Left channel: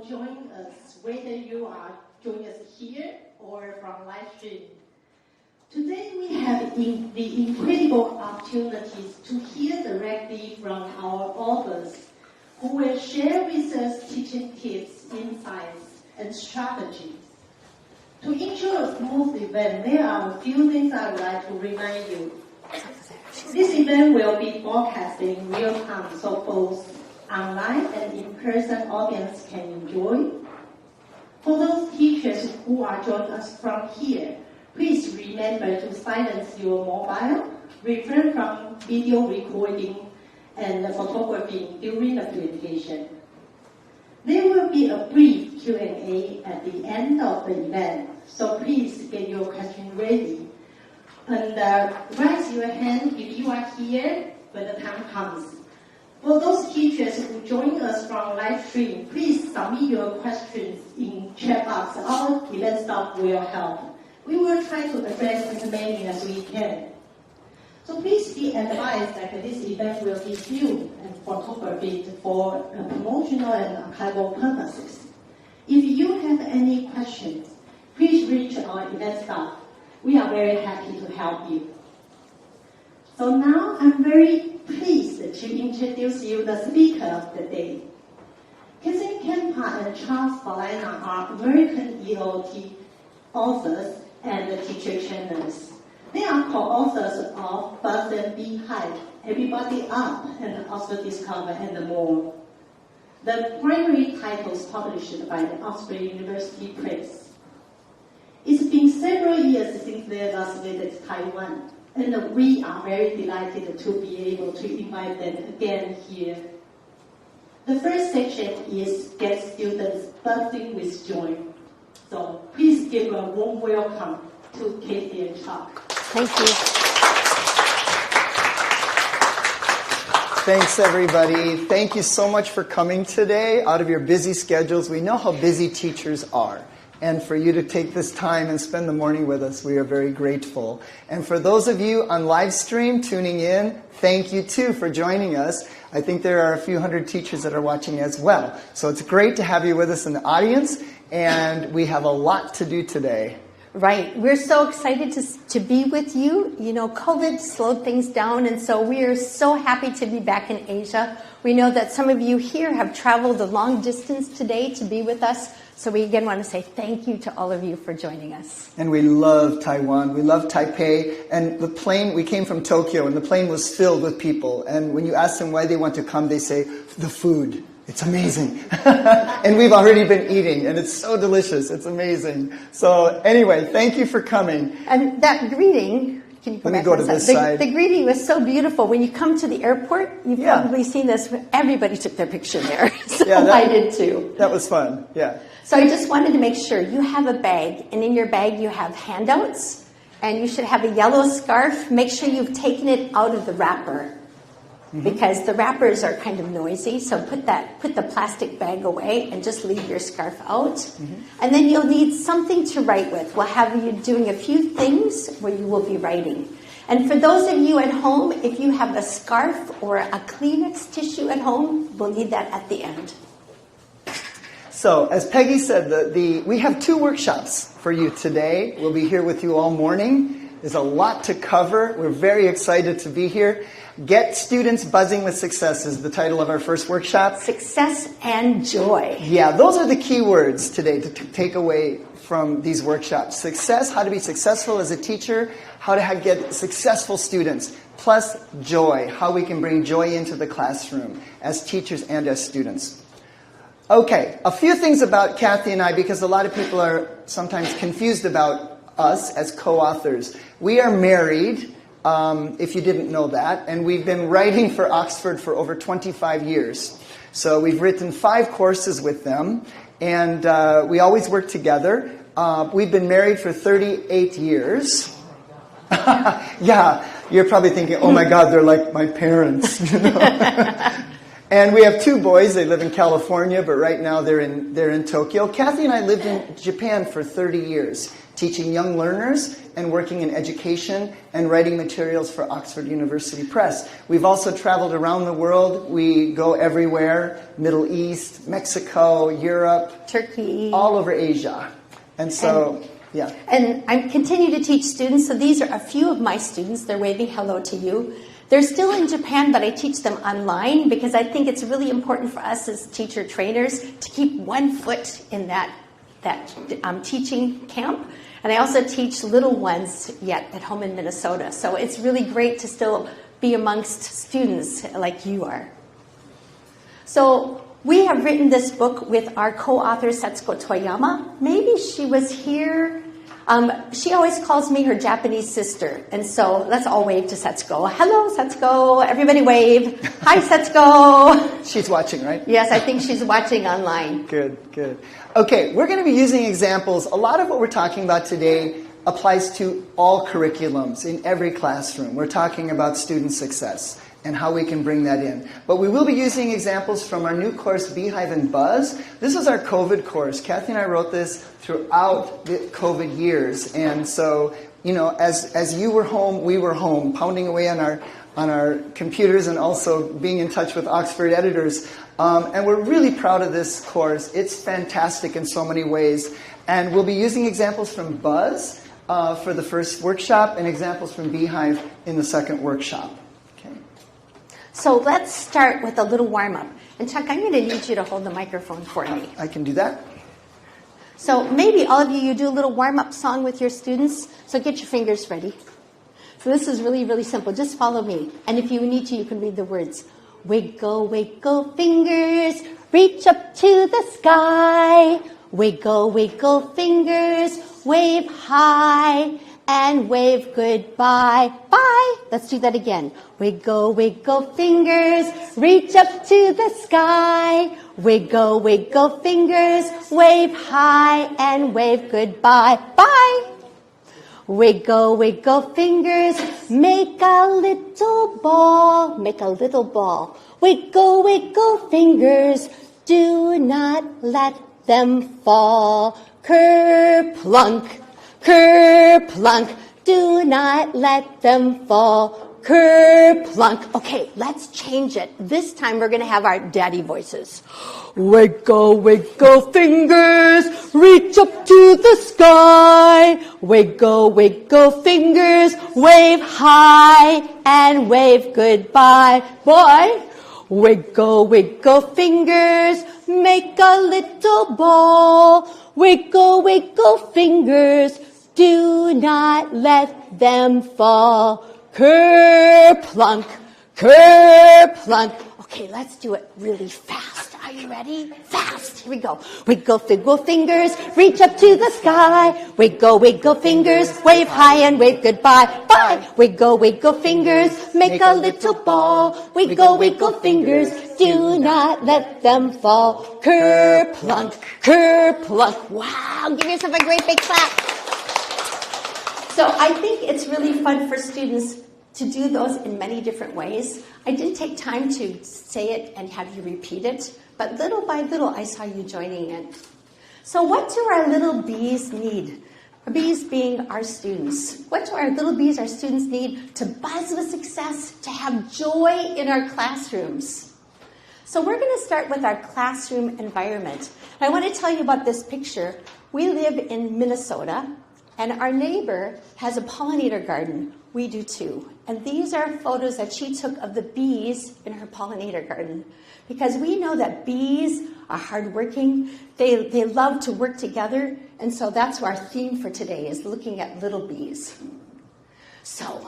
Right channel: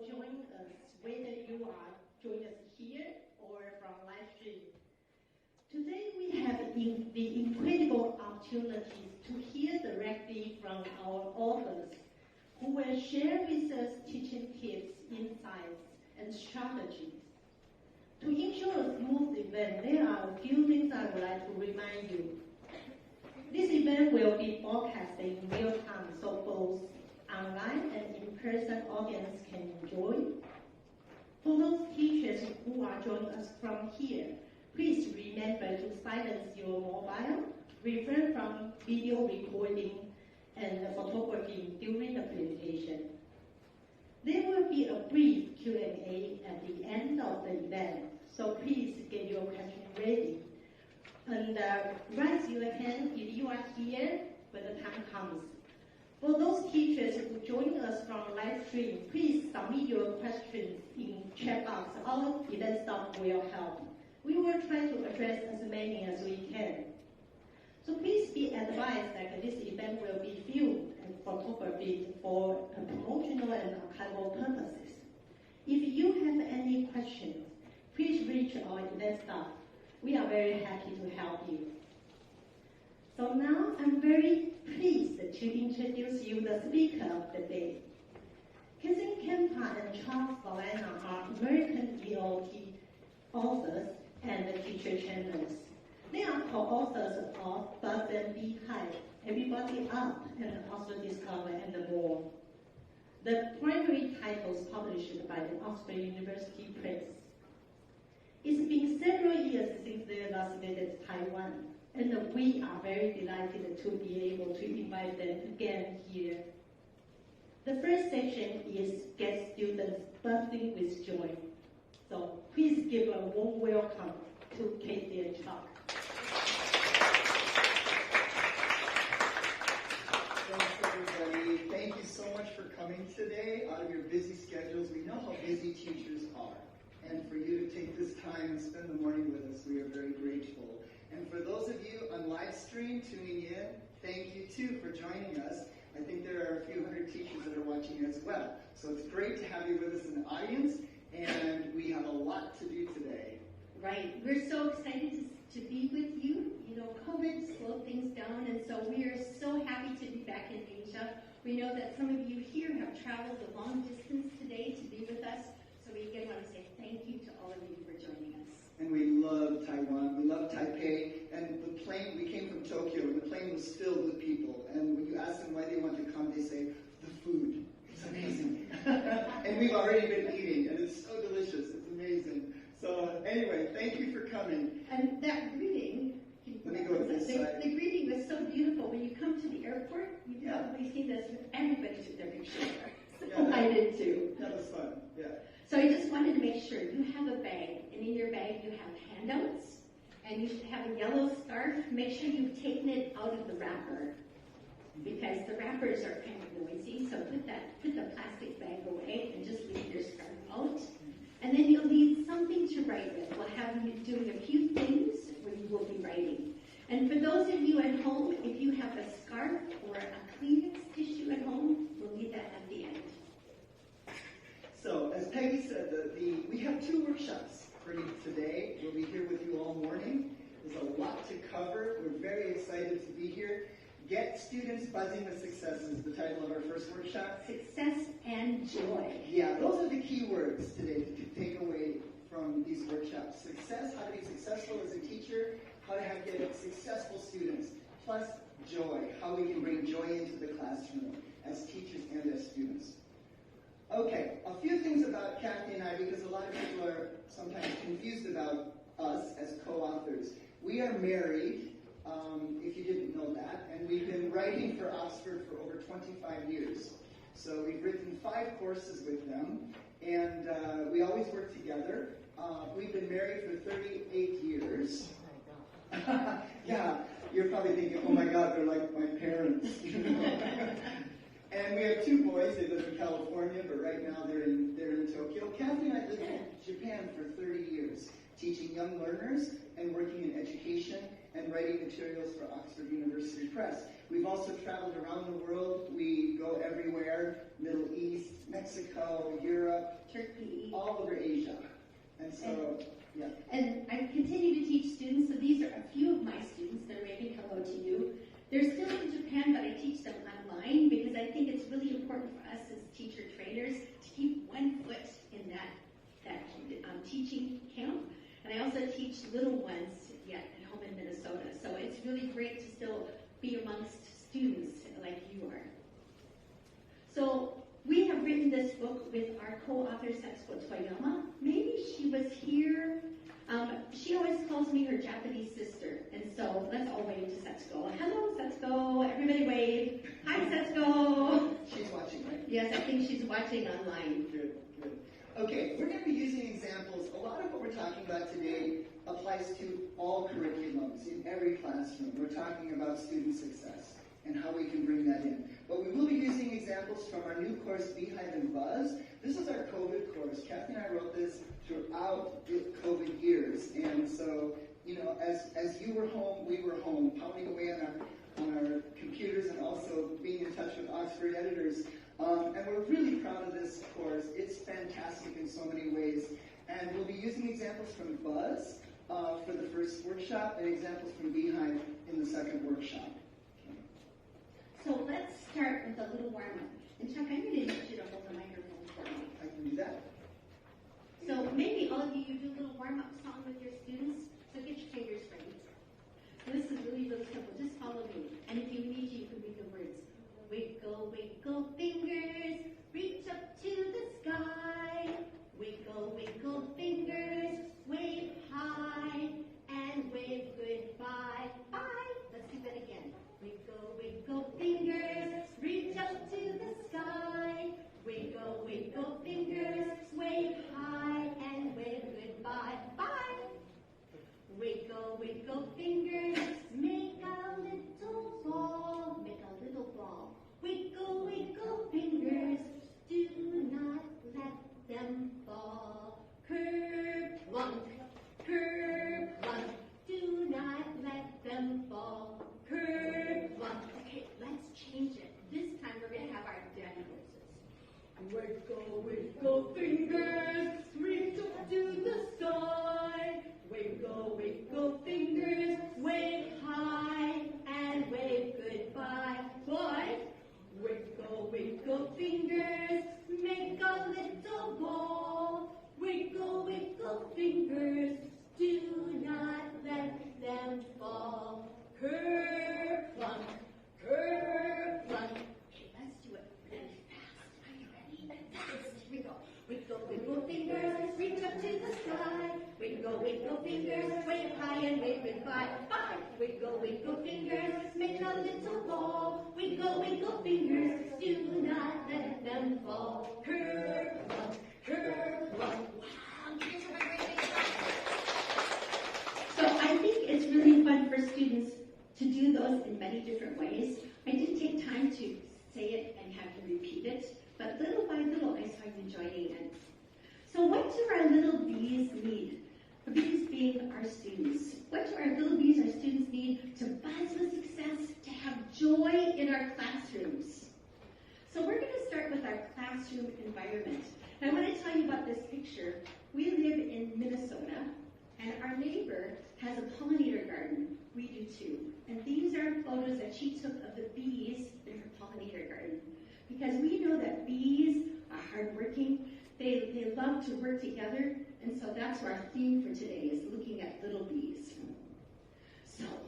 for joining us, whether you are joining us here or from Livestream. Today we have the incredible opportunities to hear directly from our authors who will share with us teaching tips, insights, and strategies. To ensure a smooth event, there are a few things I would like to remind you. This event will be broadcast in real time, so both online and in-person audience can enjoy. For those teachers who are joining us from here, please remember to silence your mobile, refrain from video recording and photography during the presentation. There will be a brief Q&A at the end of the event, so please get your question ready. And raise your hand if you are here when the time comes. For those teachers who join us from live stream, please submit your questions in chat box. Our event staff will help. We will try to address as many as we can. So please be advised that this event will be filmed and photographed for promotional and archival purposes. If you have any questions, please reach our event staff. We are very happy to help you. So now I'm very pleased to introduce you the speaker of the day. Kathleen, Kampa, and Vilina are American ELT authors and teacher trainers. They are co-authors of Buzz and Beehive, Everybody Up, and Oxford Discover, and more. The primary titles published by the Oxford University Press. It's been several years since they last visited Taiwan, and we are very delighted to be able to invite them again here. The first section is Get Students Buzzing with Joy. So please give a warm welcome to Katie and Chuck. Thank you. Thanks, everybody. Thank you so much for coming today out of your busy schedules. We know how busy teachers are. And for you to take this time and spend the morning with us, we are very grateful. And for those of you on live stream tuning in, thank you too for joining us. I think there are a few hundred teachers that are watching as well. So it's great to have you with us in the audience, and we have a lot to do today. Right. We're so excited to be with you. You know, COVID slowed things down, and so we are so happy to be back in Asia. We know that some of you here have traveled a long distance today to be with us. So we again want to say thank you to all of you for joining us. And we love Taiwan. We love Taipei. And the plane, we came from Tokyo, and the plane was filled with people. And when you ask them why they want to come, they say, the food. It's amazing. And we've already been eating, and it's so delicious. It's amazing. So anyway, thank you for coming. And that greeting, can you go Let me back go to this side. The greeting was so beautiful. When you come to the airport, you've probably seen this. Everybody took their picture there. So yeah, I did too. That was fun, yeah. So I just wanted to make sure you have a bag, and in your bag you have handouts, and you should have a yellow scarf. Make sure you've taken it out of the wrapper, because the wrappers are kind of noisy. So put the plastic bag away and just leave your scarf out. And then you'll need something to write with. We'll have you doing a few things where you will be writing. And for those of you at home, if you have a scarf or a Kleenex tissue at home, we'll need that at the end. So, as Peggy said, we have 2 workshops for you today. We'll be here with you all morning. There's a lot to cover. We're very excited to be here. Get Students Buzzing with Success is the title of our first workshop. Success and joy. Yeah, those are the key words today to take away from these workshops. Success, how to be successful as a teacher, how to get successful students, plus joy, how we can bring joy into the classroom as teachers and as students. Okay, a few things about Kathy and I, because a lot of people are sometimes confused about us as co-authors. We are married, if you didn't know that, and we've been writing for Oxford for over 25 years. So we've written 5 courses with them, and we always work together. We've been married for 38 years. Yeah, you're probably thinking, oh my God, they're like my parents. You know? And we have two boys. They live in California, but right now they're in Tokyo. Kathy and I lived in Japan for 30 years, teaching young learners and working in education and writing materials for Oxford University Press. We've also traveled around the world. We go everywhere, Middle East, Mexico, Europe, Turkey, all over Asia. And so, yeah. And I continue to teach students. So these are a few of my students. They're waving hello to you. They're still in Japan, but I teach them online because I think it's really important for us as teacher trainers to keep one foot in that teaching camp. And I also teach little ones yet at home in Minnesota. So it's really great to still be amongst students like you are. So we have written this book with our co-author, Setsuko Toyama. Maybe she was here. She always calls me her Japanese sister. And so let's all wave to Setsuko. Hello, Setsuko. Everybody wave. Hi, Setsuko. She's watching, right? Yes, I think she's watching online. Good, good. Okay, we're going to be using examples. A lot of what we're talking about today applies to all curriculums in every classroom. We're talking about student success and how we can bring that in. But we will be using examples from our new course, Beehive and Buzz. This is our COVID course. Kathy and I wrote this throughout the COVID years. And so, you know, as you were home, we were home, pounding away on our computers and also being in touch with Oxford editors. And we're really proud of this course. It's fantastic in so many ways. And we'll be using examples from Buzz for the first workshop and examples from Beehive in the second workshop. Okay. So let's start with a little warm-up. And Chuck, I'm going to need you to hold the microphone for me. I can do that. So maybe all of you do a little warm-up song with your students. So get your fingers ready. So this is really, really simple. Just follow me. And if you need to, you can read the words. Wiggle, wiggle fingers, reach up to the sky. Wiggle, wiggle fingers, wave high and wave goodbye. Bye. Let's do that again. Wiggle, wiggle fingers, reach up to the sky. Wiggle, wiggle fingers, wave high and wave goodbye. Bye. Wiggle, wiggle fingers, make a little ball. Make a little ball. Wiggle, wiggle fingers, do not let them fall. Kerplunk, kerplunk, do not let them fall. Kerplunk. Okay, let's change it. This time we're going to have our daddy voices. Wiggle, wiggle fingers, reach up to the sky. Wiggle, wiggle fingers, wave high and wave goodbye. Boy, wiggle, wiggle fingers, make a little ball. Wiggle, wiggle fingers, do not let them fall. Kerplunk, kerplunk. Okay, let's do it really fast. Are you ready? Fast. Here we go. Wiggle, wiggle fingers, reach up to the sky. Wiggle, wiggle fingers, wave high and wave goodbye. Bye. Wiggle, wiggle fingers, make a little ball. Wiggle, wiggle fingers, do not let them fall. Kerplunk, kerplunk. Wow, give yourself a great big clap. So I think it's really fun for students to do those in many different ways. I did take time to say it and have you repeat it, but little by little I saw you joining in. So what do our little bees need? Our bees being our students. What do our little bees, our students, need to buzz with success, to have joy in our classrooms? So we're going to start with our classroom environment. I want to tell you about this picture. We live in Minnesota, and our neighbor has a pollinator garden. We do too. And these are photos that she took of the bees in her pollinator garden. Because we know that bees are hardworking. They love to work together. And so that's our theme for today, is looking at little bees. So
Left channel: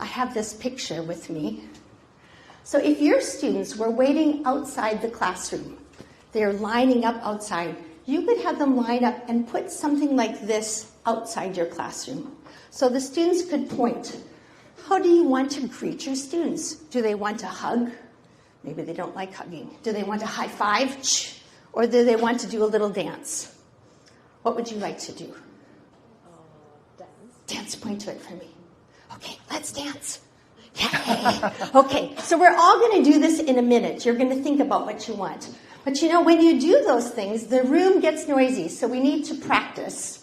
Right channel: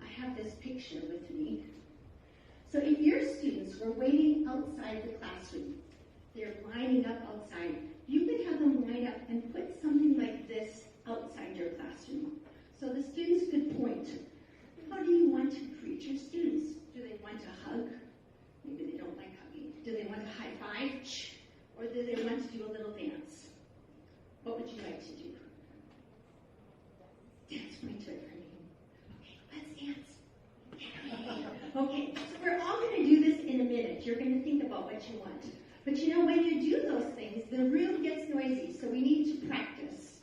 I have this picture with me. So if your students were waiting outside the classroom, they're lining up outside, you could have them line up and put something like this outside your classroom. So the students could point. How do you want to greet your students? Do they want to hug? Maybe they don't like hugging. Do they want to high five? Or do they want to do a little dance? What would you like to do? Dance. Dance, point to it for me. Okay, let's dance. Yay. Okay, so we're all going to do this in a minute. You're going to think about what you want. But you know, when you do those things, the room gets noisy, so we need to practice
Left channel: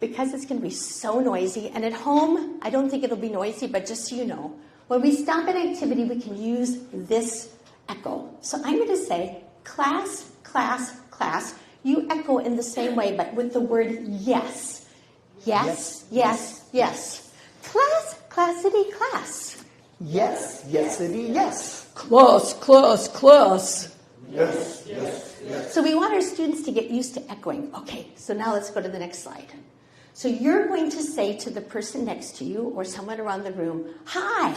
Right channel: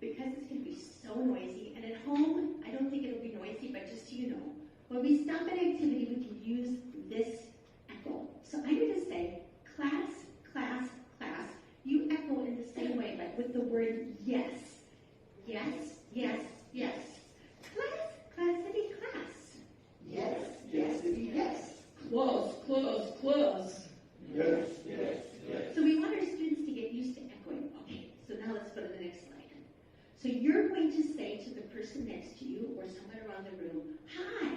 because it's going to be so noisy. And at home, I don't think it'll be noisy, but just so you know, when we stop an activity, we can use this echo. So I'm going to say, class, class, class. You echo in the same way, but with the word yes. Yes, yes, yes. Class, classity, class. Yes, yesity, yes. Class, class, class. Yes, yes, yes. So we want our students to get used to echoing. Okay, so now let's go to the next slide. So you're going to say to the person next to you or someone around the room, hi.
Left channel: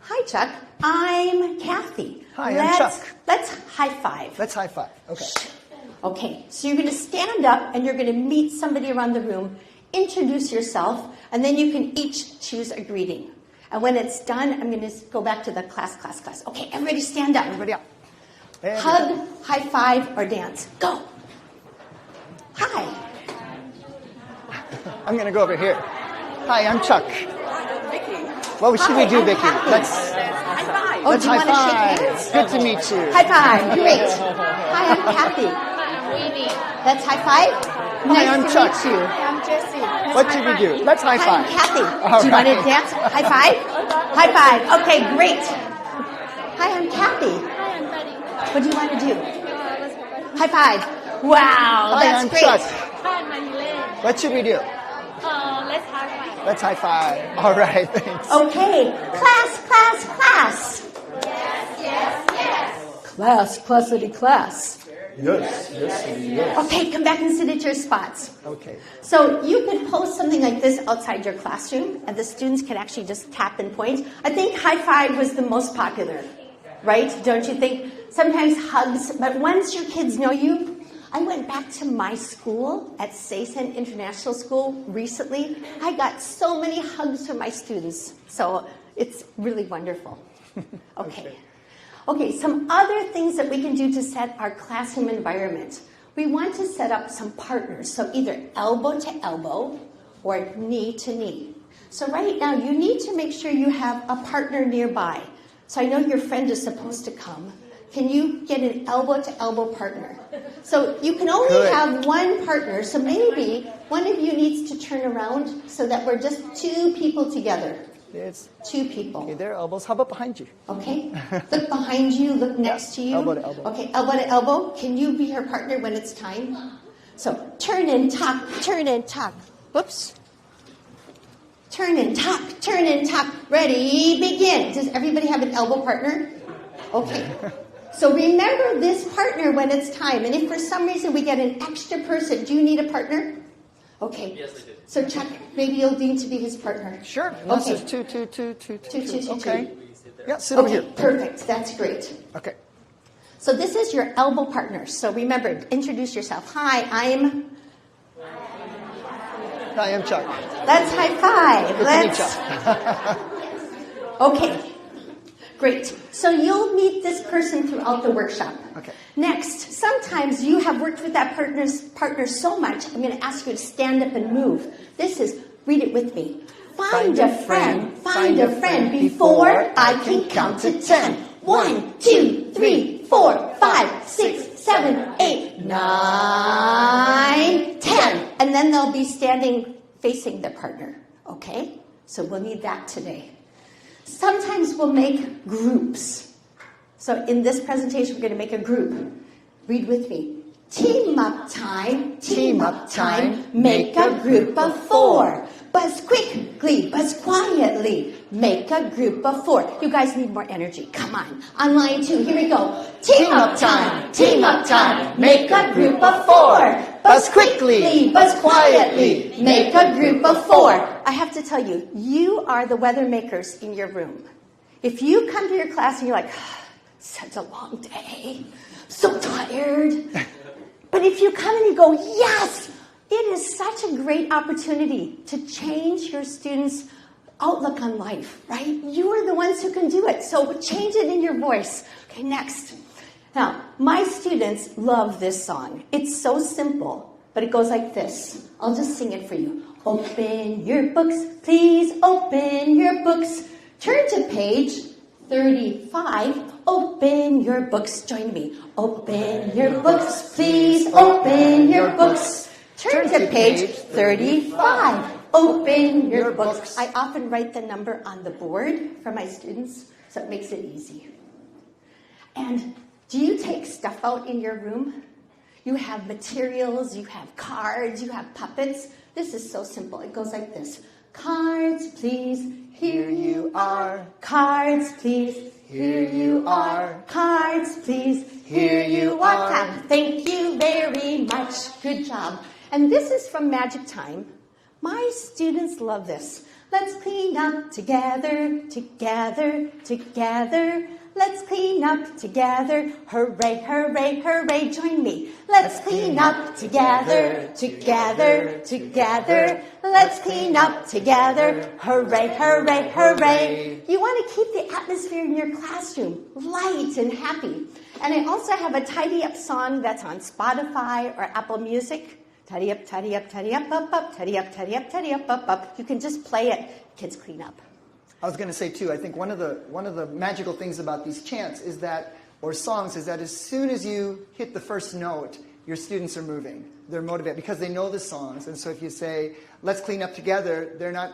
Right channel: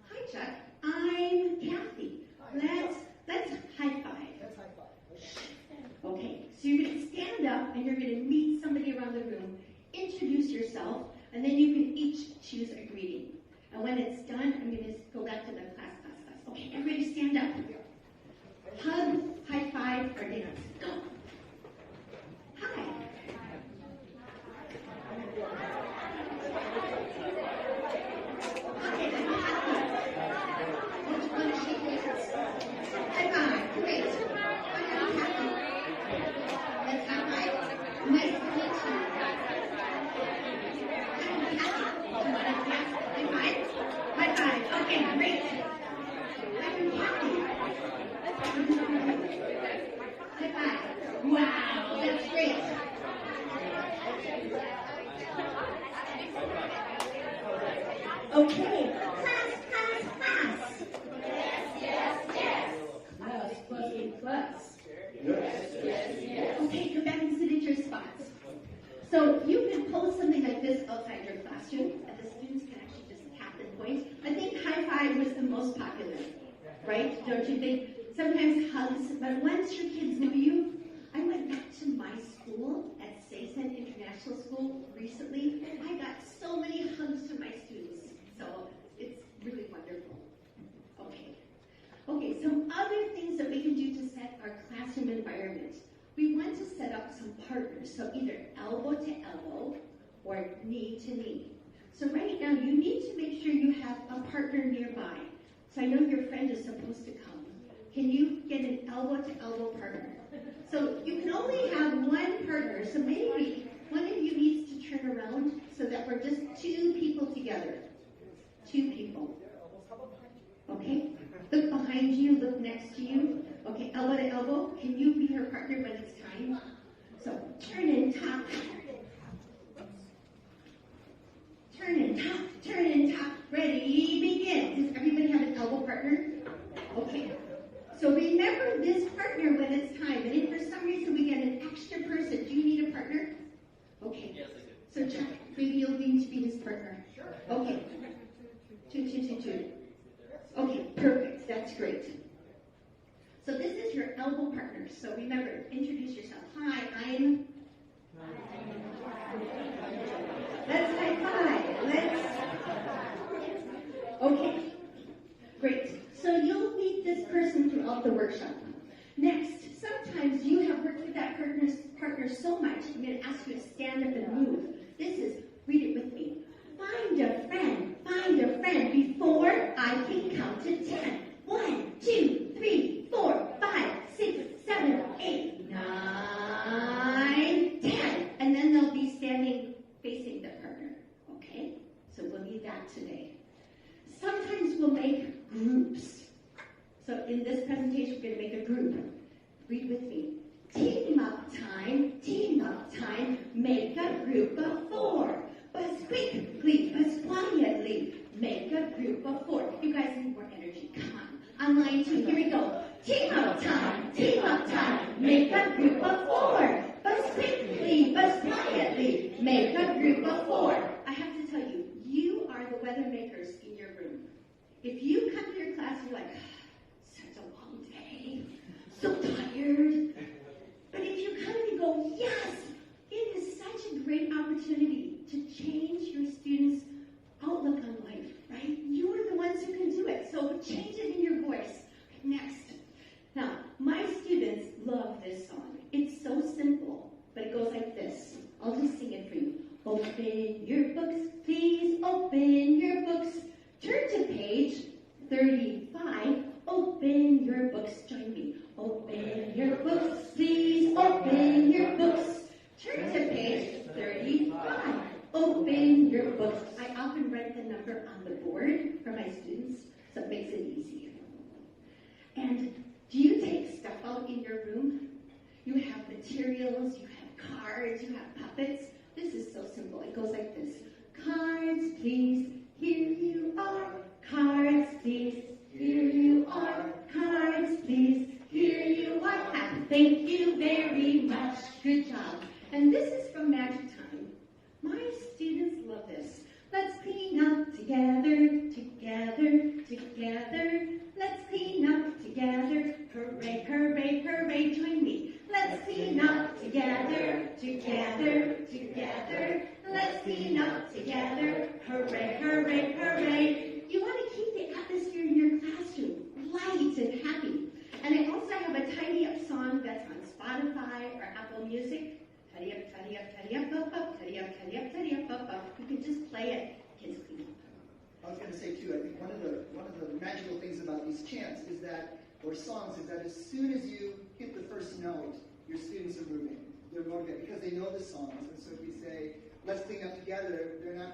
Hi, Chuck. I'm Kathy. Hi, I'm Chuck. Let's high five. Let's high five. Okay. Okay, so you're going to stand up and you're going to meet somebody around the room, introduce yourself, and then you can each choose a greeting. And when it's done, I'm going to go back to the class, class, class. Okay, everybody stand up. Everybody up. Hug, high five, or dance. Go. Hi. I'm going to go over here. Hi, I'm Chuck. What should we do, I'm Vicky? Kathy. Let's Oh, let's do you high want to five. shake hands? Good to meet you. High five. Great. Hi, I'm Kathy. Let's high five. Hi, I'm Nice to Chuck. meet you. I'm Jessie. What should we do? Let's high Hi, I'm five. Kathy. All Do you want to right. dance? High five? High five. Okay, great. Hi, I'm Kathy. Hi, I'm Betty. What do you want to do? Let's go back. High five. Wow, Hi, that's I'm great. Chuck. Hi, I'm Elaine. What should we do? Let's high five. Let's high five. All right, thanks. Okay, class, class, class. Class, classity, class. Yes, yes, yes. Okay, come back and sit at your spots. Okay. So you could post something like this outside your classroom, and the students can actually just tap and point. I think high five was the most popular, right? Don't you think? Sometimes hugs, but once your kids know you, I went back to my school at Saysen International School recently. I got so many hugs from my students, so it's really wonderful. Okay. Okay, some other things that we can do to set our classroom environment. We want to set up some partners, so either elbow to elbow or knee to knee. So right now, you need to make sure you have a partner nearby. So I know your friend is supposed to come. Can you get an elbow to elbow partner? So you can only Good. have one partner, so maybe one of you needs to turn around so that we're just two people together. It's Two people. okay. There are elbows. How about behind you? Okay? Look behind you, look next to you. Elbow to elbow. Okay, elbow to elbow. Can you be her partner when it's time? So turn and tuck, turn and tuck. Whoops. Turn and tuck, turn and tuck. Ready, begin. Does everybody have an elbow partner? Okay. So remember this partner when it's time. And if for some reason we get an extra person, do you need a partner? Okay. Yes, I do. So Chuck, maybe you'll need to be his partner. Sure. Okay. This is two. Two. Okay. Yeah, sit over Okay, here. perfect. That's great. Okay. So this is your elbow partner. So remember, introduce yourself. Hi, I'm... Hi, I'm Chuck. Let's high five. Good to meet you. Okay, great. So you'll meet this person throughout the workshop. Okay. Next, sometimes you have worked with that partner so much, I'm going to ask you to stand up and move. This is, read it with me. Find a friend before I can count to 10. 1, 2, 3, 4, 5, 6, 7, 8, 9, 10. And then they'll be standing facing their partner. Okay? So we'll need that today. Sometimes we'll make groups. So in this presentation, we're going to make a group. Read with me. Team up time, make a group of 4. Buzz quickly, buzz quietly, make a group of 4. You guys need more energy. Come on line 2, here we go. Team up time, make a group of 4. Buzz quickly, buzz quietly, make a group of 4. I have to tell you, you are the weather makers in your room. If you come to your class and you're like, such a long day, so tired. But if you come and you go, yes, it is such a great opportunity to change your students' outlook on life, right? You are the ones who can do it. So change it in your voice. Okay, next. Now, my students love this song. It's so simple, but it goes like this. I'll just sing it for you. Open your books, please open your books Turn to page 35. Open your books. Join me. Open your books, please. Open your books. Turn to page 35. Open your books. I often write the number on the board for my students, so it makes it easy. And do you take stuff out in your room? You have materials, you have cards, you have puppets. This is so simple. It goes like this. Cards, please. Here you are. Cards, please. Here you are. Cards, please. Here you are. Clap. Thank you very much. Good job. And this is from Magic Time. My students love this. Let's clean up together, together, together. Let's clean up together. Hooray, hooray, hooray. Join me. Let's clean up together, together, together. Let's clean up together. Hooray, hooray, hooray. You want to keep the atmosphere in your classroom light and happy. And I also have a tidy up song that's on Spotify or Apple Music. Tidy up, tidy up, tidy up, up, up, tidy up, tidy up, tidy up, up, up. You can just play it. Kids clean up. I was going to say too, I think one of the magical things about these chants is that, or songs, is that as soon as you hit the first note, your students are moving. They're motivated because they know the songs. And so if you say, let's clean up together, they're not,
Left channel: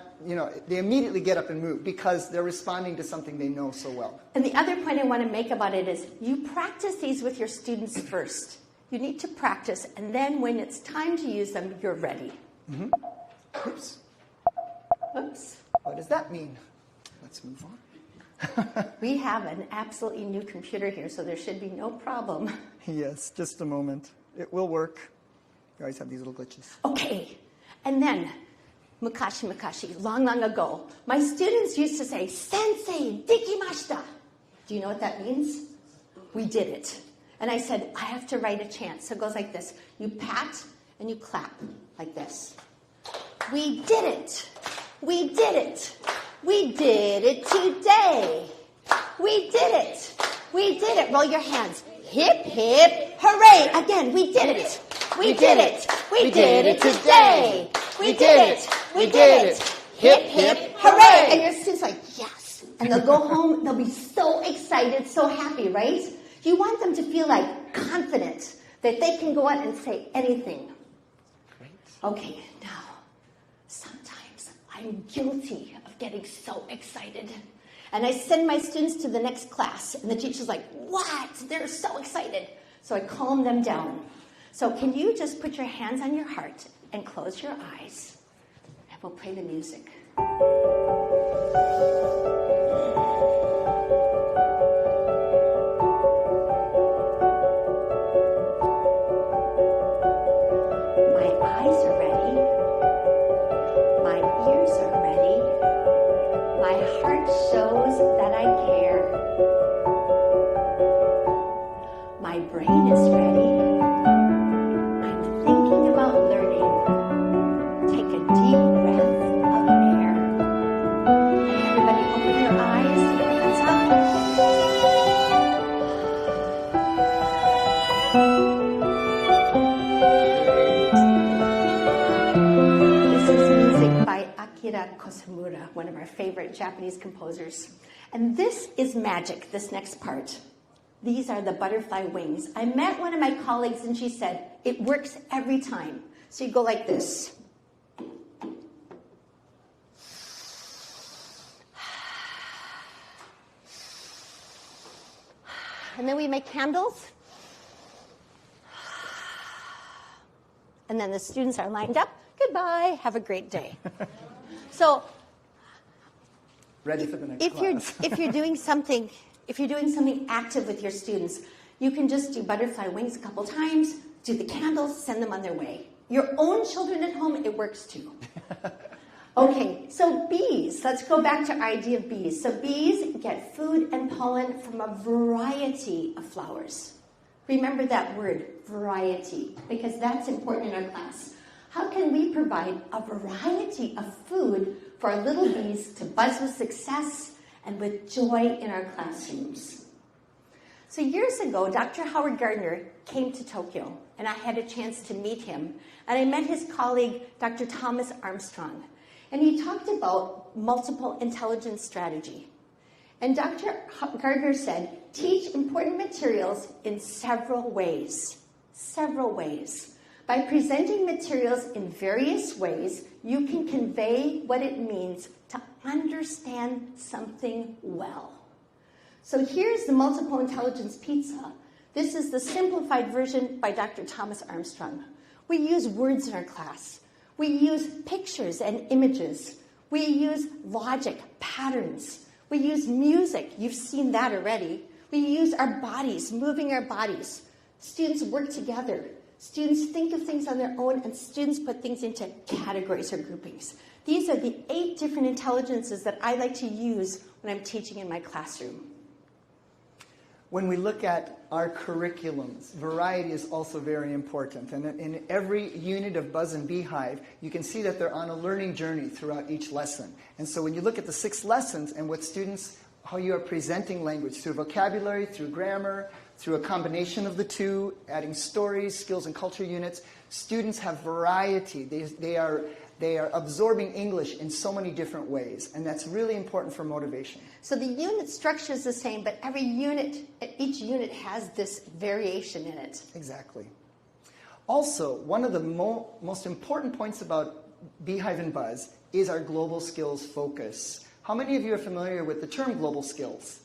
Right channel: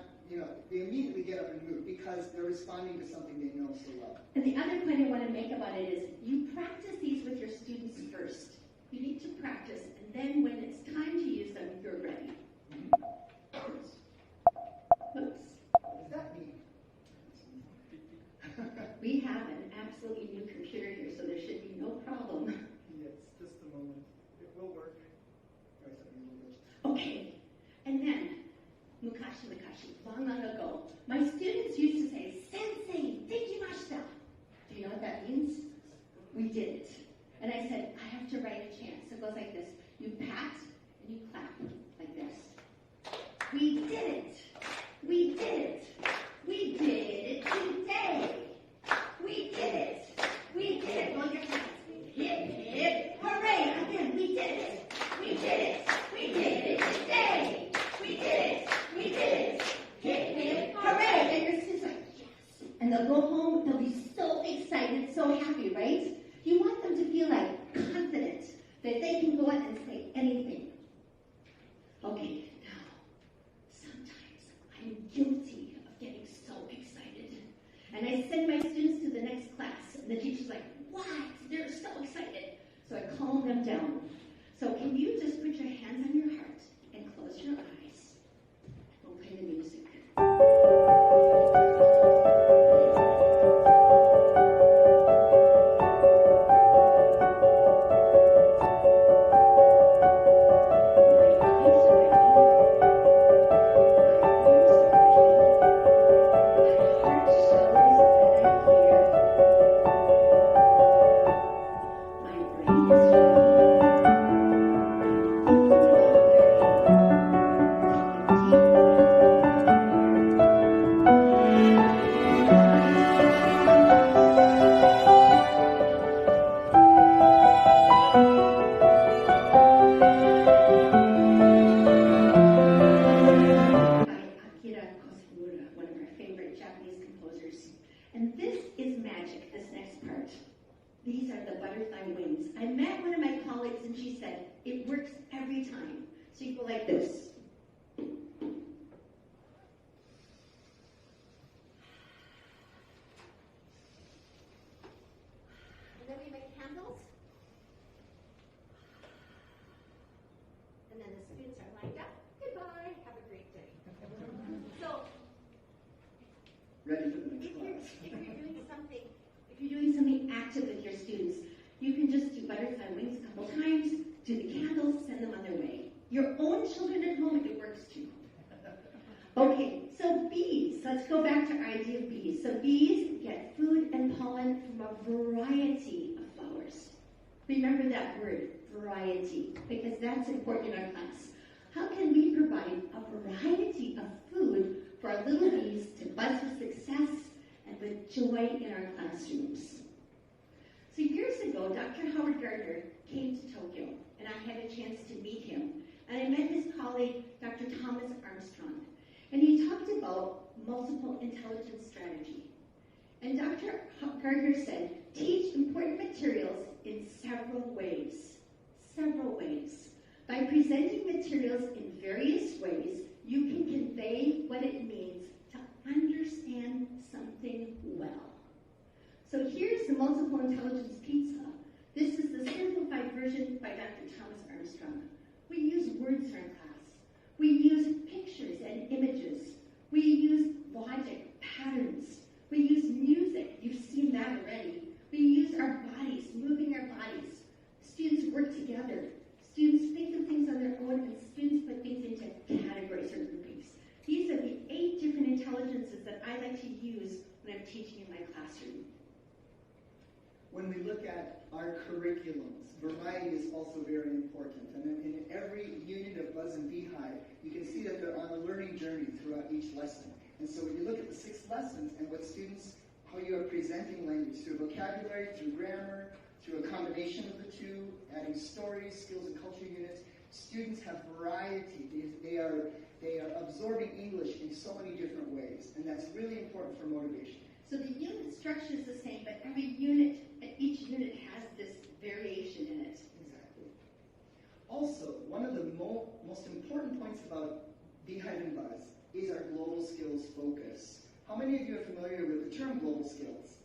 they immediately get up and move because they're responding to something they know so well. And the other point I want to make about it is you practice these with your students first. You need to practice, and then when it's time to use them, you're ready. Mm-hmm. Oops. Oops. What does that mean? Let's move on. We have an absolutely new computer here, so there should be no problem. Yes, just a moment. It will work. You always have these little glitches. Okay. And then, mukashi, long, long ago, my students used to say, Sensei, dekimashita. Do you know what that means? We did it. And I said, I have to write a chant. So it goes like this. You pat and you clap like this. We did it. We did it. We did it today. We did it. We did it. Roll your hands. Hip, hip, hooray. Again, we did it. We did it. We did it today. We did it. We did it. Hip, hip, hooray. And your students are like, yes. And they'll go home. They'll be so excited, so happy, right? You want them to feel like confident that they can go out and say anything. Great. Okay, now, sometimes I'm guilty of getting so excited. And I send my students to the next class, and the teacher's like, what? They're so excited. So I calm them down. So can you just put your hands on your heart and close your eyes, and we'll play the music. One of our favorite Japanese composers. And this is magic, this next part. These are the butterfly wings. I met one of my colleagues and she said, it works every time. So you go like this. And then we make candles. And then the students are lined up. Goodbye, have a great day. So ready for the next class. if you're doing something active with your students, you can just do butterfly wings a couple times, do the candles, send them on their way. Your own children at home, it works too. Okay, so bees. Let's go back to our idea of bees. So bees get food and pollen from a variety of flowers. Remember that word, variety, because that's important in our class. How can we provide a variety of food for our little bees to buzz with success and with joy in our classrooms? So years ago, Dr. Howard Gardner came to Tokyo, and I had a chance to meet him. And I met his colleague, Dr. Thomas Armstrong. And he talked about multiple intelligence strategy. And Dr. Gardner said, teach important materials in several ways. Several ways. By presenting materials in various ways, you can convey what it means to understand something well. So here's the multiple intelligence pizza. This is the simplified version by Dr. Thomas Armstrong. We use words in our class. We use pictures and images. We use logic, patterns. We use music. You've seen that already. We use our bodies, moving our bodies. Students work together. Students think of things on their own, and students put things into categories or groupings. These are the 8 different intelligences that I like to use when I'm teaching in my classroom. When we look at our curriculums, variety is also very important. And in every unit of Buzz and Beehive, you can see that they're on a learning journey throughout each lesson. And so when you look at the 6 lessons and what students, how you are presenting language through vocabulary, through grammar, through a combination of the 2, adding stories, skills, and culture units, students have variety. They are absorbing English in so many different ways, and that's really important for motivation. So the unit structure is the same, but each unit has this variation in it. Exactly. Also, one of the most important points about Beehive and Buzz is our global skills focus. How many of you are familiar with the term global skills?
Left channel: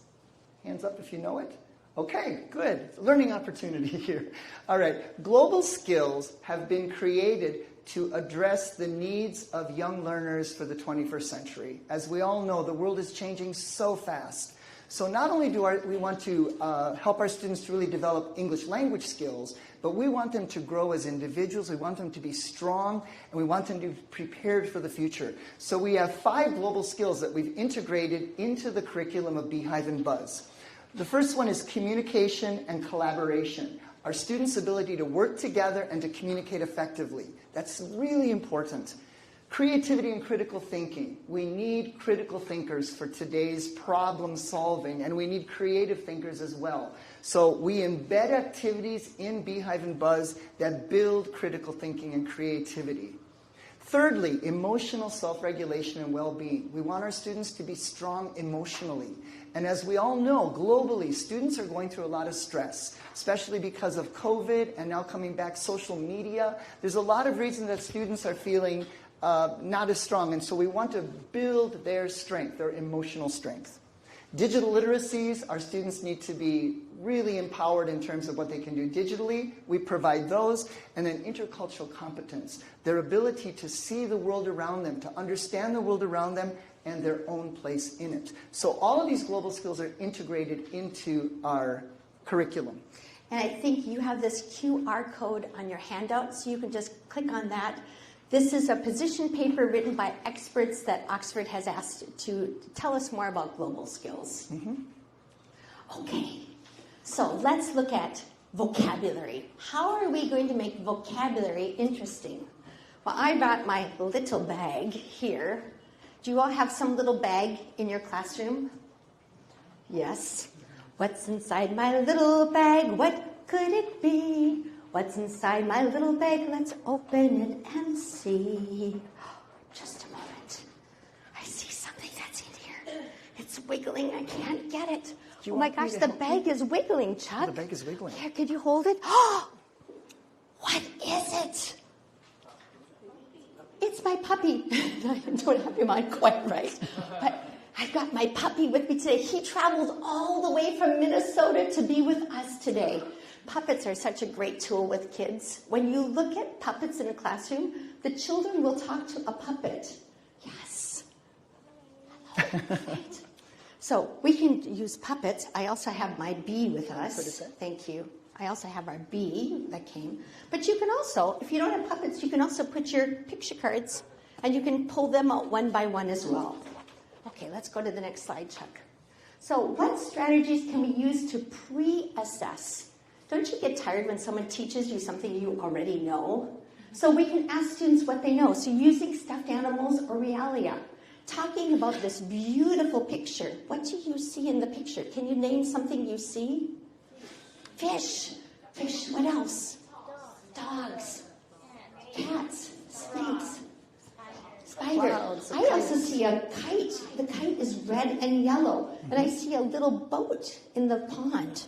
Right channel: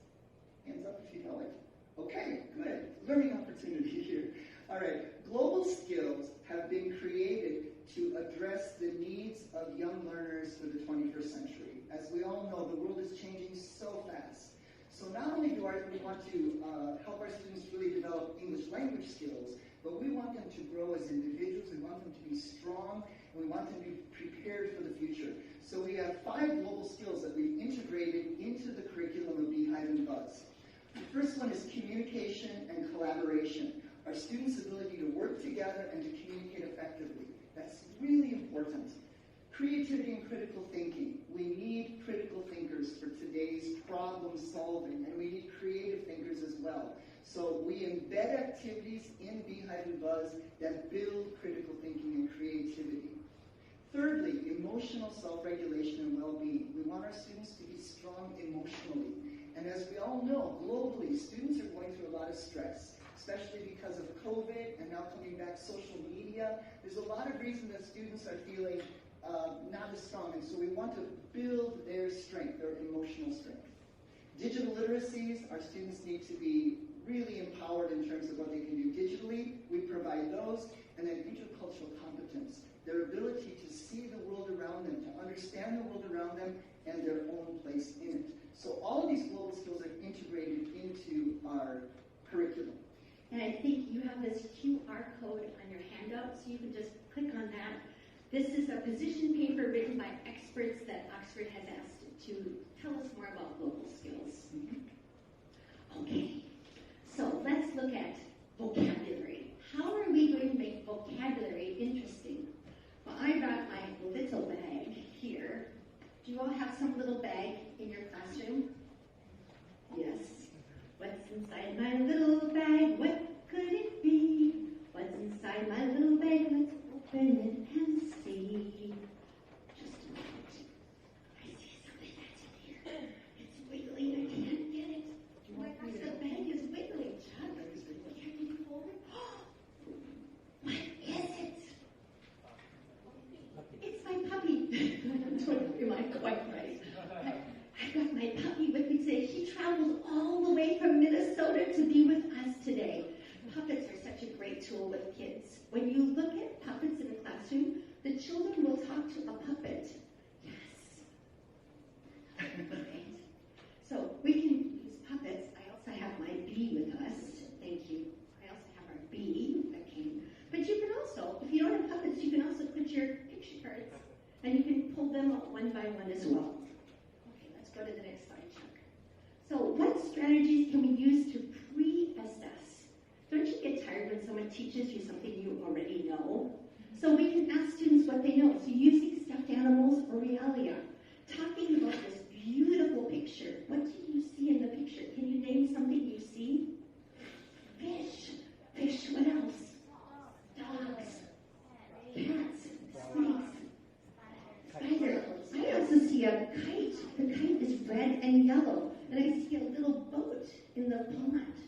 Hands up if you know it. Okay, good. Learning opportunity here. All right. Global skills have been created to address the needs of young learners for the 21st century. As we all know, the world is changing so fast. So not only do we want to help our students to really develop English language skills, but we want them to grow as individuals, we want them to be strong, and we want them to be prepared for the future. So we have 5 global skills that we've integrated into the curriculum of Beehive and Buzz. The first one is communication and collaboration. Our students' ability to work together and to communicate effectively. That's really important. Creativity and critical thinking. We need critical thinkers for today's problem solving, and we need creative thinkers as well. So we embed activities in Beehive and Buzz that build critical thinking and creativity. Thirdly, emotional self-regulation and well-being. We want our students to be strong emotionally. And as we all know, globally, students are going through a lot of stress, especially because of COVID and now coming back social media. There's a lot of reasons that students are feeling not as strong, and so we want to build their strength, their emotional strength. Digital literacies, our students need to be really empowered in terms of what they can do digitally. We provide those. And then intercultural competence, their ability to see the world around them, to understand the world around them, and their own place in it. So all of these global skills are integrated into our curriculum. And I think you have this QR code on your handout, so you can just click on that. This is a position paper written by experts that Oxford has asked to tell us more about global skills. Okay, so let's look at vocabulary. How are we going to make vocabulary interesting? Well, I brought my little bag here. Do you all have some little bag in your classroom? Yes. What's inside my little bag? What could it be? What's inside my little bag? Let's open it and see. Just a moment. I see something that's in here. It's wiggling. I can't get it. Oh my gosh, the bag is wiggling, Chuck. The bag is wiggling. Here, could you hold it? Oh, what is it? It's my puppy. I don't have your mind quite right. But I've got my puppy with me today. He traveled all the way from Minnesota to be with us today. Puppets are such a great tool with kids. When you look at puppets in a classroom, the children will talk to a puppet. Yes. Right. So we can use puppets. I also have my bee with us. Thank you. I also have our bee that came. But you can also, if you don't have puppets, you can also put your picture cards and you can pull them out one by one as well. Okay, let's go to the next slide, Chuck. So what strategies can we use to pre-assess? Don't you get tired when someone teaches you something you already know? So we can ask students what they know. So using stuffed animals or realia. Talking about this beautiful picture. What do you see in the picture? Can you name something you see? Fish. Fish. What else? Dogs. Cats. Snakes. Spider. I also see a kite. The kite is red and yellow. And I see a little boat in the pond.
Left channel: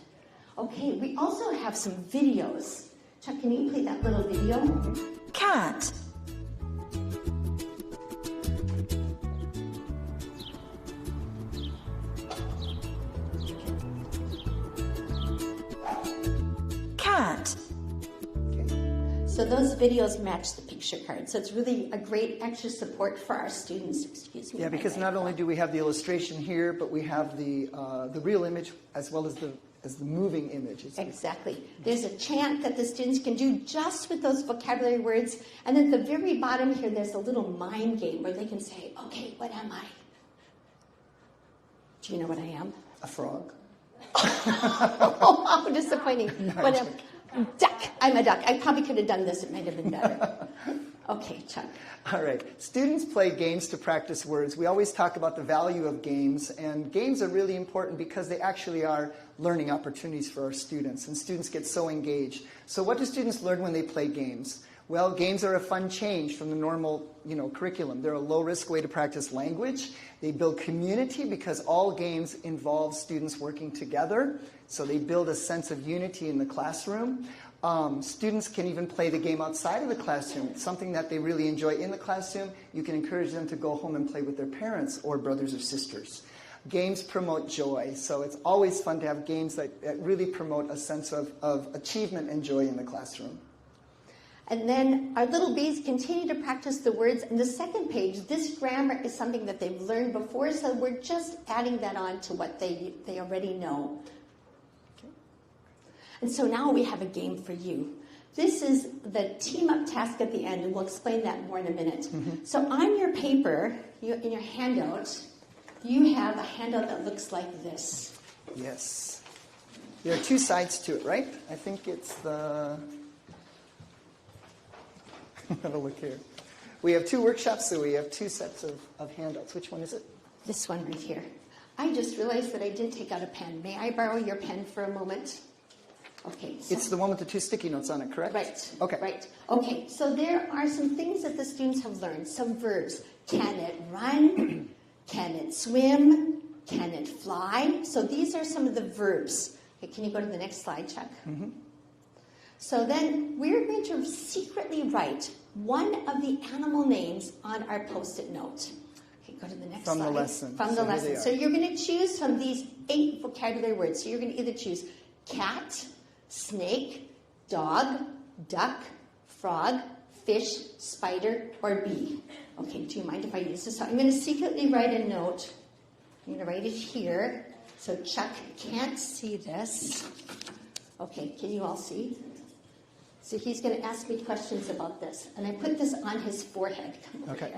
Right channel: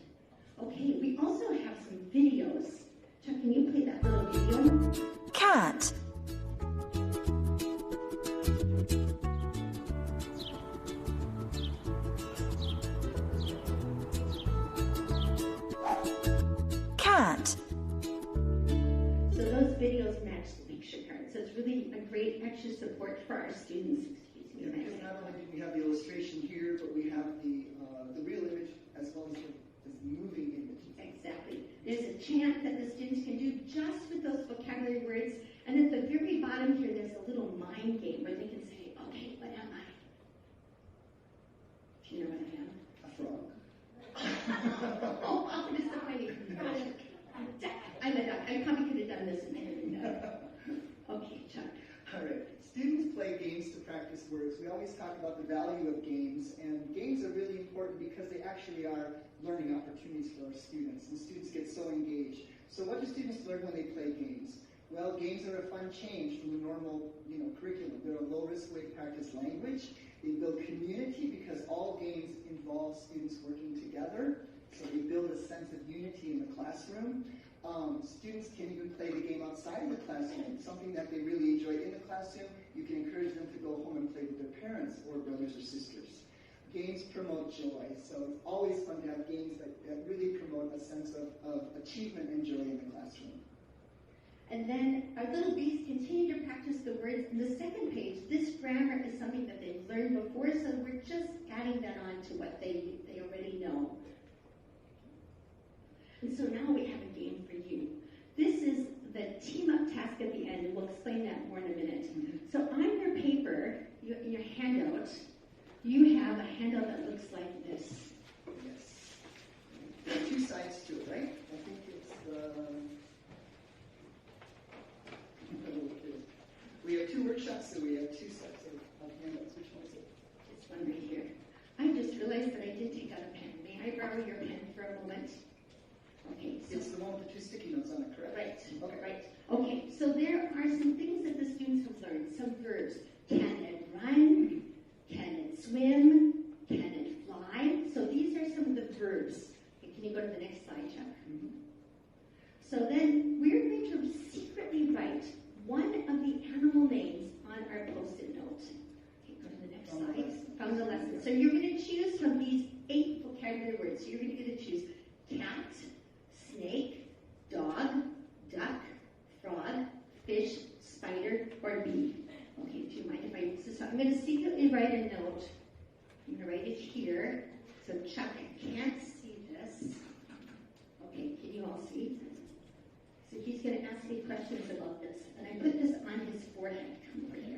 Okay, we also have some videos. Chuck, can you play that little video? Cat. Cat. So those videos match the picture card. So it's really a great extra support for our students. Excuse me. Yeah, because not only do we have the illustration here, but we have the real image as well as the moving image. Exactly. There's a chant that the students can do just with those vocabulary words. And at the very bottom here, there's a little mind game where they can say, okay, what am I? Do you know what I am? A frog. Oh, how disappointing. What am Duck. I'm a duck. I probably could have done this. It might have been better. Okay, Chuck. All right. Students play games to practice words. We always talk about the value of games, and games are really important because they actually are learning opportunities for our students, and students get so engaged. So what do students learn when they play games? Well, games are a fun change from the normal, curriculum. They're a low-risk way to practice language. They build community because all games involve students working together. So they build a sense of unity in the classroom. Students can even play the game outside of the classroom, something that they really enjoy in the classroom. You can encourage them to go home and play with their parents or brothers or sisters. Games promote joy, so it's always fun to have games that really promote a sense of achievement and joy in the classroom. And then our little bees continue to practice the words. And the second page, this grammar is something that they've learned before, so we're just adding that on to what they already know. And so now we have a game for you. This is the team-up task at the end, and we'll explain that more in a minute. Mm-hmm. So on your paper, in your handout, you have a handout that looks like this. Yes. There are two sides to it, right? I think it's the... Have a look here. We have two workshops, so we have two sets of handouts. Which one is it? This one right here. I just realized that I did take out a pen. May I borrow your pen for a moment? Okay. So it's the one with the two sticky notes on it, correct? Right. Okay. Right. Okay, so there are some things that the students have learned, some verbs. Can it run? Can it swim? Can it fly? So these are some of the verbs. Okay, can you go to the next slide, Chuck? Mm-hmm. So then we're going to secretly write one of the animal names on our Post-it note. Okay, go to the next slide. From the lesson. From the lesson. So you're going to choose from these 8 vocabulary words. So you're going to either choose cat, snake, dog, duck, frog, fish, spider, or bee. Okay, do you mind if I use this? So I'm going to secretly write a note. I'm going to write it here. So Chuck can't see this. Okay, can you all see? So he's going to ask me questions about this. And I put this on his forehead. Okay.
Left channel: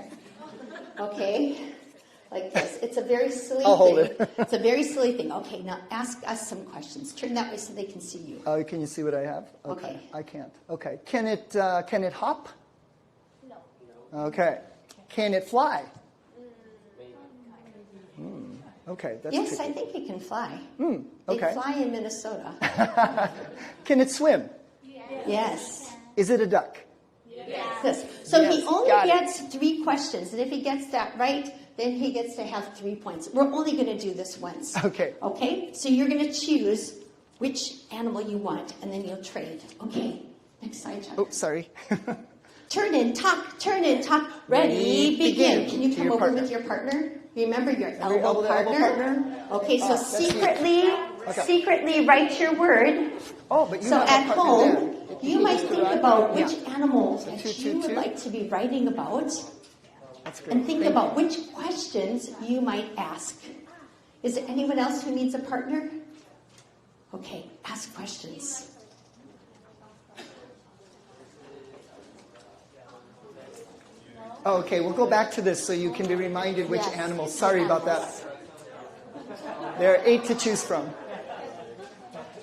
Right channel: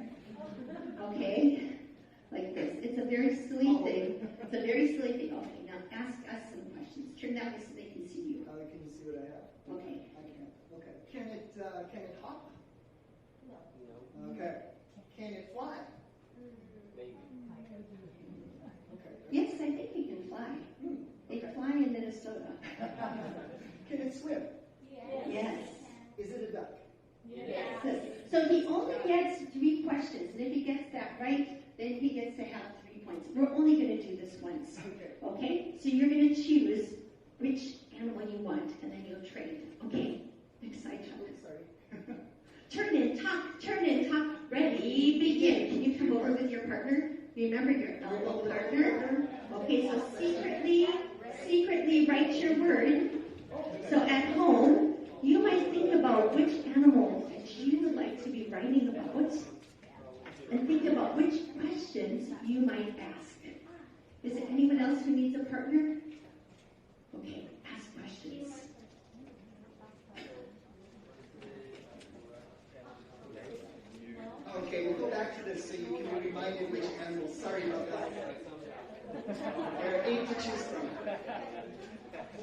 Okay? Like this. It's a very silly I'll hold thing. it. It's a very silly thing. Okay, now ask us some questions. Turn that way so they can see you. Oh, can you see what I have? Okay. I can't. Okay. Can it hop? No. Okay. Can it fly? Okay. That's Yes, tricky. I think it can fly. Okay. They fly in Minnesota. Can it swim? Yes. Is it a duck? Yes. So Yes, he only got it. gets 3 questions, and if he gets that right, then he gets to have 3 points. We're only going to do this once. Okay. Okay? So you're going to choose which animal you want, and then you'll trade. Okay. Next slide, Chuck. Oh, sorry. Turn in, talk, ready, begin. Can you To come your over partner. with your partner? Remember your elbow elbow to elbow partner? Okay, so that's you. secretly write your word. Oh, but you So have a at partner home, there. you might think about which animal Two, that two, you would two. like to be writing about, That's great. and think Thank about which questions you might ask. Is there anyone else who needs a partner? Okay, ask questions. Okay, we'll go back to this so you can be reminded which Yes. animals. Sorry about that. There are 8 to choose from.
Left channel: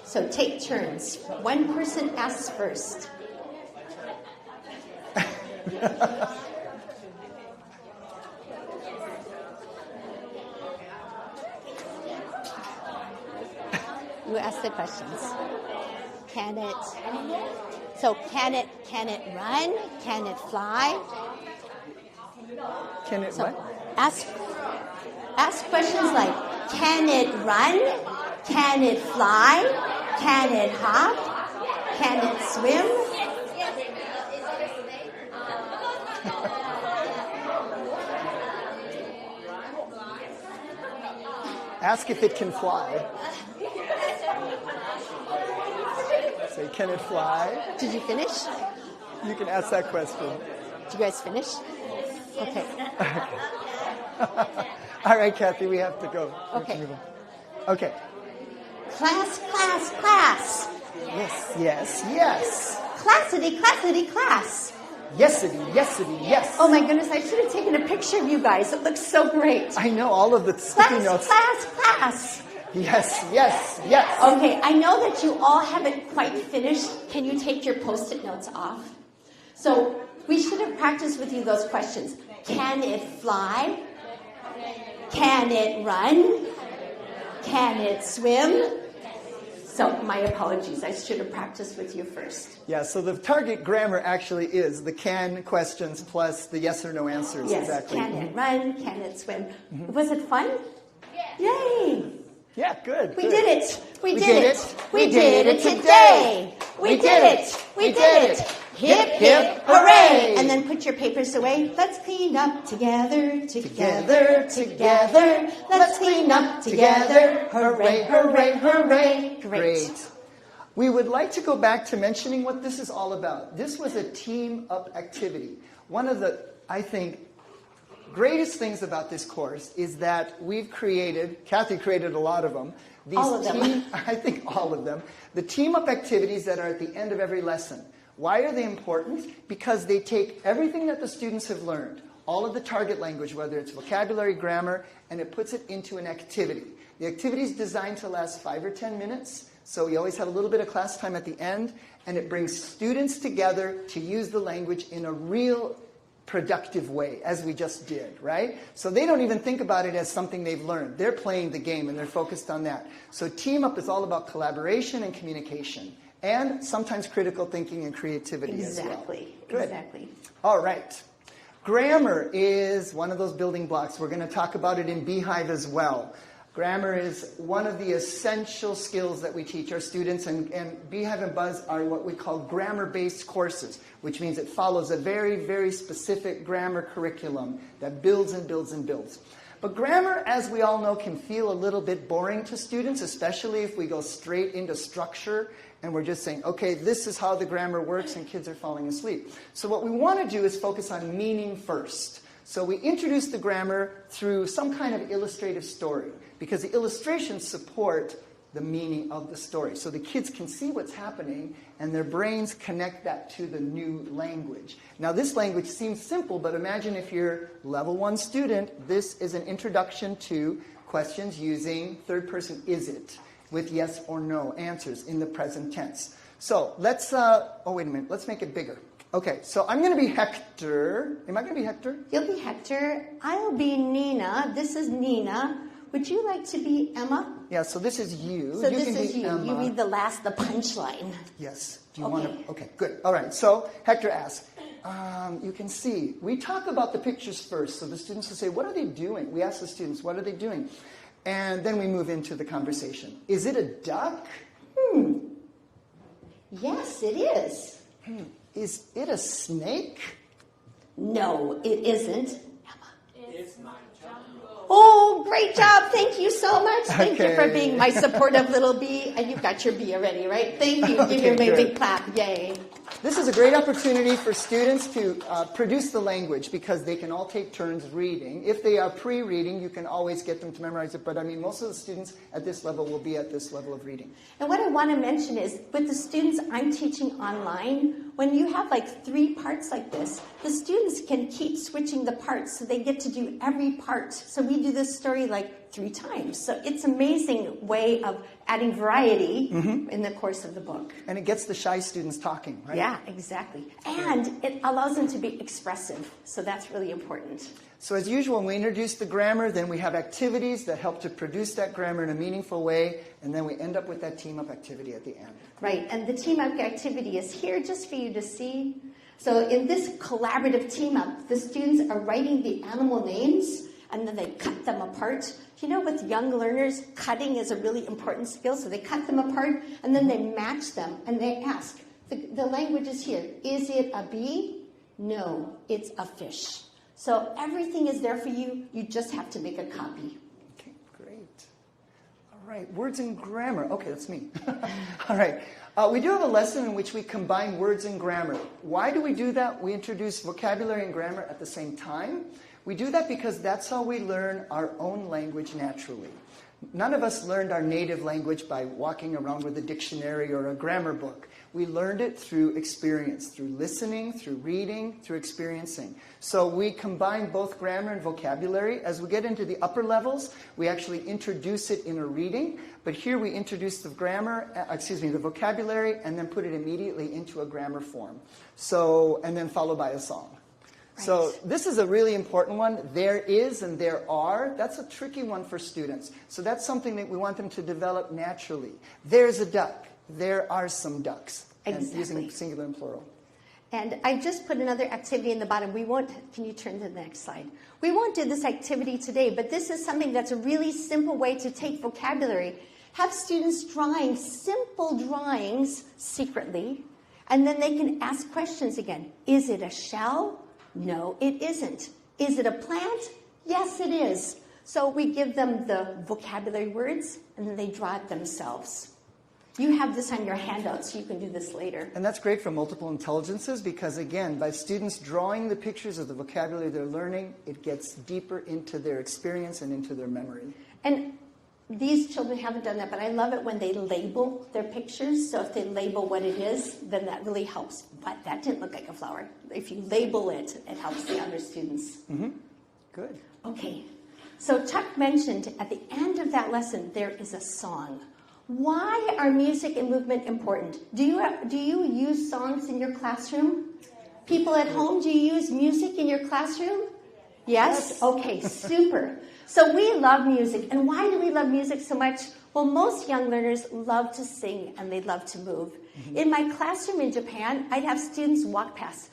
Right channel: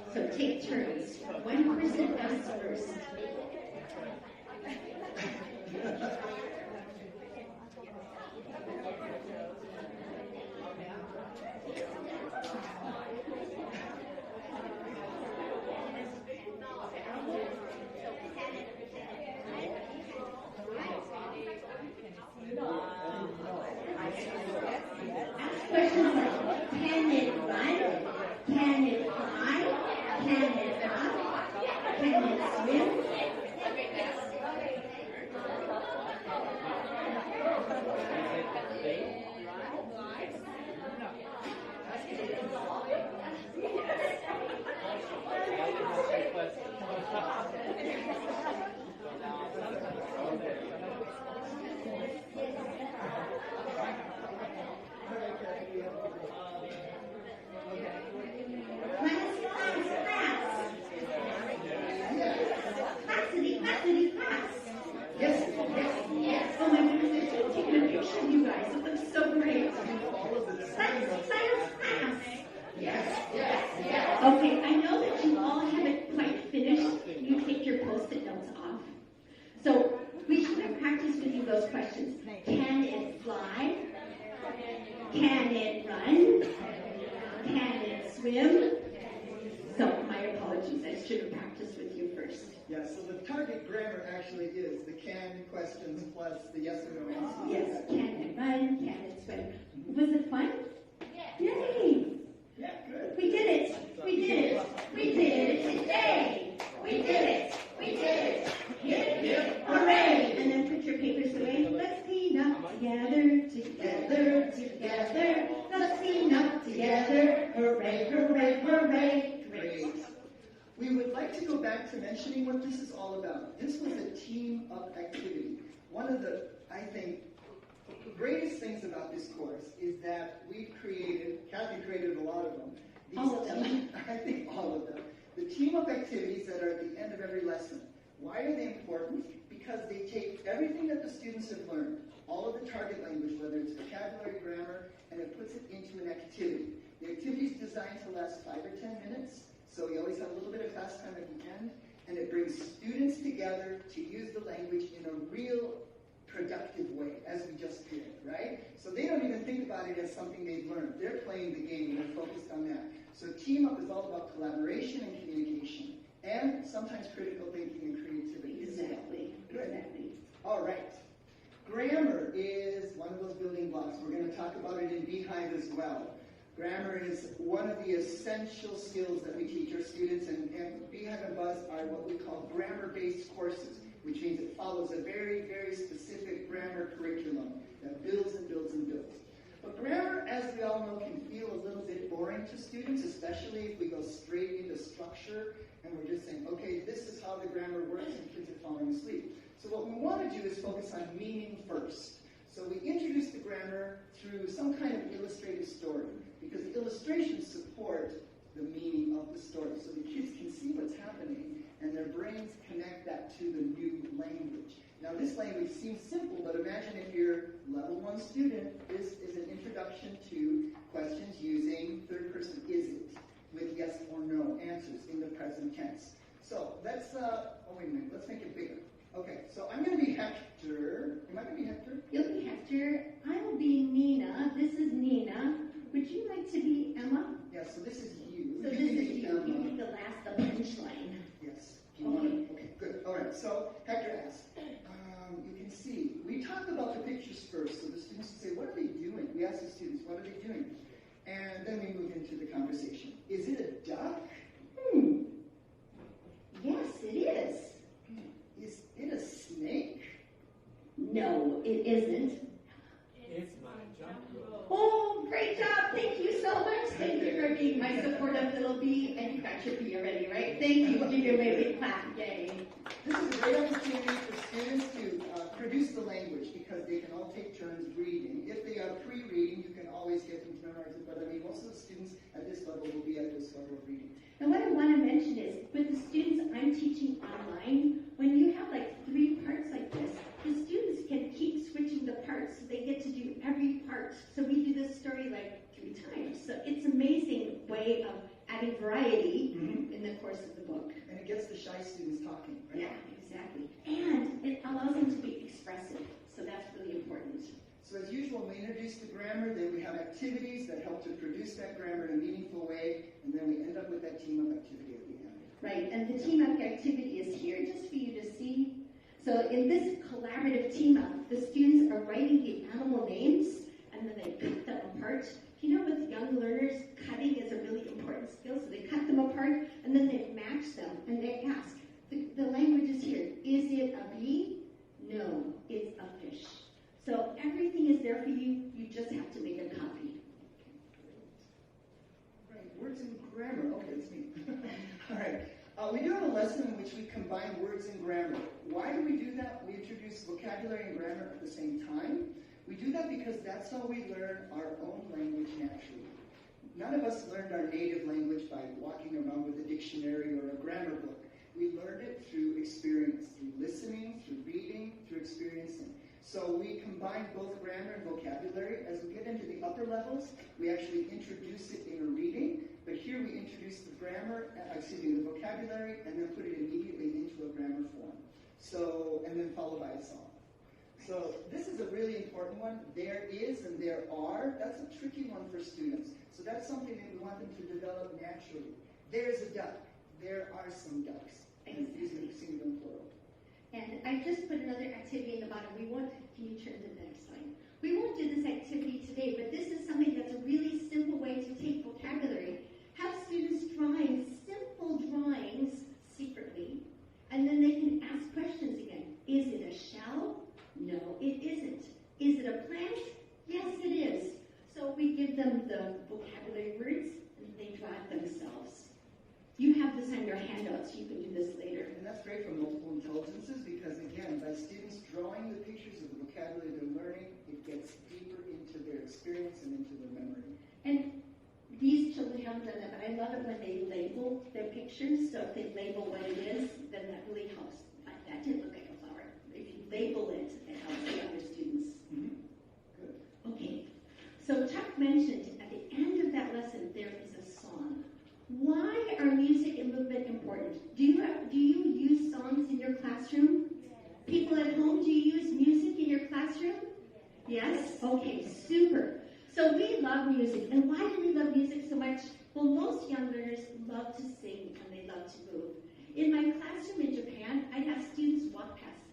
So take turns. One person asks first. You ask the questions. Can it? So can it run? Can it fly? Can it So what? ask questions like, can it run? Can it fly? Can it hop? Can it swim? Ask if it can fly. Say, can it fly? Did you finish? You can ask that question. Did you guys finish? Okay. All right, Kathy, we have to go. Okay. Okay. Class, class, class. Yes, yes, yes. Classity, classity, class. Yesity, yesity, yes. Oh my goodness, I should have taken a picture of you guys. It looks so great. I know all of the sticky Class, notes. class, class. Yes, yes, yes. Okay, I know that you all haven't quite finished. Can you take your post-it notes off? So we should have practiced with you those questions. Can it fly? Can it run? Can it swim? So my apologies, I should have practiced with you first. Yeah, so the target grammar actually is the can questions plus the yes or no answers. Yes, Exactly. can it run? Can it swim? Was it fun? Yay! Yeah, good. We good. did it. We We did did it. it. We We did did it it today. We We did did it. it. We We did did it. it. Hip, hip, hooray. And then put your papers away. Let's clean up together, together, together. Let's clean up together. Hooray, hooray, hooray. Great. We would like to go back to mentioning what this is all about. This was a team-up activity. One of the, I think, greatest things about this course is that we've created, Kathy created a lot of them. These All of them. I think all of them. The team-up activities that are at the end of every lesson. Why are they important? Because they take everything that the students have learned, all of the target language, whether it's vocabulary, grammar, and it puts it into an activity. The activity is designed to last 5 or 10 minutes, so we always have a little bit of class time at the end, and it brings students together to use the language in a real productive way, as we just did, right? So they don't even think about it as something they've learned. They're playing the game, and they're focused on that. So Team Up is all about collaboration and communication, and sometimes critical thinking and creativity as well. Exactly. Good. Exactly. All right. Grammar is one of those building blocks. We're going to talk about it in Beehive as well. Grammar is one of the essential skills that we teach our students, and Beehive and Buzz are what we call grammar-based courses, which means it follows a very, very specific grammar curriculum that builds and builds and builds. But grammar, as we all know, can feel a little bit boring to students, especially if we go straight into structure and we're just saying, okay, this is how the grammar works, and kids are falling asleep. So what we want to do is focus on meaning first. So we introduce the grammar through some kind of illustrative story, because the illustrations support the meaning of the story. So the kids can see what's happening, and their brains connect that to the new language. Now, this language seems simple, but imagine if you're level 1 student, this is an introduction to questions using third person is it, with yes or no answers in the present tense. So let's, oh, wait a minute, let's make it bigger. Okay, so I'm going to be Hector. Am I going to be Hector? You'll be Hector. I'll be Nina. This is Nina. Would you like to be Emma? Yeah, so this is you. So You this can is be you. Emma. You read the punchline. Yes. Do you Okay. want to? Okay, good. All right. So Hector asks, you can see, we talk about the pictures first. So the students will say, what are they doing? We ask the students, what are they doing? And then we move into the conversation. Is it a duck? Yes, it is. Is it a snake? No, it isn't. Emma. Oh, great job. Thank you so much. Thank you for Okay. being my supportive little bee. And you've got your bee already, right? Thank you. Okay, Give your bee a good. big clap. Yay. This is a great opportunity for students to produce the language, because they can all take turns reading. If they are pre-reading, you can always get them to memorize it. But I mean, most of the students at this level will be at this level of reading. And what I want to mention is, with the students I'm teaching online, when you have like 3 parts like this, the students can keep switching the parts, so they get to do every part. So we do this story like 3 times. So it's an amazing way of adding variety in the course of the book. And it gets the shy students talking, right? Yeah, exactly. And it allows them to be expressive. So that's really important. So as usual, when we introduce the grammar, then we have activities that help to produce that grammar in a meaningful way, and then we end up with that team-up activity at the end. Right, and the team up activity is here just for you to see. So in this collaborative team up, the students are writing the animal names and then they cut them apart. You know, with young learners, cutting is a really important skill. So they cut them apart and then they match them and they ask, the language is here. Is it a bee? No, it's a fish. So everything is there for you. You just have to make a copy. Okay, great. All right, words and grammar. Okay, that's me. All right. We do have a lesson in which we combine words and grammar. Why do we do that? We introduce vocabulary and grammar at the same time. We do that because that's how we learn our own language naturally. None of us learned our native language by walking around with a dictionary or a grammar book. We learned it through experience, through listening, through reading, through experiencing. So we combine both grammar and vocabulary. As we get into the upper levels, we actually introduce it in a reading. But here we introduce the the vocabulary, and then put it immediately into a grammar form. So, and then followed by a song. Right. So this is a really important one. There is and there are. That's a tricky one for students. So that's something that we want them to develop naturally. There's a duck. There are some ducks. Exactly. And using singular and plural. And I just put another activity in the bottom. Can you turn to the next slide? We won't do this activity today, but this is something that's a really simple way to take vocabulary. Have students drawing simple drawings secretly, and then they can ask questions again. Is it a shell? No, it isn't. Is it a plant? Yes, it is. So we give them the vocabulary words, and then they draw it themselves. You have this on your handout, so you can do this later. And that's great for multiple intelligences because, again, by students drawing the pictures of the vocabulary they're learning, it gets deeper into their experience and into their memory. And these children haven't done that, but I love it when they label their pictures. So if they label what it is, then that really helps. But that didn't look like a flower. If you label it, it helps the other students. Mm-hmm. Good. Okay. So Chuck mentioned at the end of that lesson, there is a song. Why are music and movement important? Do you use songs in your classroom? People at home, do you use music in your classroom? Yes? Okay, super. So we love music. And why do we love music so much? Well, most young learners love to sing and they love to move. Mm-hmm. In my classroom in Japan, I'd have students walk past.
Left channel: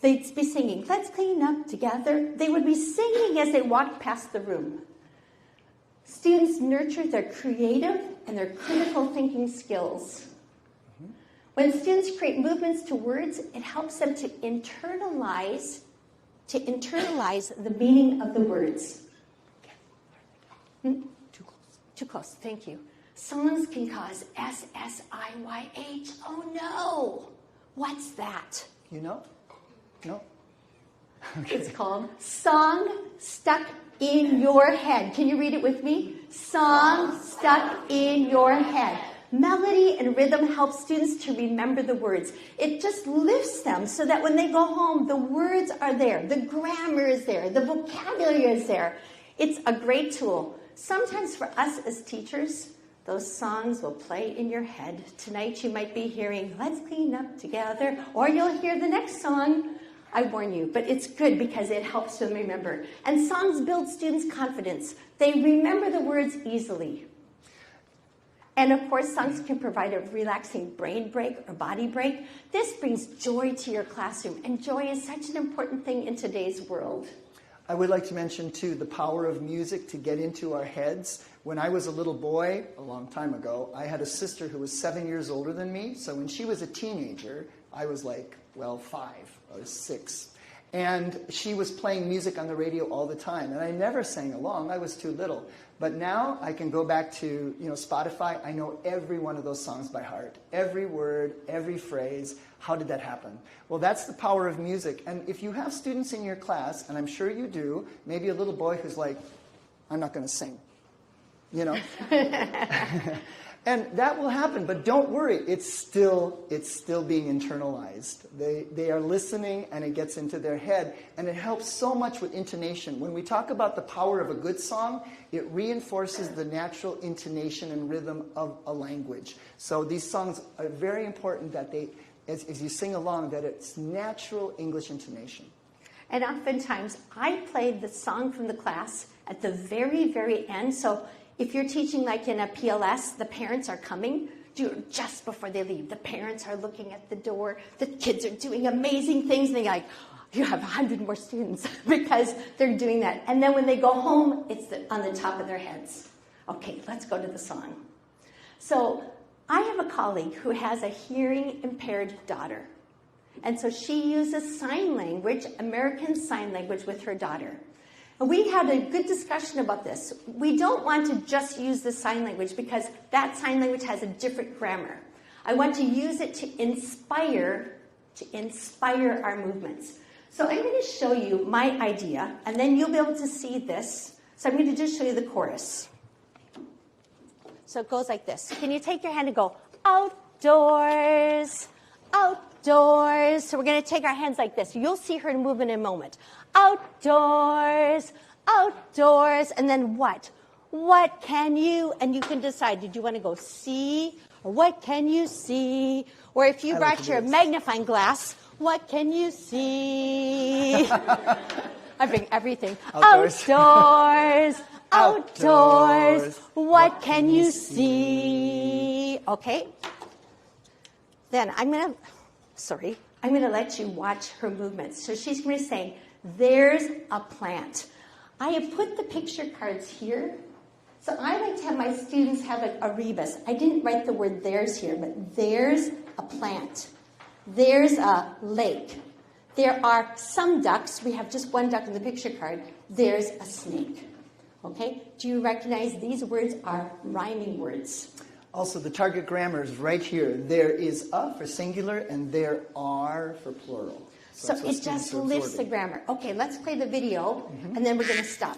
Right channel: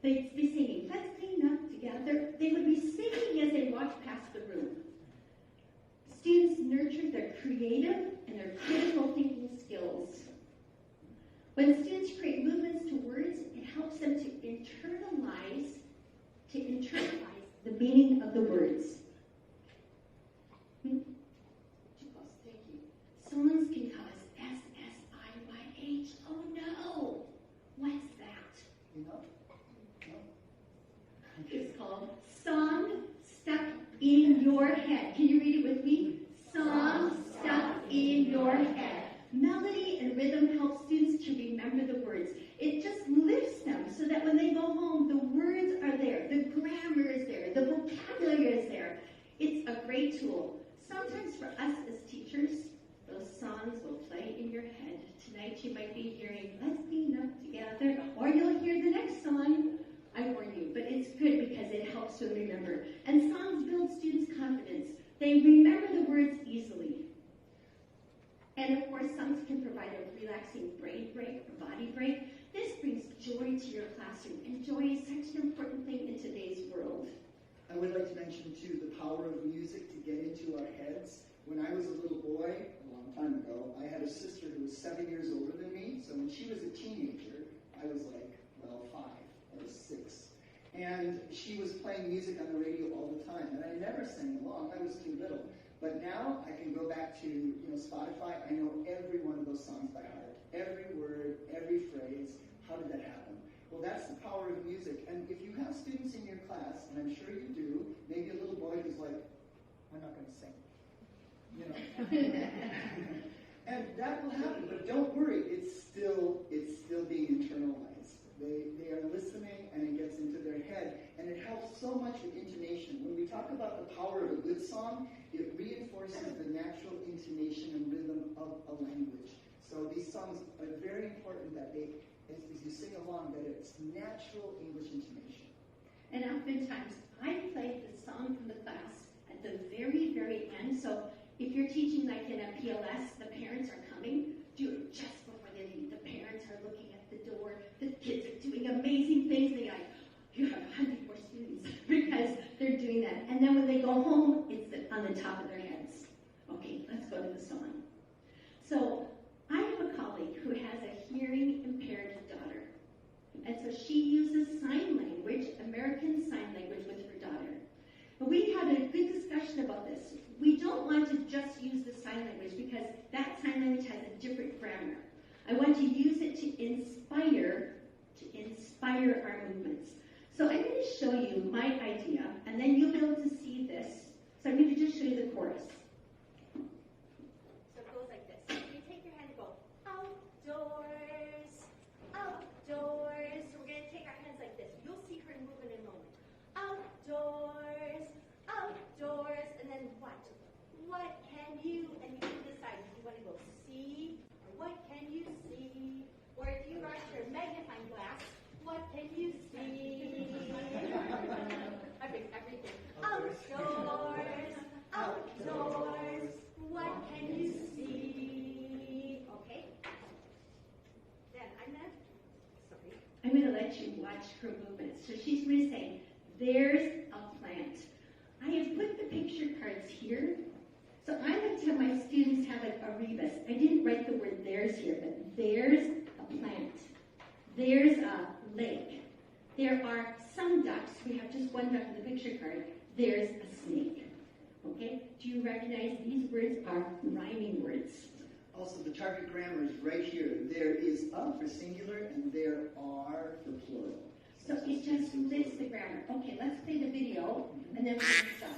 They'd be singing, "Let's clean up together." They would be singing as they walked past the room. Students nurture their creative and their critical thinking skills. Mm-hmm. When students create movements to words, it helps them to internalize the meaning of the words. Too close, thank you. Songs can cause SSIYH. Oh no! What's that? You know? No? Okay. It's called Song Stuck in Your Head. Can you read it with me? Song Stuck in Your Head. Melody and rhythm help students to remember the words. It just lifts them so that when they go home, the words are there, the grammar is there, the vocabulary is there. It's a great tool. Sometimes for us as teachers, those songs will play in your head. Tonight you might be hearing, "Let's clean up together," or you'll hear the next song. I warn you, but it's good because it helps them remember. And songs build students' confidence. They remember the words easily. And of course, songs can provide a relaxing brain break or body break. This brings joy to your classroom, and joy is such an important thing in today's world. I would like to mention, too, the power of music to get into our heads. When I was a little boy, a long time ago, I had a sister who was 7 years older than me. So when she was a teenager, I was like, 5 or 6. And she was playing music on the radio all the time. And I never sang along. I was too little. But now I can go back to Spotify. I know every one of those songs by heart. Every word, every phrase. How did that happen? Well, that's the power of music. And if you have students in your class, and I'm sure you do, maybe a little boy who's like, "I'm not going to sing," And that will happen, but don't worry. It's still being internalized. They are listening, and it gets into their head, and it helps so much with intonation. When we talk about the power of a good song, it reinforces the natural intonation and rhythm of a language. So these songs are very important that they, as you sing along, that it's natural English intonation. And oftentimes, I play the song from the class at the very, very end. So if you're teaching like in a PLS, the parents are coming do it just before they leave. The parents are looking at the door. The kids are doing amazing things. And they're like, you have 100 more students because they're doing that. And then when they go home, it's on the top of their heads. Okay, let's go to the song. So I have a colleague who has a hearing impaired daughter. And so she uses sign language, American Sign Language, with her daughter. And we had a good discussion about this. We don't want to just use the sign language because that sign language has a different grammar. I want to use it to inspire our movements. So I'm going to show you my idea, and then you'll be able to see this. So I'm going to just show you the chorus. So it goes like this. Can you take your hand and go, outdoors, outdoors. So we're going to take our hands like this. You'll see her move in a moment. Outdoors, outdoors. And then what? What can you, and you can decide, did you want to go see, or what can you see? Or if you brought your magnifying glass, what can you see? I bring everything. Outdoors. Outdoors, outdoors. What can you see? Okay. Then I'm going to let you watch her movements. So she's going to say, there's a plant. I have put the picture cards here. So I like to have my students have a rebus. I didn't write the word there's here, but there's a plant. There's a lake. There are some ducks. We have just one duck in the picture card. There's a snake. Okay? Do you recognize these words are rhyming words? Also, the target grammar is right here. There is a for singular, and there are for plural. So it just lifts the grammar. Okay, let's play the video, and then we're going to stop.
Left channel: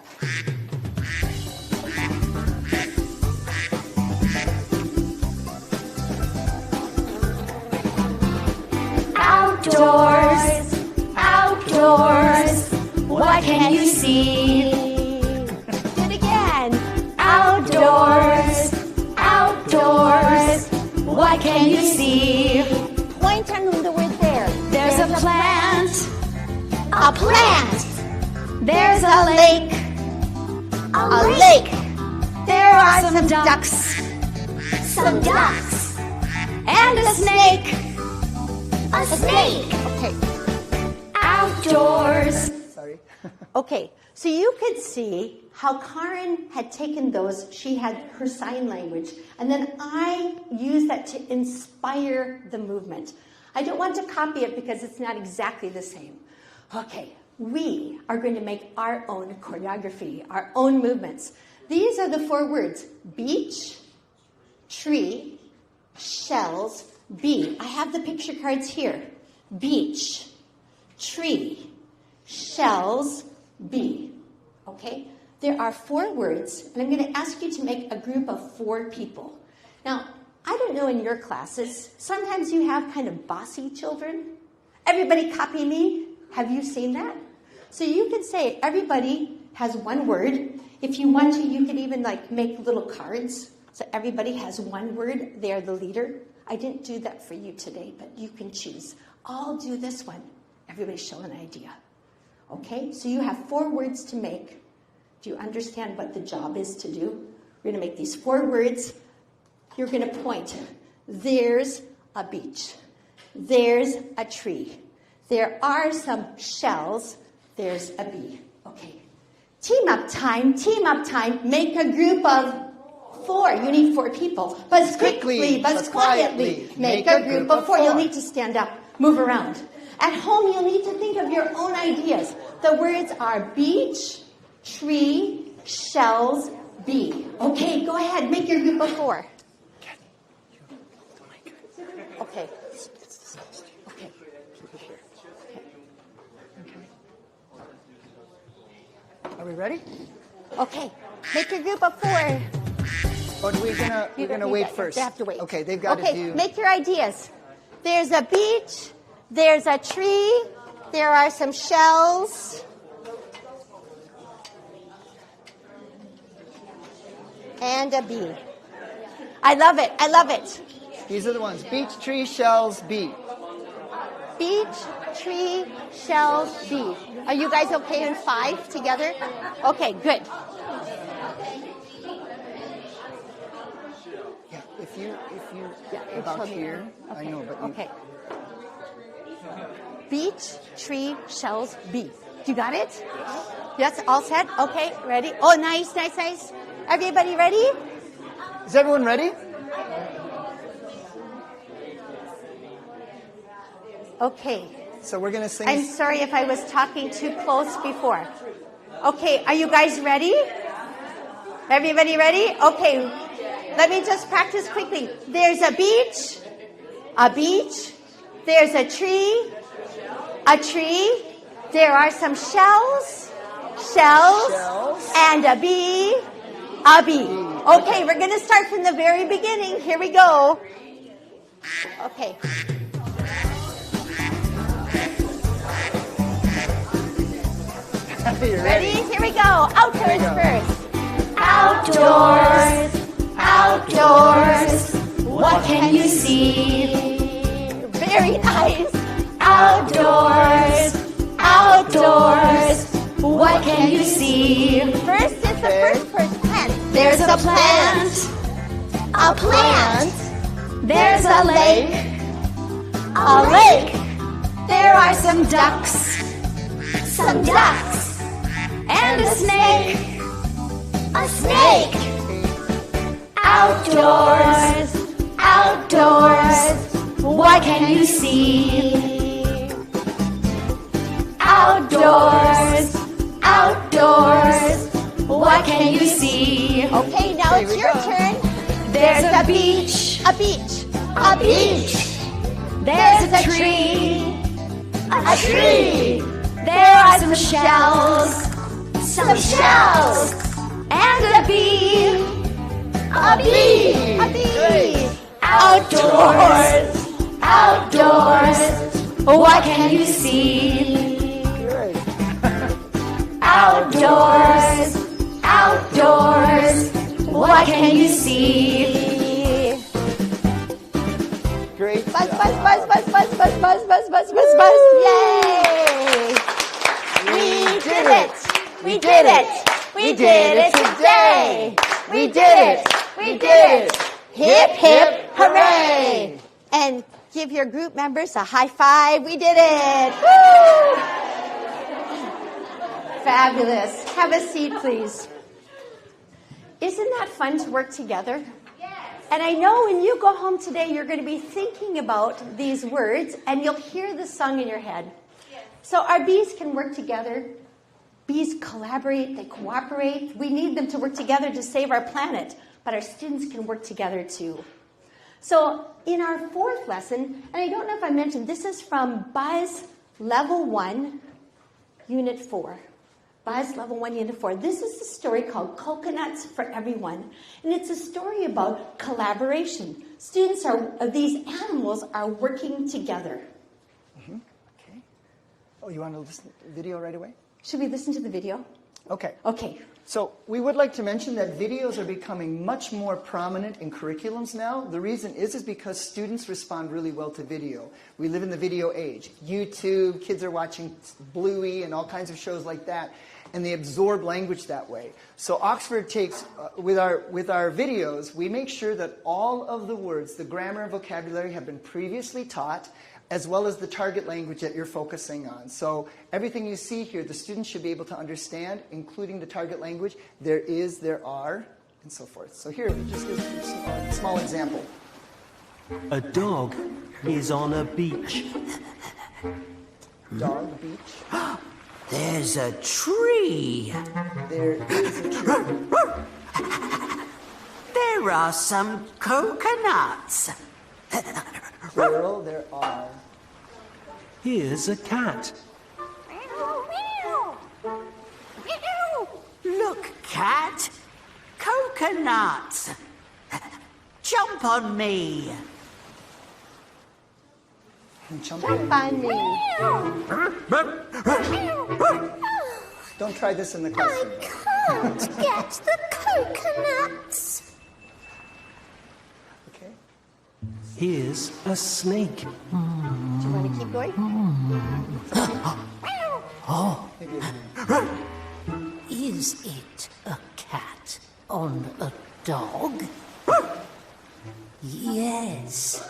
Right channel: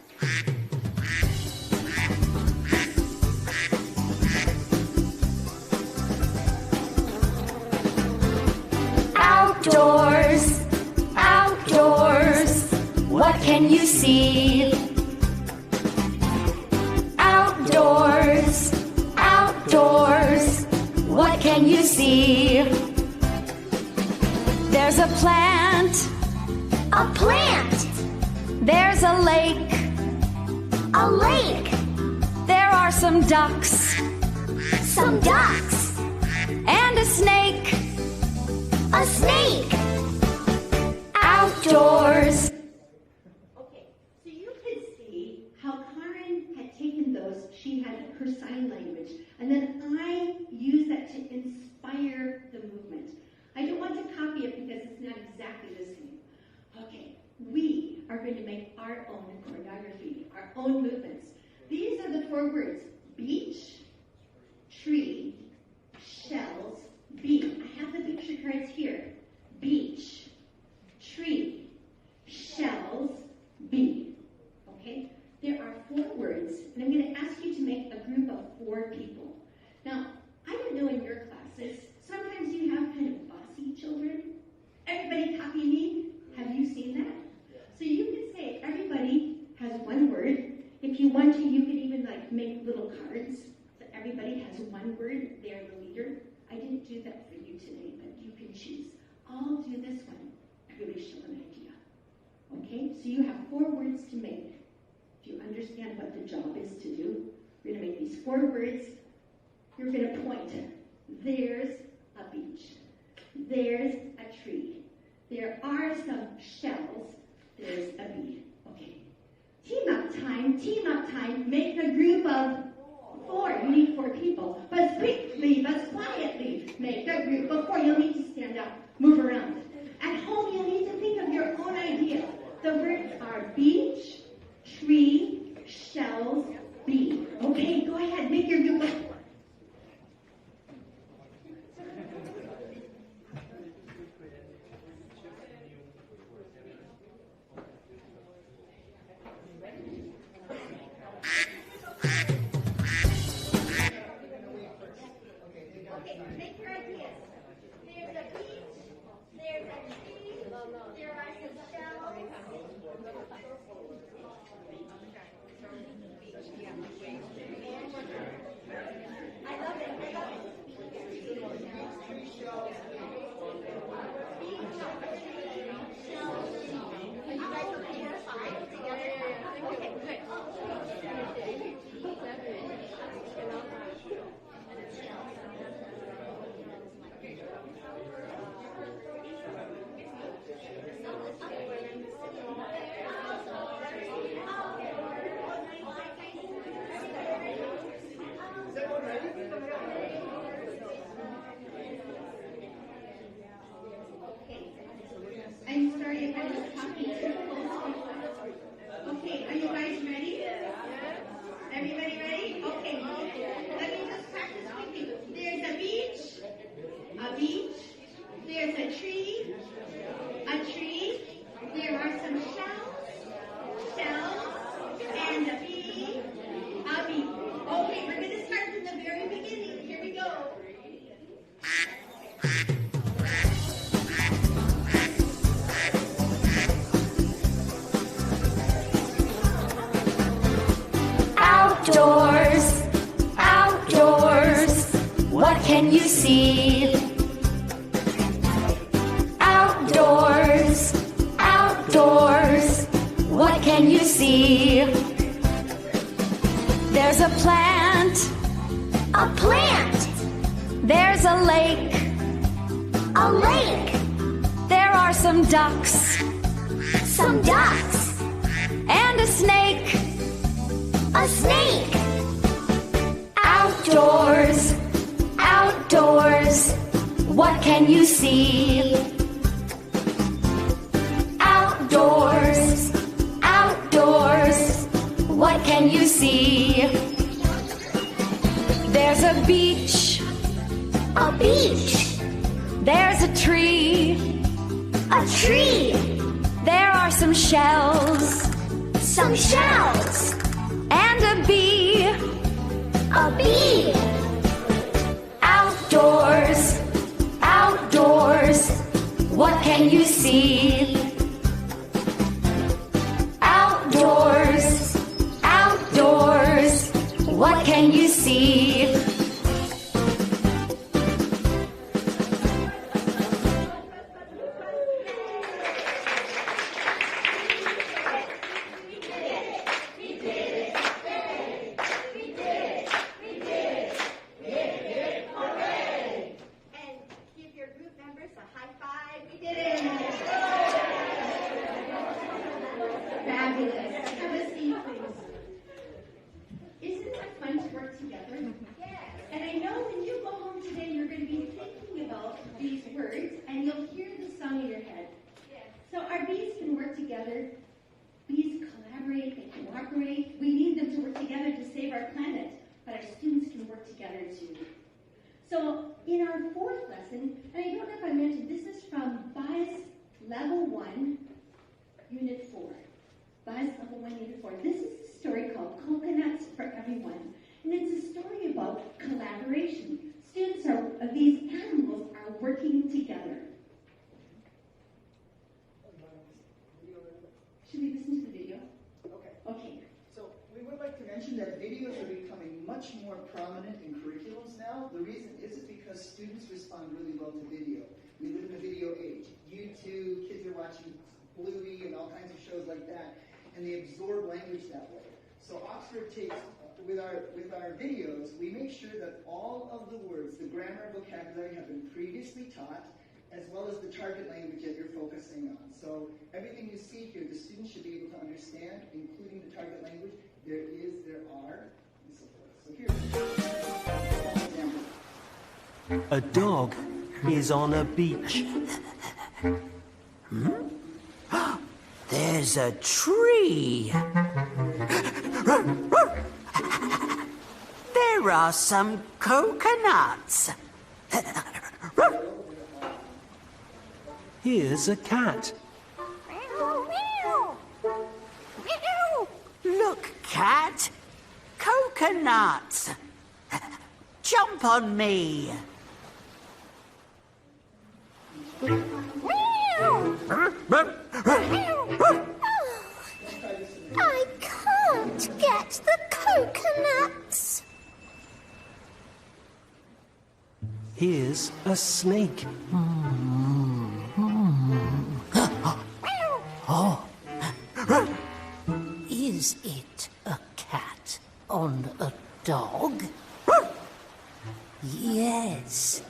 Outdoors, outdoors, what can you see? And again. Outdoors, outdoors, what can you see? Point on the word there. There's a plant, a plant. There's a lake, a lake. There are some ducks, and a snake, a snake. Outdoors. Sorry. Okay, so you could see how Karen had taken those, she had her sign language, and then I used that to inspire the movement. I don't want to copy it because it's not exactly the same. Okay, we are going to make our own choreography, our own movements. These are the 4 words: beach, tree, shells, bee. I have the picture cards here. Beach, tree, shells, bee. Okay? There are 4 words, and I'm going to ask you to make a group of 4 people. Now, I don't know in your classes, sometimes you have kind of bossy children. Everybody copy me. Have you seen that? So you can say everybody has 1 word. If you want to, you can even make little cards. So everybody has 1 word. They're the leader. I didn't do that for you today, but you can choose. I'll do this one. Everybody show an idea. Okay? So you have 4 words to make. Do you understand what the job is to do? We're going to make these 4 words. You're going to point. There's a beach. There's a tree. There are some shells. There's a bee. Okay. Team up time. Team up time. Make a group of 4. You need 4 people. But quickly, but quietly. Make a group of 4. You'll need to stand up. Move around. At home, you'll need to think of your own ideas. The words are beach, tree, shells, bee. Okay, go ahead. Make your group of 4. Okay. Okay. Are we ready? Okay. Make your group of 4. Or we're gonna wait first. They have to wait. Okay, they've got to do. Make your ideas. There's a beach. There's a tree. There are some shells. And a bee. I love it. I love it. These are the ones: beach, tree, shells, bee. Beach, tree, shells, bee. Are you guys okay in 5 together? Okay, good. Yeah, if you about here. I know, but you- Okay. Beach, tree, shells, bee. You got it? Yes, all set? Okay, ready? Oh, nice, nice, nice. Everybody ready? Is everyone ready? Okay. So we're gonna sing. I'm sorry if I was talking too close before. Okay, are you guys ready? Everybody ready? Okay, let me just practice quickly. There's a beach, there's a tree, there are some shells, and a bee. Okay, we're going to start from the very beginning. Here we go. Okay. Ready? Here we go. Outdoors first. Outdoors, outdoors, what can you see? Very nice. Outdoors, outdoors, what can you see? First is the first person. There's a plant. There's a lake. There are some ducks. And a snake. Outdoors, what can you see? Outdoors, what can you see? Okay, now it's your turn. There's a beach. There's a tree. There are some shells. And a bee. Outdoors, what can you see? Outdoors, what can you see? Great. Buzz. Yay! We did it today. We did it. Hip, hip, hooray. And give your group members a high five. We did it. Woo! Fabulous. Have a seat, please. Isn't that fun to work together? Yes. And I know when you go home today, you're going to be thinking about these words, and you'll hear the song in your head. Yes. So our bees can work together. Bees collaborate, they cooperate. We need them to work together to save our planet, but our students can work together too. So in our fourth lesson, and I don't know if I mentioned, this is from Buzz Level 1, Unit 4. Buzz Level 1, Unit 4. This is a story called Coconuts for Everyone, and it's a story about collaboration. These animals are working together. Okay. Oh, you want to listen to the video right away? Should we listen to the video? Okay. Okay. So we would like to mention that videos are becoming much more prominent in curriculums now. The reason is because students respond really well to video. We live in the video age. YouTube, kids are watching Bluey and all kinds of shows like that, and they absorb language that way. So Oxford takes, with our videos, we make sure that all of the words, the grammar and vocabulary have been previously taught, as well as the target language that you're focusing on. So everything you see here, the students should be able to understand, including the target language. There is, there are, and so forth. So here, a small example. A dog is on a beach. Dog, beach. There's a tree. There are some coconuts. Plural, there are. Here's a cat. Look, cat. Coconuts. Jump on me. Funny. Don't try this in the classroom. Can't get the coconuts. Okay. Here's a snake. Keep going. Is it a cat on a dog? Yes,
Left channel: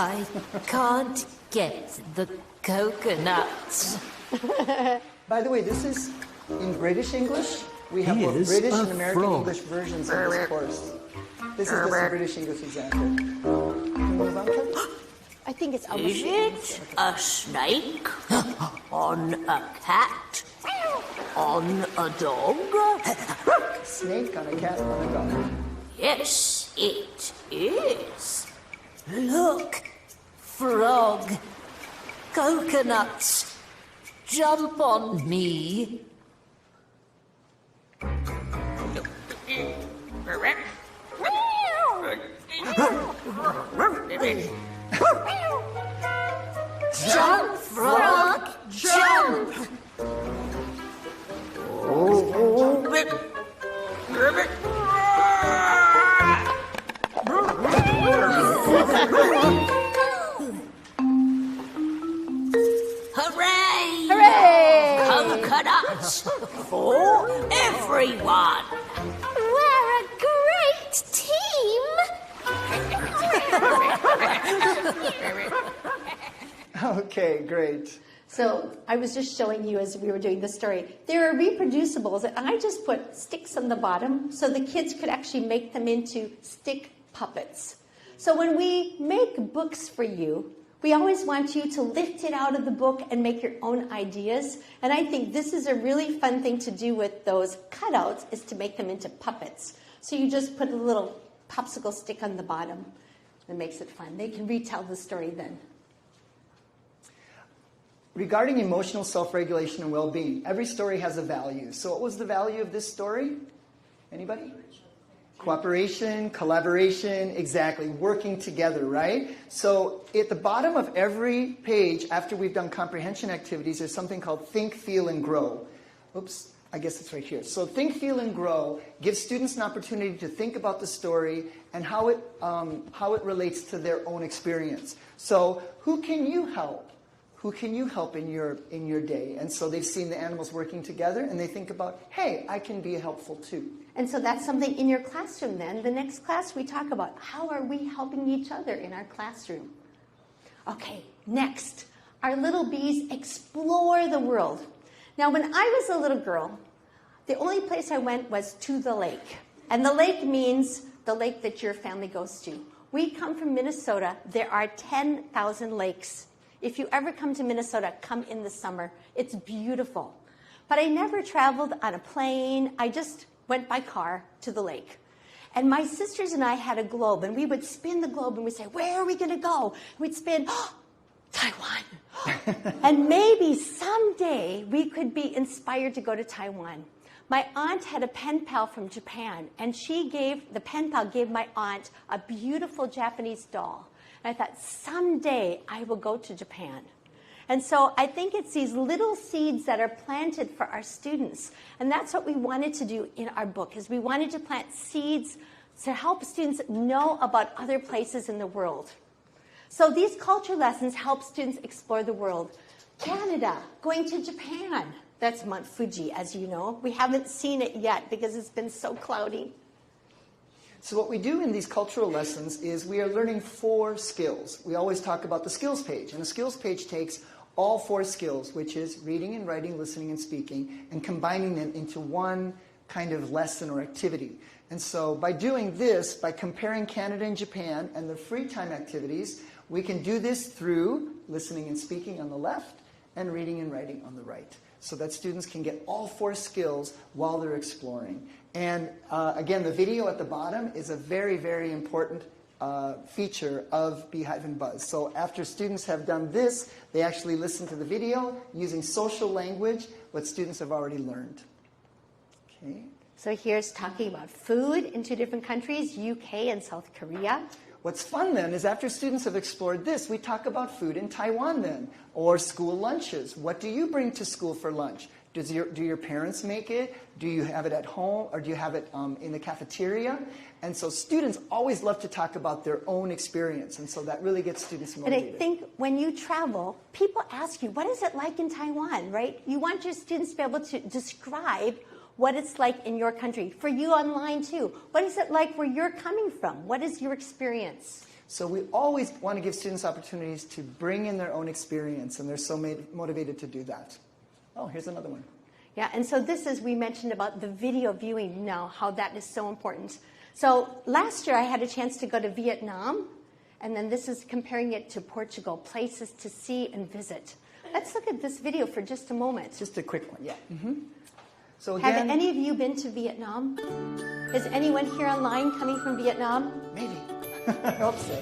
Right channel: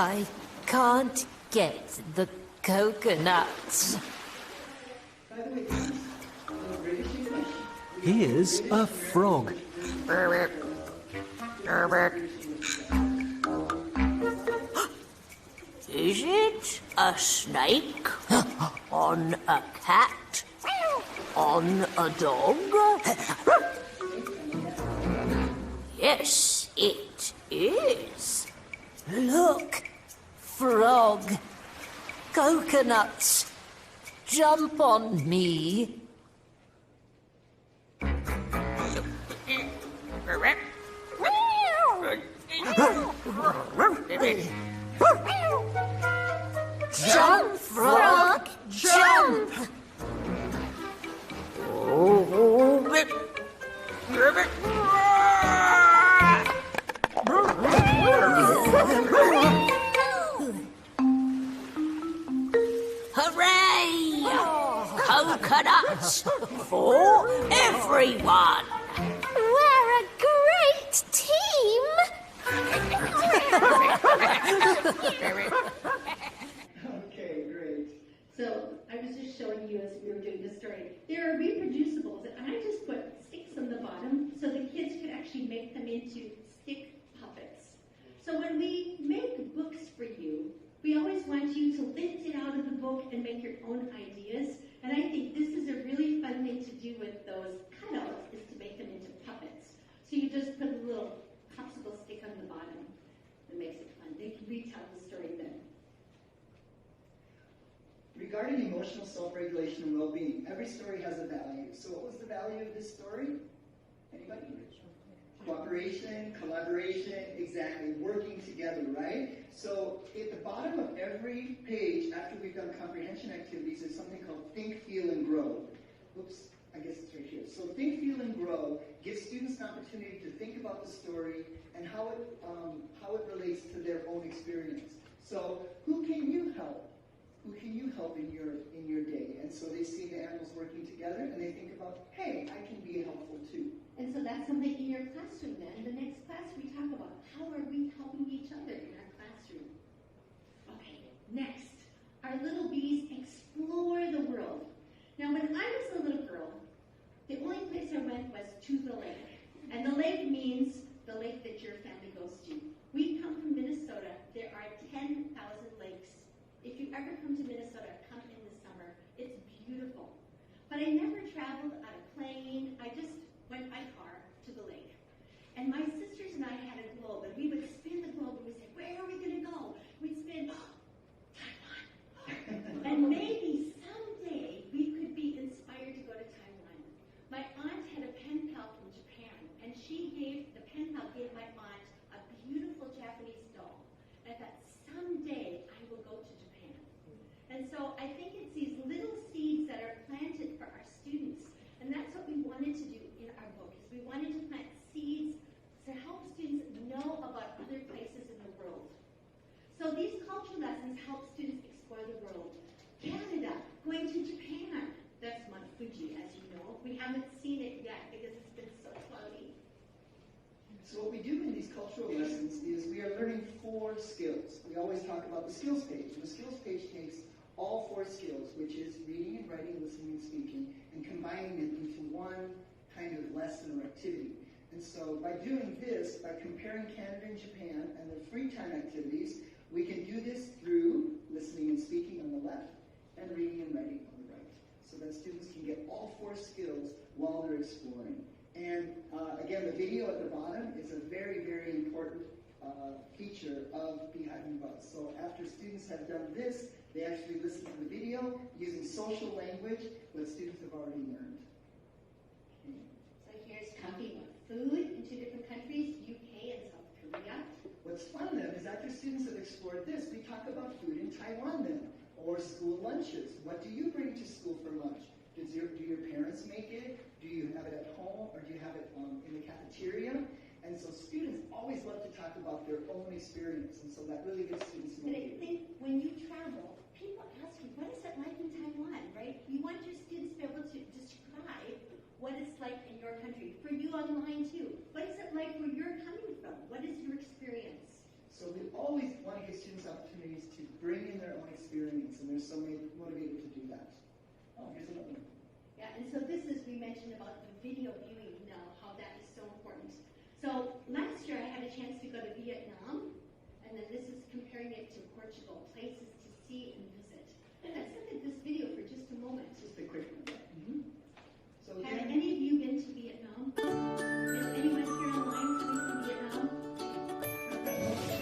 I can't get the coconuts. By the way, this is in British English. We have both Here's British a and American frog. English versions of this course. This is just a British English example. Move on, Kath? I think it's Is it a snake? On a cat? On a dog? Snake on a cat on a dog. Yes, it is. Look, frog, coconuts, jump on me. Jump, frog, jump. Hooray! Coconuts for everyone. We're a great team. Okay, great. So I was just showing you as we were doing the story. There are reproducibles, and I just put sticks on the bottom so the kids could actually make them into stick puppets. So when we make books for you, we always want you to lift it out of the book and make your own ideas. And I think this is a really fun thing to do with those cutouts, is to make them into puppets. So you just put a little popsicle stick on the bottom. It makes it fun. They can retell the story then. Regarding emotional self-regulation and well-being, every story has a value. So what was the value of this story? Anybody? Cooperation, collaboration, exactly, working together, right? So at the bottom of every page, after we've done comprehension activities, there's something called Think, Feel, and Grow. Oops, I guess it's right here. So Think, Feel, and Grow gives students an opportunity to think about the story and how it relates to their own experience. So who can you help? Who can you help in your day? And so they've seen the animals working together, and they think about, hey, I can be helpful too. And so that's something in your classroom then. The next class we talk about how are we helping each other in our classroom. Okay, next, our little bees explore the world. Now when I was a little girl, the only place I went was to the lake. And the lake means the lake that your family goes to. We come from Minnesota. There are 10,000 lakes. If you ever come to Minnesota, come in the summer. It's beautiful. But I never traveled on a plane. I just went by car to the lake. And my sisters and I had a globe, and we would spin the globe, and we'd say, where are we going to go? And we'd spin, Taiwan. And maybe someday we could be inspired to go to Taiwan. My aunt had a pen pal from Japan, and the pen pal gave my aunt a beautiful Japanese doll. And I thought, someday I will go to Japan. And so I think it's these little seeds that are planted for our students. And that's what we wanted to do in our book, is we wanted to plant seeds to help students know about other places in the world. So these culture lessons help students explore the world. Canada, going to Japan. That's Mount Fuji, as you know. We haven't seen it yet because it's been so cloudy. So what we do in these cultural lessons is we are learning 4 skills. We always talk about the skills page, and the skills page takes all 4 skills, which is reading and writing, listening and speaking, and combining them into one kind of lesson or activity. And so by doing this, by comparing Canada and Japan and the free time activities, we can do this through listening and speaking on the left and reading and writing on the right, so that students can get all 4 skills while they're exploring. And again, the video at the bottom is a very, very important feature of Beehive and Buzz. So after students have done this, they actually listen to the video using social language, what students have already learned. Okay. So here's talking about food in 2 different countries, UK and South Korea. What's fun then is after students have explored this, we talk about food in Taiwan then, or school lunches. What do you bring to school for lunch? Do your parents make it? Do you have it at home, or do you have it in the cafeteria? And so students always love to talk about their own experience, and so that really gets students motivated. And I think when you travel, people ask you, what is it like in Taiwan, right? You want your students to be able to describe what it's like in your country. For you online too, what is it like where you're coming from? What is your experience? So we always want to give students opportunities to bring in their own experience, and they're so motivated to do that. Oh, here's another one. Yeah, and so this is, we mentioned about the video viewing now, how that is so important. So last year I had a chance to go to Vietnam, and then this is comparing it to Portugal, places to see and visit. Let's look at this video for just a moment. Just a quick one, yeah. So again, have any of you been to Vietnam? Is anyone here online coming from Vietnam? Maybe. I hope so.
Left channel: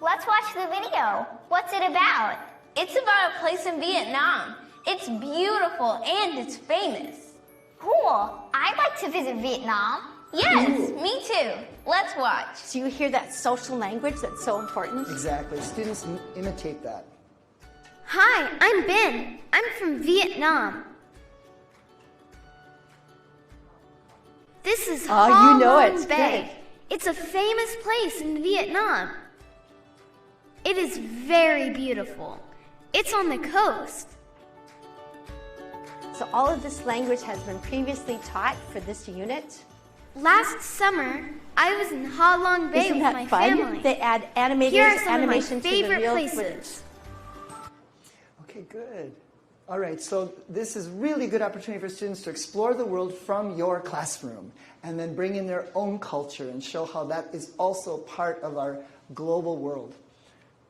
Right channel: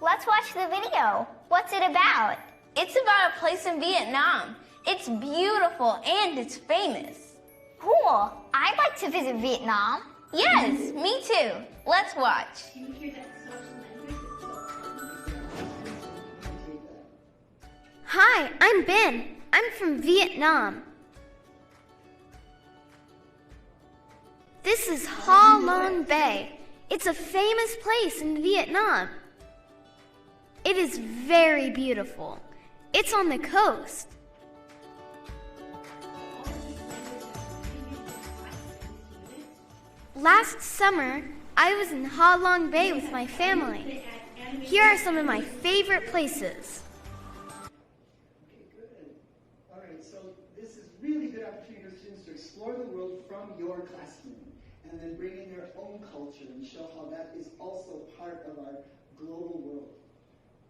Let's watch the video. What's it about? It's about a place in Vietnam. It's beautiful and it's famous. Cool. I'd like to visit Vietnam. Yes, me too. Let's watch. Do you hear that social language that's so important? Exactly. Students imitate that. Hi, I'm Ben. I'm from Vietnam. This is Ha Long Bay. It's a famous place in Vietnam. It is very beautiful. It's on the coast. So all of this language has been previously taught for this unit. Last summer, I was in Ha Long Bay with my family. They add animation. Here are some of my favorite places. Okay, good. All right, so this is really good opportunity for students to explore the world from your classroom and then bring in their own culture and show how that is also part of our global world.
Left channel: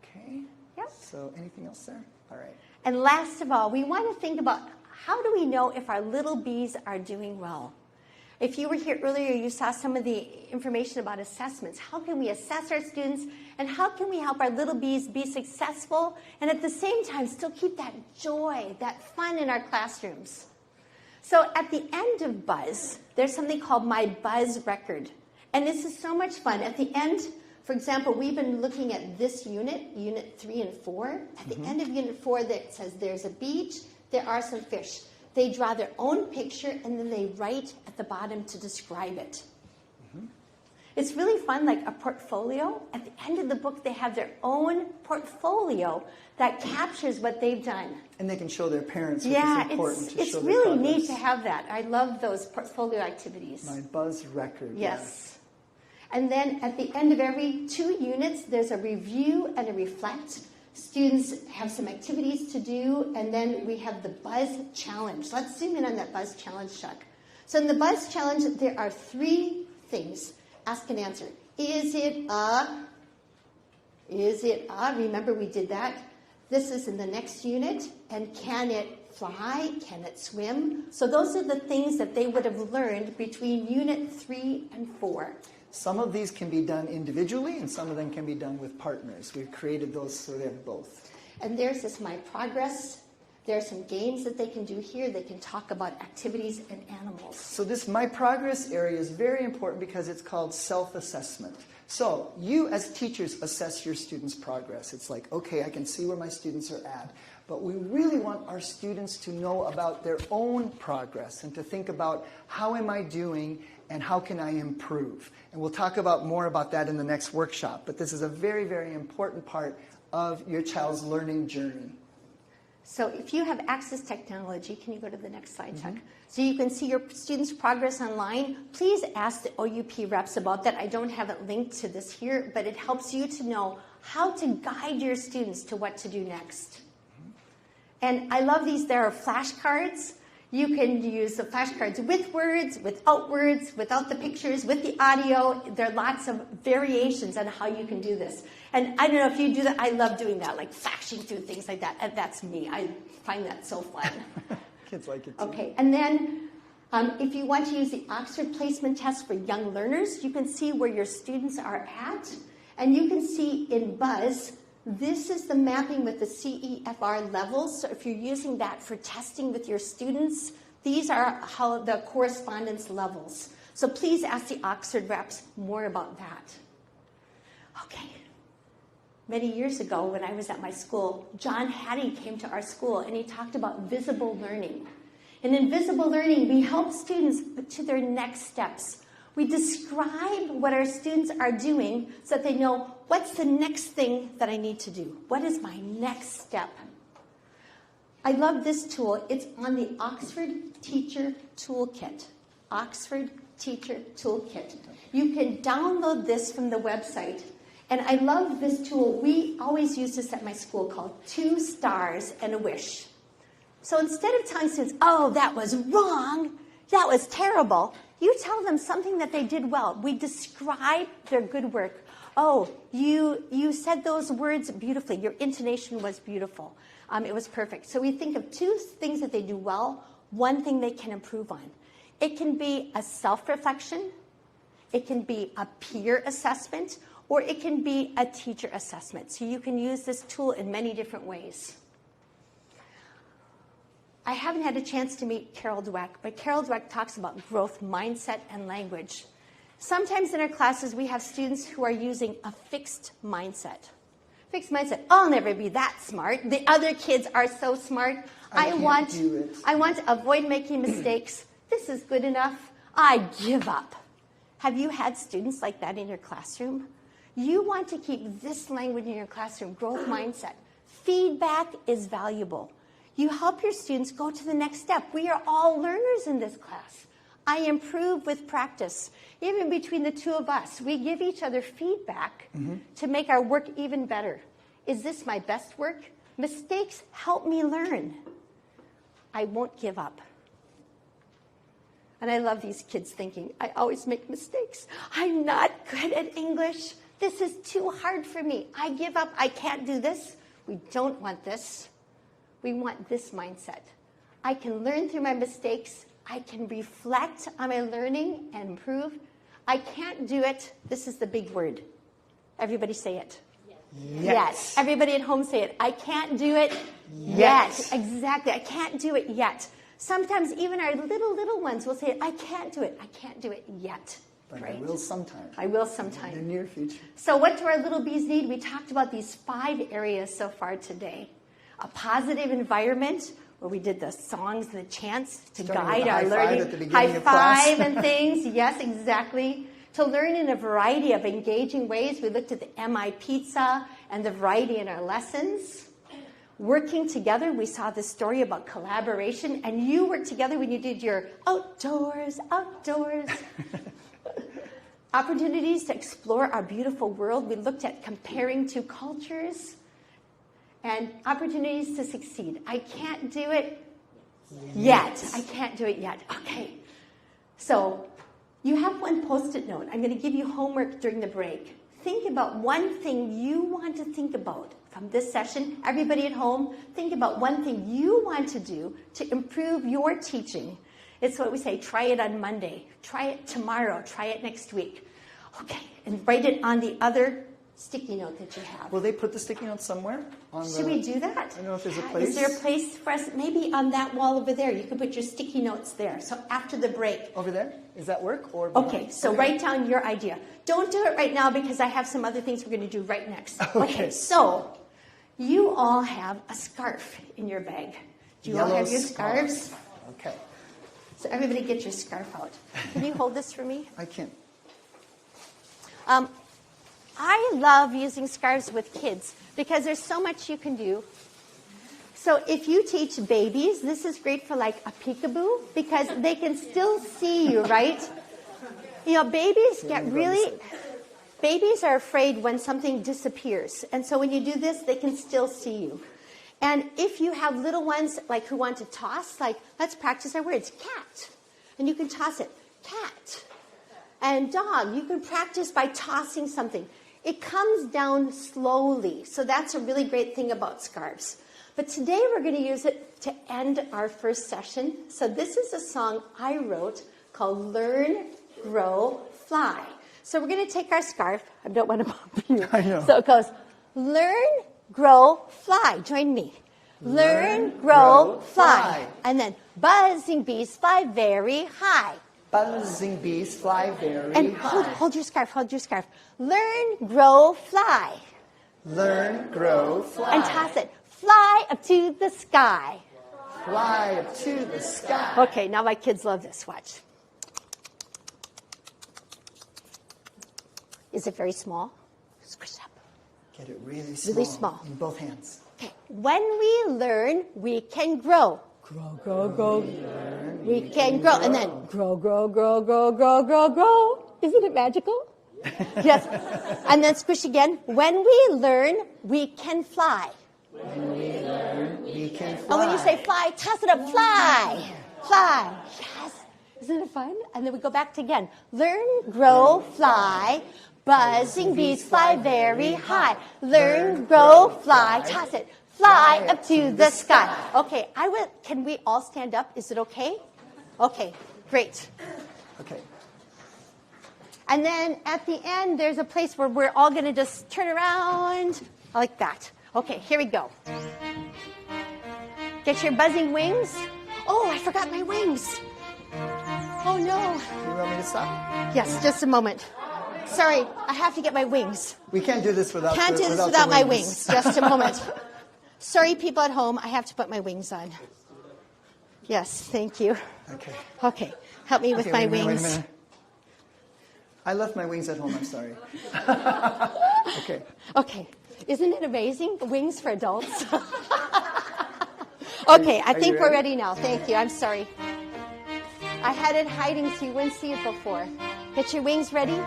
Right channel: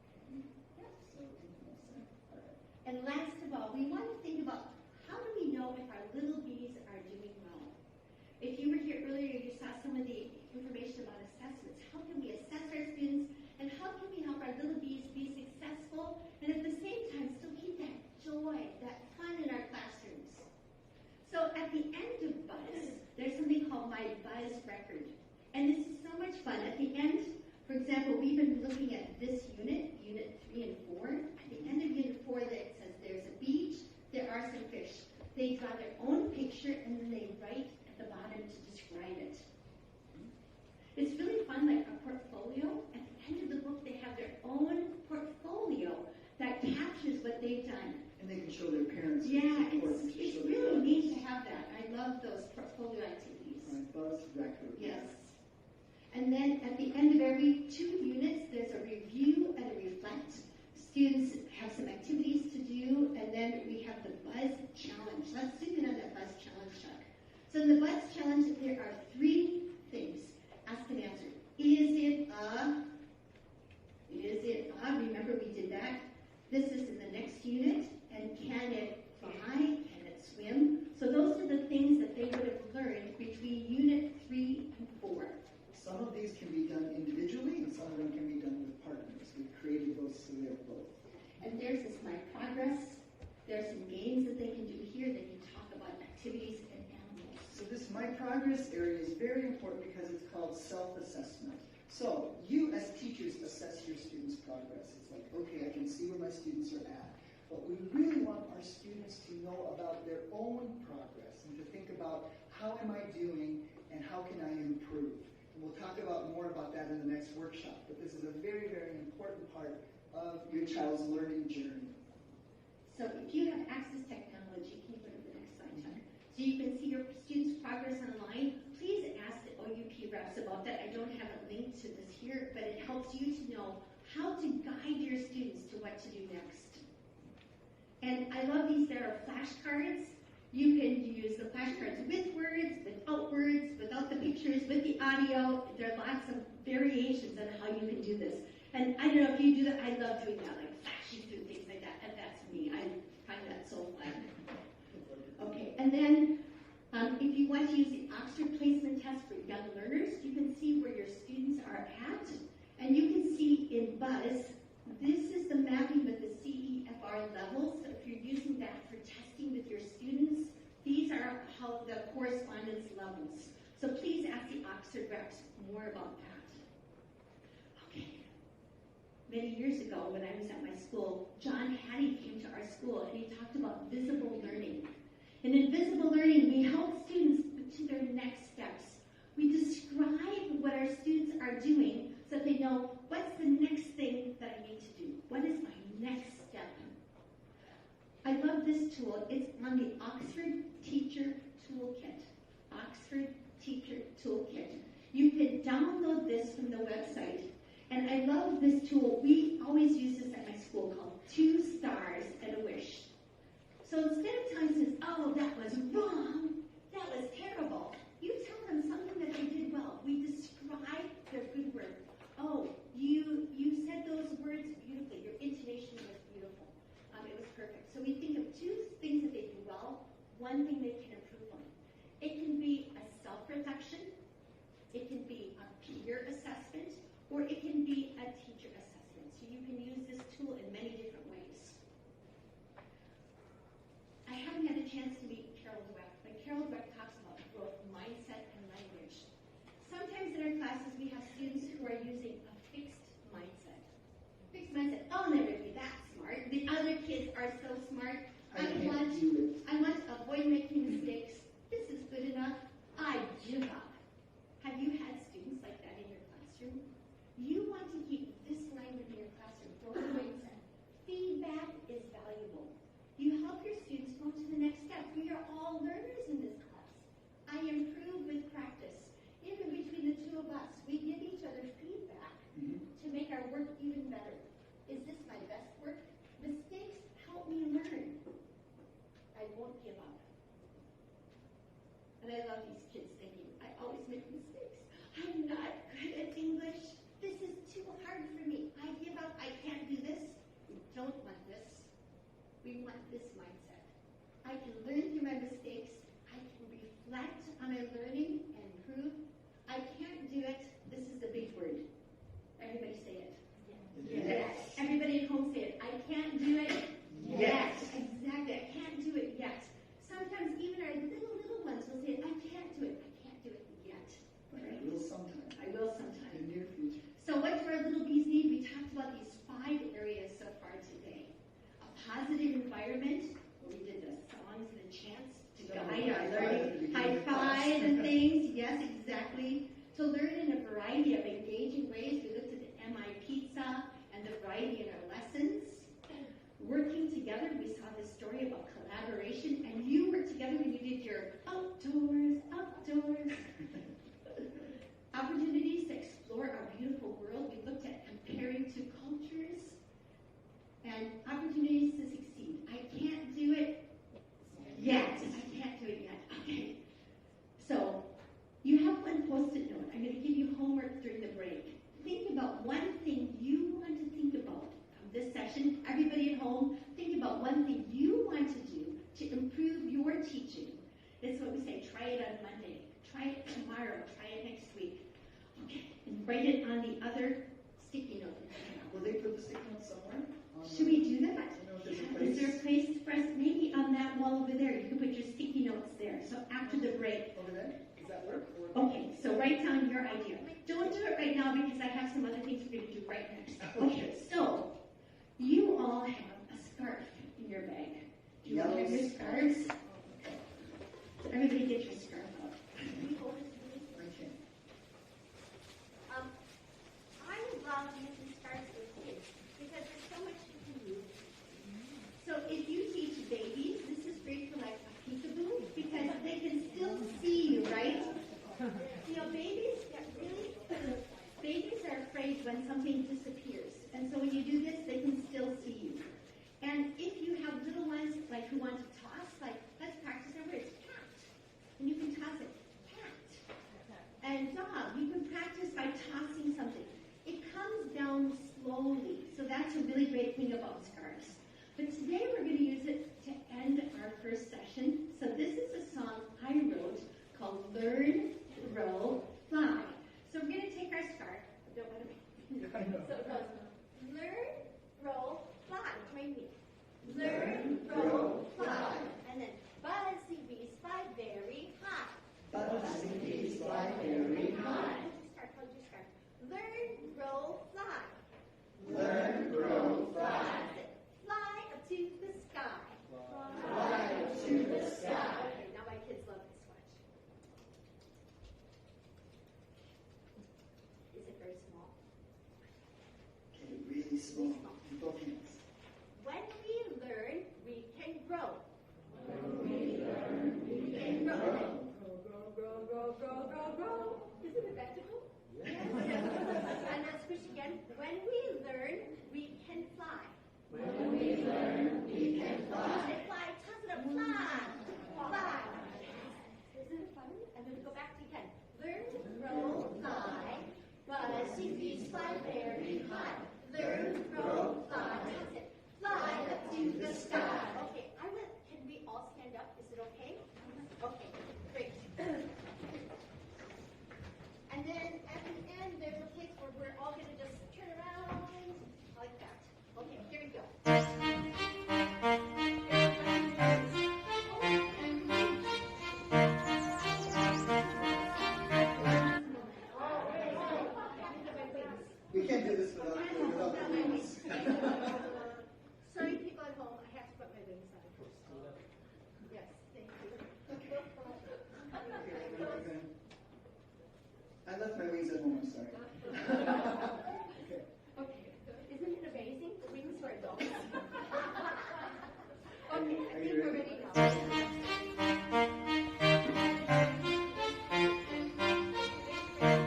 Okay? Yep. So anything else there? All right. And last of all, we want to think about how do we know if our little bees are doing well? If you were here earlier, you saw some of the information about assessments. How can we assess our students, and how can we help our little bees be successful and at the same time still keep that joy, that fun in our classrooms? So at the end of Buzz, there's something called My Buzz Record. And this is so much fun. At the end, for example, we've been looking at this unit, Unit 3 and 4. At the end of Unit 4, that says there's a beach, there are some fish. They draw their own picture, and then they write at the bottom to describe it. It's really fun, like a portfolio. At the end of the book, they have their own portfolio that captures what they've done. And they can show their parents, which yeah, is important to show it's their really progress. neat to have that. I love those portfolio activities. My Buzz Record. Yes. And then at the end of every 2 units, there's a review and a reflect. Students have some activities to do, and then we have the Buzz Challenge. Let's zoom in on that Buzz Challenge, Chuck. So in the Buzz Challenge, there are 3 things. Ask and answer. Is it a? Is it a? Remember we did that. This is in the next unit. And can it fly? Can it swim? So those are the things that they would have learned between Unit 3 and 4. Some of these can be done individually, and some of them can be done with partners. We've created those so they have both. And there's this My Progress. There are some games that they can do here. They can talk about activities and animals. So this My Progress area is very important because it's called self-assessment. So you as teachers assess your students' progress. It's like, okay, I can see where my students are at. But we really want our students to know about their own progress and to think about how am I doing and how can I improve. And we'll talk about more about that in the next workshop. But this is a very, very important part of your child's learning journey. So if you have access technology, can you go to the next slide, Chuck? So you can see your students' progress online. Please ask the OUP reps about that. I don't have it linked to this here, but it helps you to know how to guide your students to what to do next. And I love these. There are flashcards. You can use the flashcards with words, without the pictures, with the audio. There are lots of variations on how you can do this. And I don't know if you do that. I love doing that, like flashing through things like that. And that's me. I find that so fun. Kids like it too. Okay, and then if you want to use the Oxford Placement Test for young learners, you can see where your students are at. And you can see in Buzz, this is the mapping with the CEFR levels. So if you're using that for testing with your students, these are how the correspondence levels. So please ask the Oxford reps more about that. Okay. Many years ago when I was at my school, John Hattie came to our school and he talked about visible learning. And in visible learning, we help students to their next steps. We describe what our students are doing so that they know what's the next thing that I need to do. What is my next step? I love this tool. It's on the Oxford Teacher Toolkit. Oxford Teacher Toolkit. You can download this from the website. And I love this tool. We always use this at my school called 2 stars and a wish. So instead of telling students, oh, that was wrong, that was terrible, you tell them something that they did well. We describe their good work. Oh, you said those words beautifully. Your intonation was beautiful. It was perfect. So we think of 2 things that they do well, 1 thing they can improve on. It can be a self-reflection, it can be a peer assessment, or it can be a teacher assessment. So you can use this tool in many different ways. I haven't had a chance to meet Carol Dweck, but Carol Dweck talks about growth mindset and language. Sometimes in our classes, we have students who are using a fixed mindset. Fixed mindset, I'll never be that smart. The other kids are so smart. I want to avoid making mistakes. This is good enough. I give up. Have you had students like that in your classroom? You want to keep this language in your classroom, growth mindset. Feedback is valuable. You help your students go to the next step. We are all learners in this class. I improve with practice. Even between the 2 of us, we give each other feedback to make our work even better. Is this my best work? Mistakes help me learn. I won't give up. And I love these kids thinking, I always make mistakes. I'm not good at English. This is too hard for me. I give up. I can't do this. We don't want this. We want this mindset. I can learn through my mistakes. I can reflect on my learning and improve. I can't do it. This is the big word. Everybody say it. Yes. Everybody at home say it. I can't do it yet. Exactly. I can't do it yet. Sometimes even our little ones will say, I can't do it. I can't do it yet. But right? I will sometime. I will sometime. In the near future. So what do our little bees need? We talked about these 5 areas so far today. A positive environment, where we did the songs, the chants to guide our learning. High five and things. Yes, exactly. To learn in a variety of engaging ways. We looked at the MI pizza and the variety in our lessons. Working together, we saw this story about collaboration, and you worked together when you did your outdoors. Opportunities to explore our beautiful world. We looked at comparing 2 cultures and opportunities to succeed. I can't do it yet. I can't do it yet. Okay. So you have 1 Post-it note. I'm going to give you homework during the break. Think about 1 thing you want to think about from this session. Everybody at home, think about 1 thing you want to do to improve your teaching. It's what we say, try it on Monday, try it tomorrow, try it next week. Okay, and write it on the other sticky note that you have. Will they put the sticky note somewhere? Should we do that? I don't know if there's a place. Is there a place for us? Maybe on that wall over there. You could put your sticky notes there. So after the break. Over there? Does that work? Or okay, so write down your idea. Don't do it right now because I have some other things we're going to do right next. Okay, so you all have a scarf in your bag. Do you all have your scarves? Okay. So everybody get your scarf out. Can you hold this for me? I can. I love using scarves with kids because there's so much you can do. So if you teach babies, this is great for like a peekaboo because they can still see you, right? You know, babies are afraid when something disappears. And so when you do this, they can still see you. And if you have little ones like who want to toss, like let's practice our words, cat. And you can toss it, cat. And dog, you can practice by tossing something. It comes down slowly. So that's a really great thing about scarves. But today we're going to use it to end our first session. So this is a song I wrote called Learn, Grow, Fly. So we're going to take our scarf. I don't want to bump you. I know. So it goes, learn, grow, fly. Join me. Learn, grow, fly. And then buzzing bees fly very high. Buzzing bees fly very and high. Hold your scarf, hold your scarf. Learn, grow, fly. Learn, grow, fly. And toss it. Fly up to the sky. Fly up to the sky. Okay, now my kids love this. Watch. Is it very small? Squish up. Get it really small. Really small. In both hands. Okay. When we learn, we can grow. Grow, grow, grow. We can grow. And then grow, grow, grow, grow, grow, grow, grow. Isn't it magical? Yes. And then squish again. When we learn, we can fly. When we learn, we can fly. And when you say fly, toss it up. Fly. Fly. Yes. Isn't it fun? And then we go back to again. Learn, grow, fly. Buzzing bees fly very high. Learn, grow, fly. Toss it. Fly up to the sky. Okay, can we all stand up? Is it okay? Okay, great. Okay. And then at the end, there's a place where we're all going to just turn around like that. Okay, here we go. Get your buzzing wings. Oh, I forgot my wings. Oh, no. You want me to stop? Yes, just a moment. Sorry, I have to get my wings. We can't do this without Can't do this without my wings. Just a moment. Sorry, people at home, I have to put my wings on. Yes, thank you. Okay. Okay, help me with my wait wings. a minute. I left my wings at home, I'm sorry. Okay. Okay, isn't it amazing? Wings for adults. Okay, I think we're ready now. Thank you, I'm sorry. I had it hiding so you wouldn't see it before. Get your wings ready.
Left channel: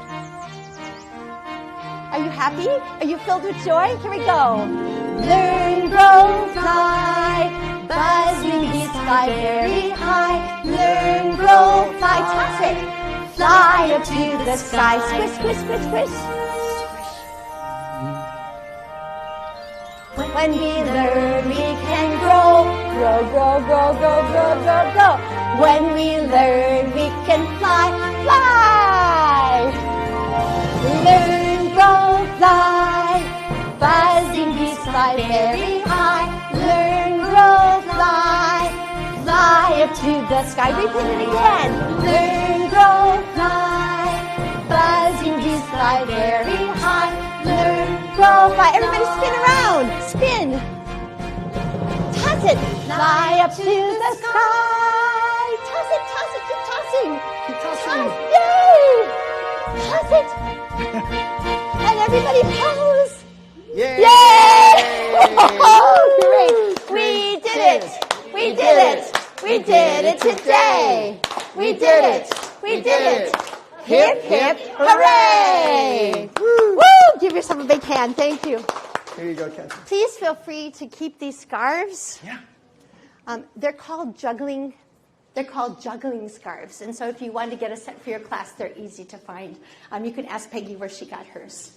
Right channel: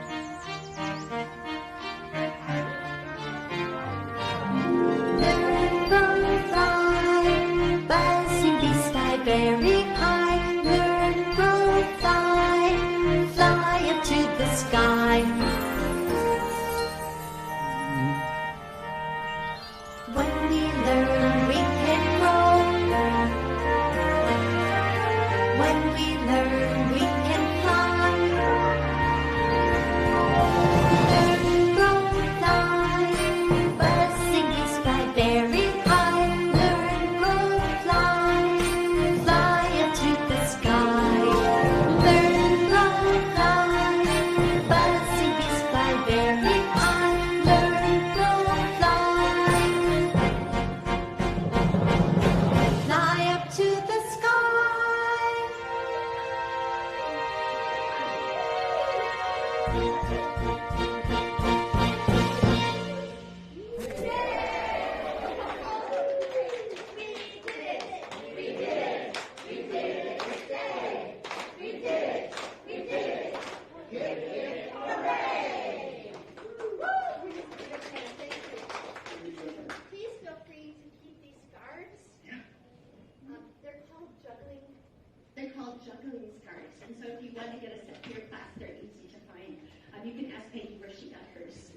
Are you happy? Are you filled with joy? Here we go. Learn, grow, fly. Buzzing bees fly very high. Learn, grow, fly. Fly up to the sky. Squish, squish, squish, squish. When we learn, we can grow. Grow, grow, grow, grow, grow, grow, grow. When we learn, we can fly. Fly! Learn, grow, fly. Buzzing bees fly very high. Learn, grow, fly. Fly up to the sky. Learn, grow, fly. Buzzing bees fly very high. Learn, grow, Fly. fly. Everybody spin around. Spin. Toss it. Fly up to the sky. Toss it, toss it, keep tossing. Keep tossing. Yay! Toss it. And everybody pose. Yay! Yay! Oh, great. We did it. We did it. We did it today. We did it. We did it. Hip, hip, hooray! Woo! Give yourself a big hand. Thank you. Here you go, Kathy. Please feel free to keep these scarves. Yeah. They're called juggling. They're called juggling scarves. And so if you want to get a set for your class, they're easy to find. You can ask Peggy where she got hers.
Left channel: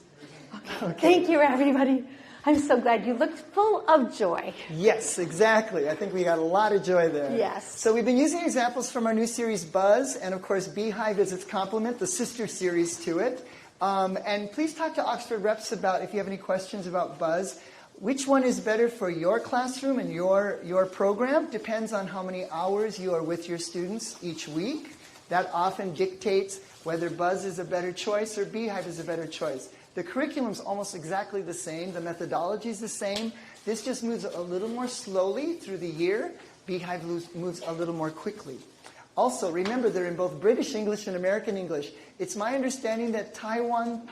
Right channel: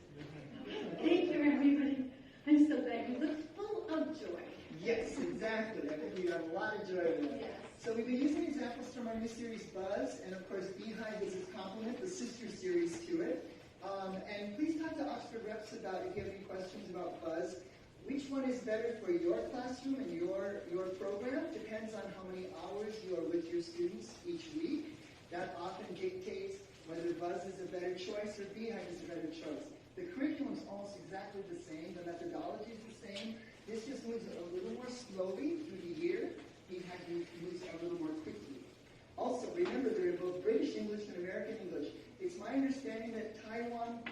Okay. Thank you, everybody. I'm so glad you looked full of joy. Yes, exactly. I think we got a lot of joy there. Yes. So we've been using examples from our new series, Buzz, and of course, Beehive is its complement, the sister series to it. And please talk to Oxford reps about if you have any questions about Buzz. Which one is better for your classroom and your program depends on how many hours you are with your students each week. That often dictates whether Buzz is a better choice or Beehive is a better choice. The curriculum is almost exactly the same. The methodology is the same. This just moves a little more slowly through the year. Beehive moves a little more quickly. Also, remember, they're in both British English and American English. It's my understanding that Taiwan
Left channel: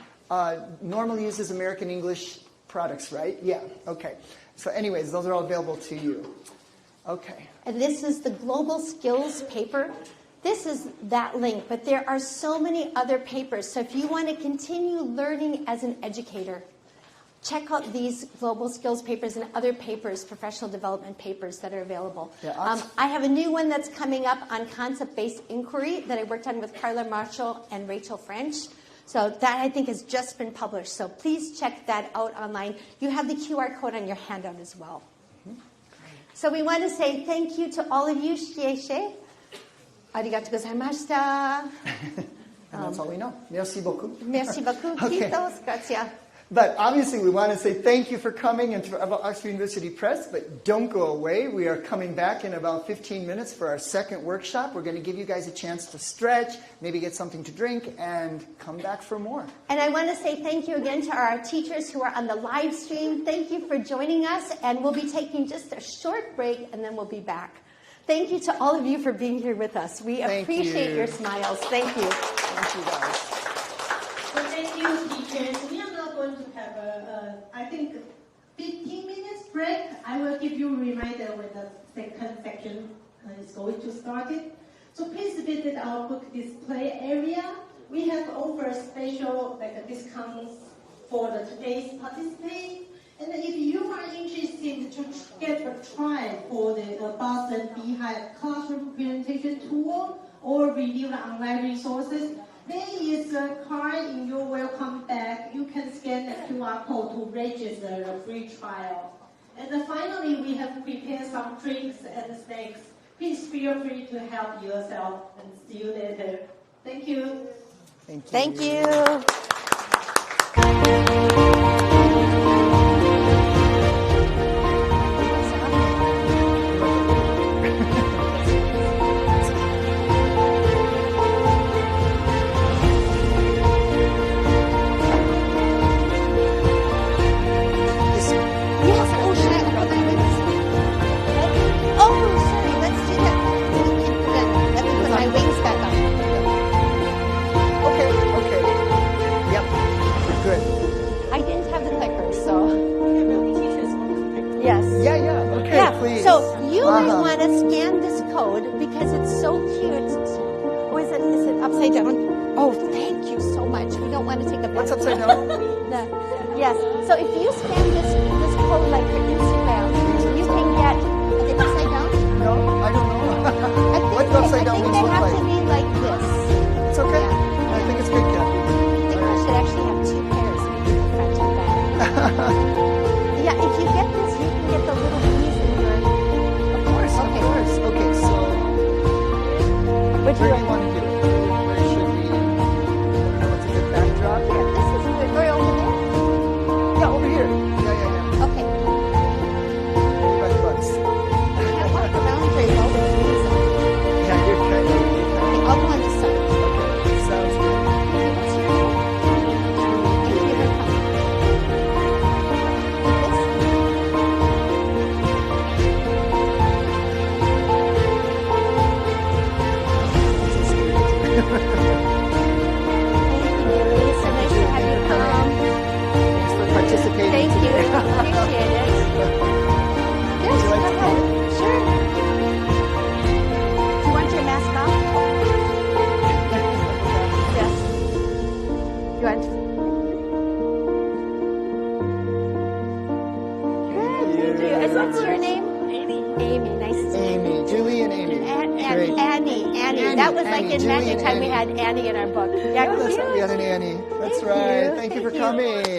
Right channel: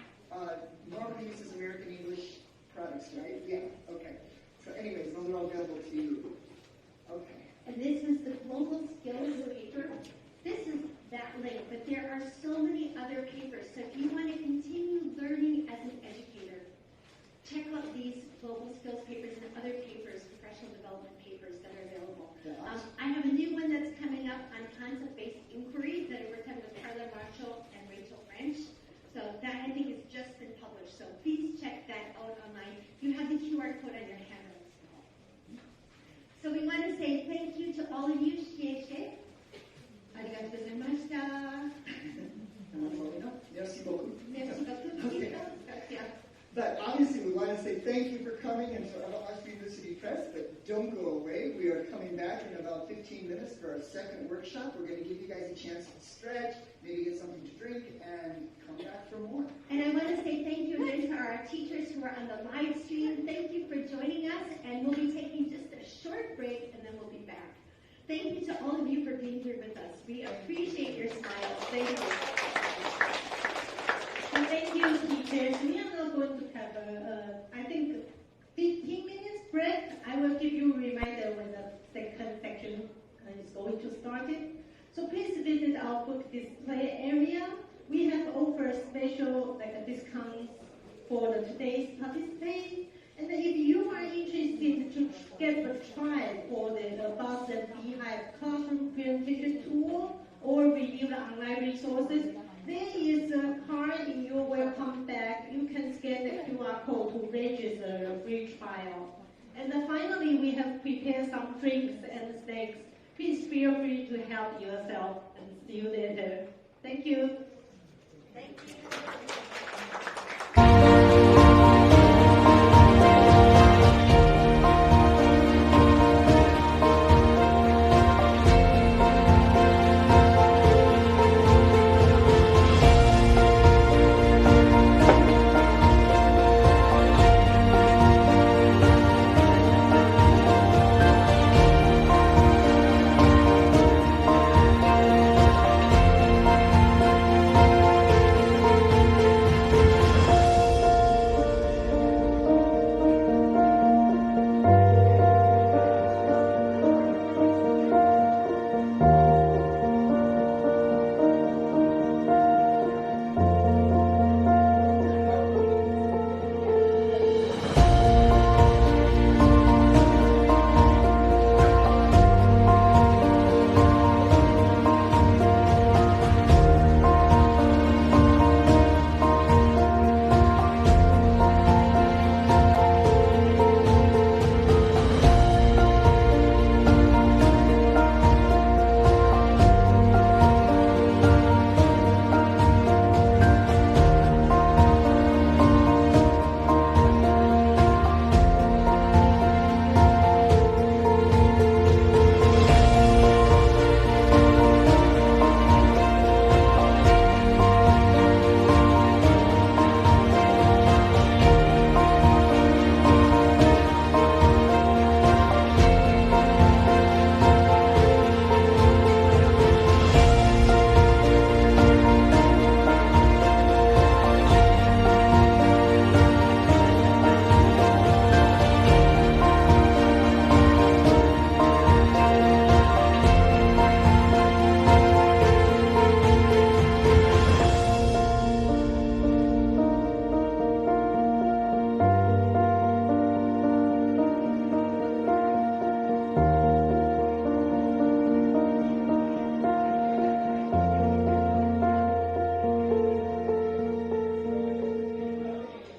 normally uses American English products, right? Yeah, okay. So anyways, those are all available to you. Okay. And this is the Global Skills paper. This is that link, but there are so many other papers. So if you want to continue learning as an educator, check out these Global Skills papers and other papers, professional development papers that are available. Yeah, awesome. I have a new one that's coming up on concept-based inquiry that I worked on with Carla Marshall and Rachel French. So that, I think, has just been published. So please check that out online. You have the QR code on your handout as well. Mm-hmm. So we want to say thank you to all of you. Shieshe. Arigatou gozaimashita. And that's all we know. Merci beaucoup. Merci beaucoup. Okay. Grazie. But obviously, we want to say thank you for coming and to Oxford University Press, but don't go away. We are coming back in about 15 minutes for our second workshop. We're going to give you guys a chance to stretch, maybe get something to drink, and come back for more. And I want to say thank you again to our teachers who are on the live stream. Thank you for joining us, and we'll be taking just a short break, and then we'll be back. Thank you to all of you for being here with us. We appreciate your smiles. Thank you. Thank you, guys. And thank you, teachers. We are now going to have I think, 15 minutes break. I will give you a reminder when the second section is going to start it. So please visit our book display area. We have offer special discounts for today's participants. And if you are interested to get a try for the Boston Beehive classroom presentation tool or review the online resources, there is a card in your welcome bag. You can scan the QR code to register a free trial. And finally, we have prepared some drinks and snacks. Please feel free to help yourself and see you later. Thank you. Thank you.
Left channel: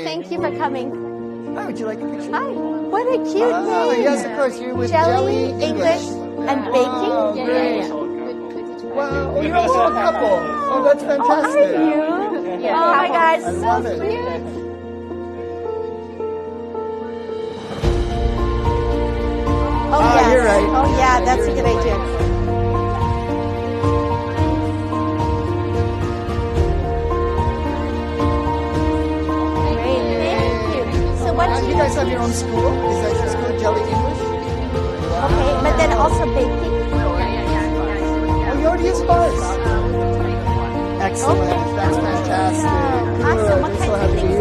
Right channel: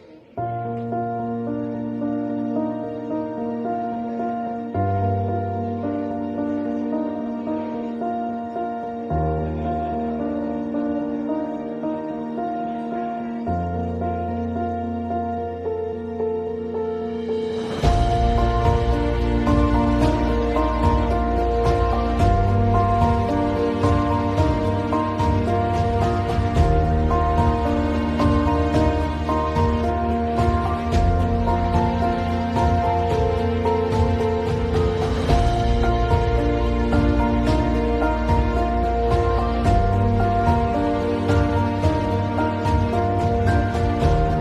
Thank you for coming. Hi, would you like a picture? Hi, what a cute name. Yes, of course. You're with Jelly, English, and baking. Oh, great. Wow, you're also a couple. Oh, that's fantastic. Are you? Yeah. Oh my gosh, so cute. Oh, yes. You're right. Oh, yeah, that's a good idea. You guys have your own school? Is that just for Jelly English? Okay, but then also baking. Oh, you already use bars. Excellent. That's fantastic. Awesome. What Good. kinds of things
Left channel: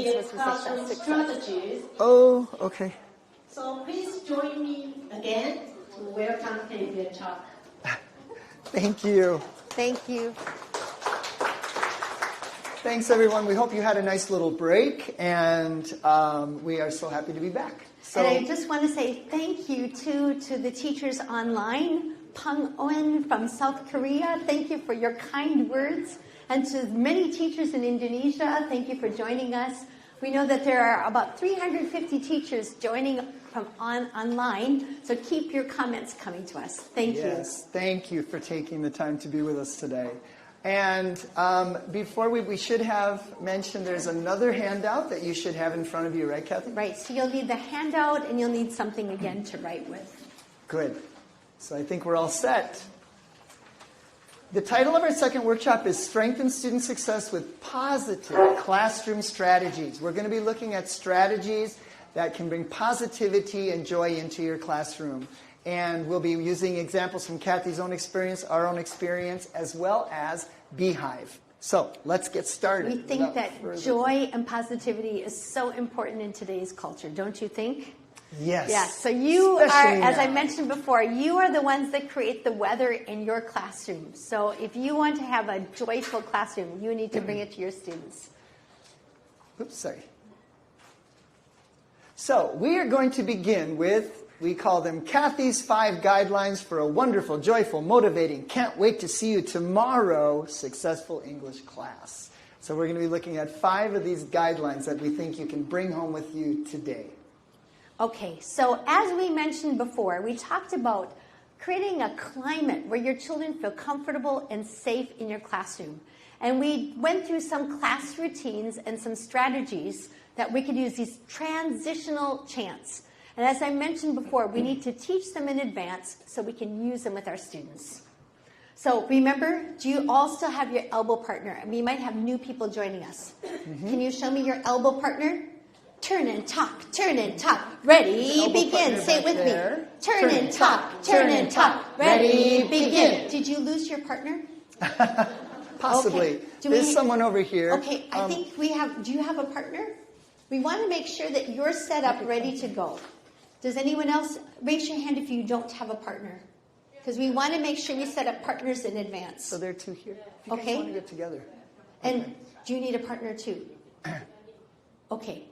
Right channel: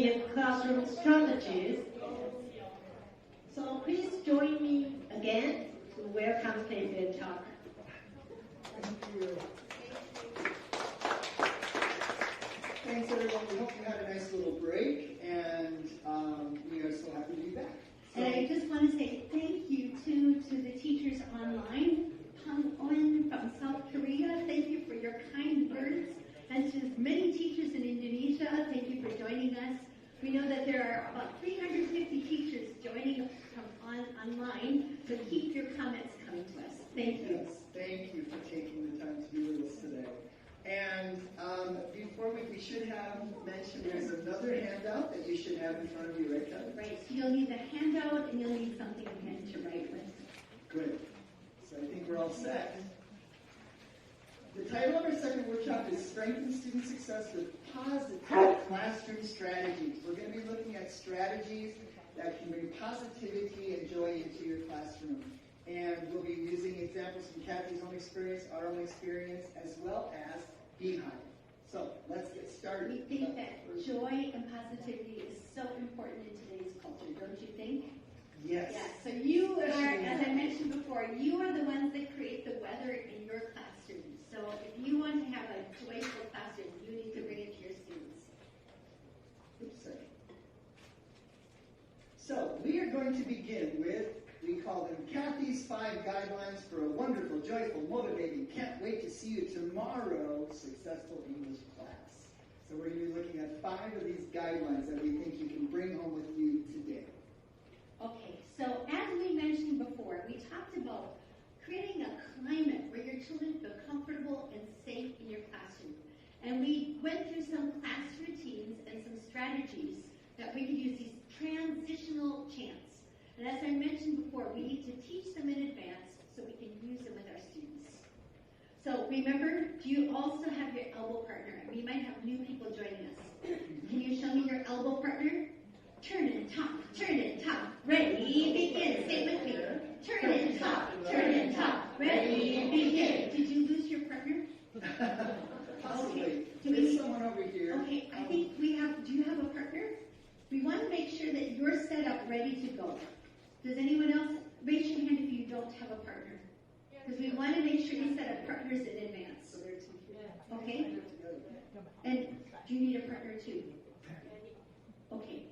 with classroom strategies. Oh, okay. So please join me again to welcome Kathleen to talk. Thank you. Thank you. Thanks, everyone. We hope you had a nice little break, and we are so happy to be back. So, and I just want to say thank you, too, to the teachers online. Pang Oen from South Korea, thank you for your kind words. And to many teachers in Indonesia, thank you for joining us. We know that there are about 350 teachers joining from online, so keep your comments coming to us. Thank you. Yes, thank you for taking the time to be with us today. And before we should have mentioned there's another handout that you should have in front of you, right, Kathleen? Right, so you'll need the handout and you'll need something again to write with. Good. So I think we're all set. The title of our second workshop is Strengthen Student Success with Positive Classroom Strategies. We're going to be looking at strategies that can bring positivity and joy into your classroom. And we'll be using examples from Kathy's own experience, our own experience, as well as Beehive. So let's get started. We think that joy and positivity is so important in today's culture, don't you think? Yes. Yes. So you Especially are, as I now. mentioned before, you are the ones that create the weather in your classroom. So if you want to have a joyful classroom, you need to bring it to your students. Oops, sorry. So we are going to begin with, we call them Kathy's 5 guidelines for a wonderful, joyful, motivating, can't wait to see you tomorrow successful English class. So we're going to be looking at 5 of these guidelines that we think you can bring home with you today. Okay, so as we mentioned before, we talked about creating a climate where your children feel comfortable and safe in your classroom. And we went through some class routines and some strategies that we could use, these transitional chants. And as I mentioned before, we need to teach them in advance so we can use them with our students. So remember, do you all still have your elbow partner? And we might have new people joining us. Can you show me your elbow partner? Turn and talk, ready, begin. Say it with me. Turn and talk, ready, begin. Did you lose your partner? Possibly. Okay. There's someone over here. Okay, I think we have, do you have a partner? We want to make sure that you're set up, ready to go. Does anyone else, raise your hand if you don't have a partner. Because we want to make sure we set up partners in advance. So there are 2 here. You guys Okay. want to get together. And do you need a partner too? Okay.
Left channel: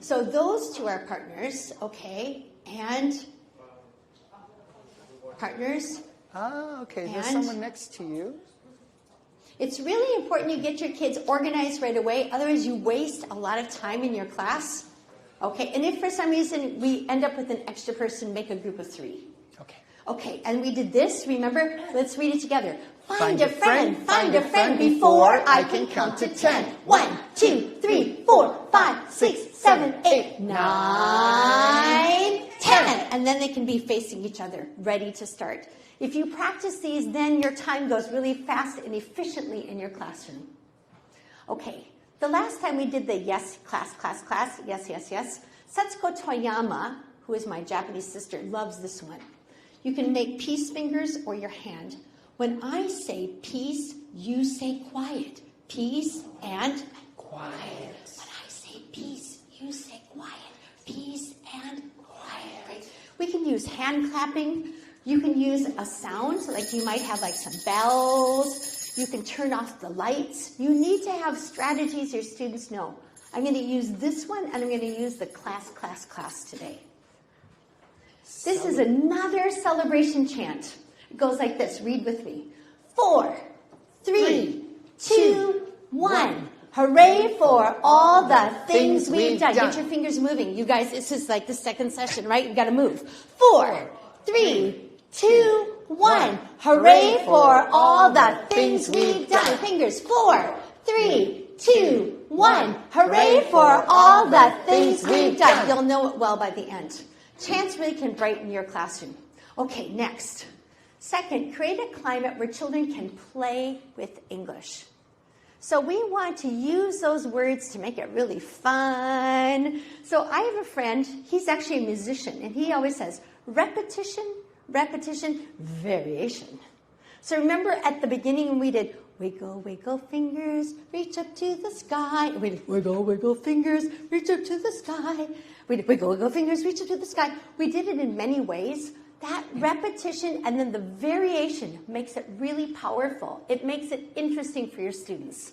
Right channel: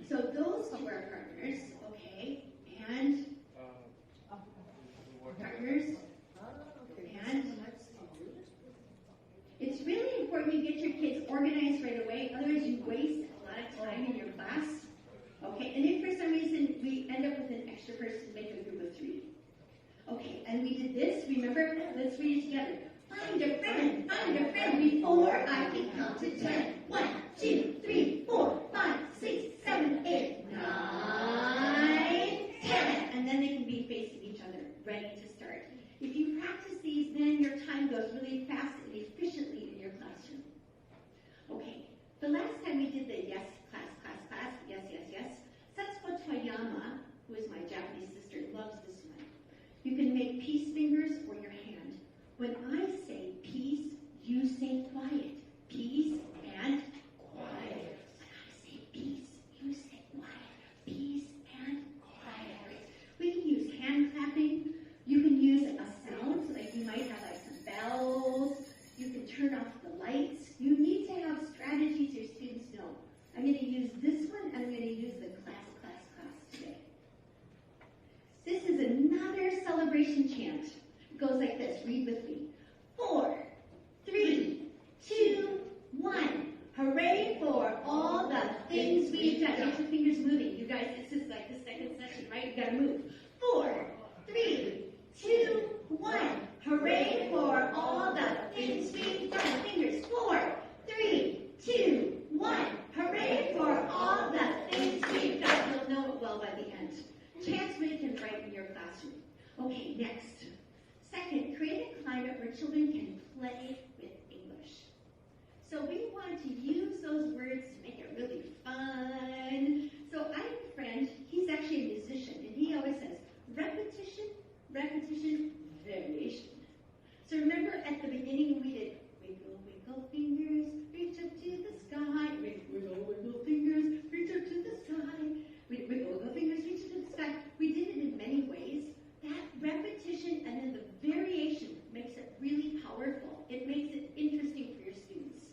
So those 2 are partners, okay, and partners. Ah, okay. There's And someone next to you. it's really important you get your kids organized right away, otherwise you waste a lot of time in your class. Okay, and if for some reason we end up with an extra person, make a group of 3. Okay. Okay, and we did this, remember? Let's read it together. Find a friend before I can count to 10. 1, 2, 3, 4, 5, 6, 7, 8, 9, 10. And then they can be facing each other, ready to start. If you practice these, then your time goes really fast and efficiently in your classroom. Okay, the last time we did the yes, class, yes. Setsuko Toyama, who is my Japanese sister, loves this one. You can make peace fingers or your hand. When I say peace, you say quiet. Peace and quiet. When I say peace, you say quiet. Peace and quiet. We can use hand clapping. You can use a sound, so like you might have like some bells. You can turn off the lights. You need to have strategies your students know. I'm going to use this one, and I'm going to use the class today. This is another celebration chant. It goes like this. Read with me. 4, 3, 2, 1. Hooray for all the things we've done. Get your fingers moving. You guys, this is like the second session, right? You've got to move. 4, 3, 2, 1. Hooray for all the things we've done. Fingers. 4, 3, 2, 1. Hooray for all the things we've done. You'll know it well by the end. Chants really can brighten your classroom. Okay, next. Second, create a climate where children can play with English. So we want to use those words to make it really fun. So I have a friend, he's actually a musician, and he always says, repetition, repetition, variation. So remember at the beginning when we did Wiggle, wiggle fingers, reach up to the sky. Wiggle, wiggle fingers, reach up to the sky. Wiggle, wiggle fingers, reach up to the sky. We did it in many ways. That repetition and then the variation makes it really powerful. It makes it interesting for your students.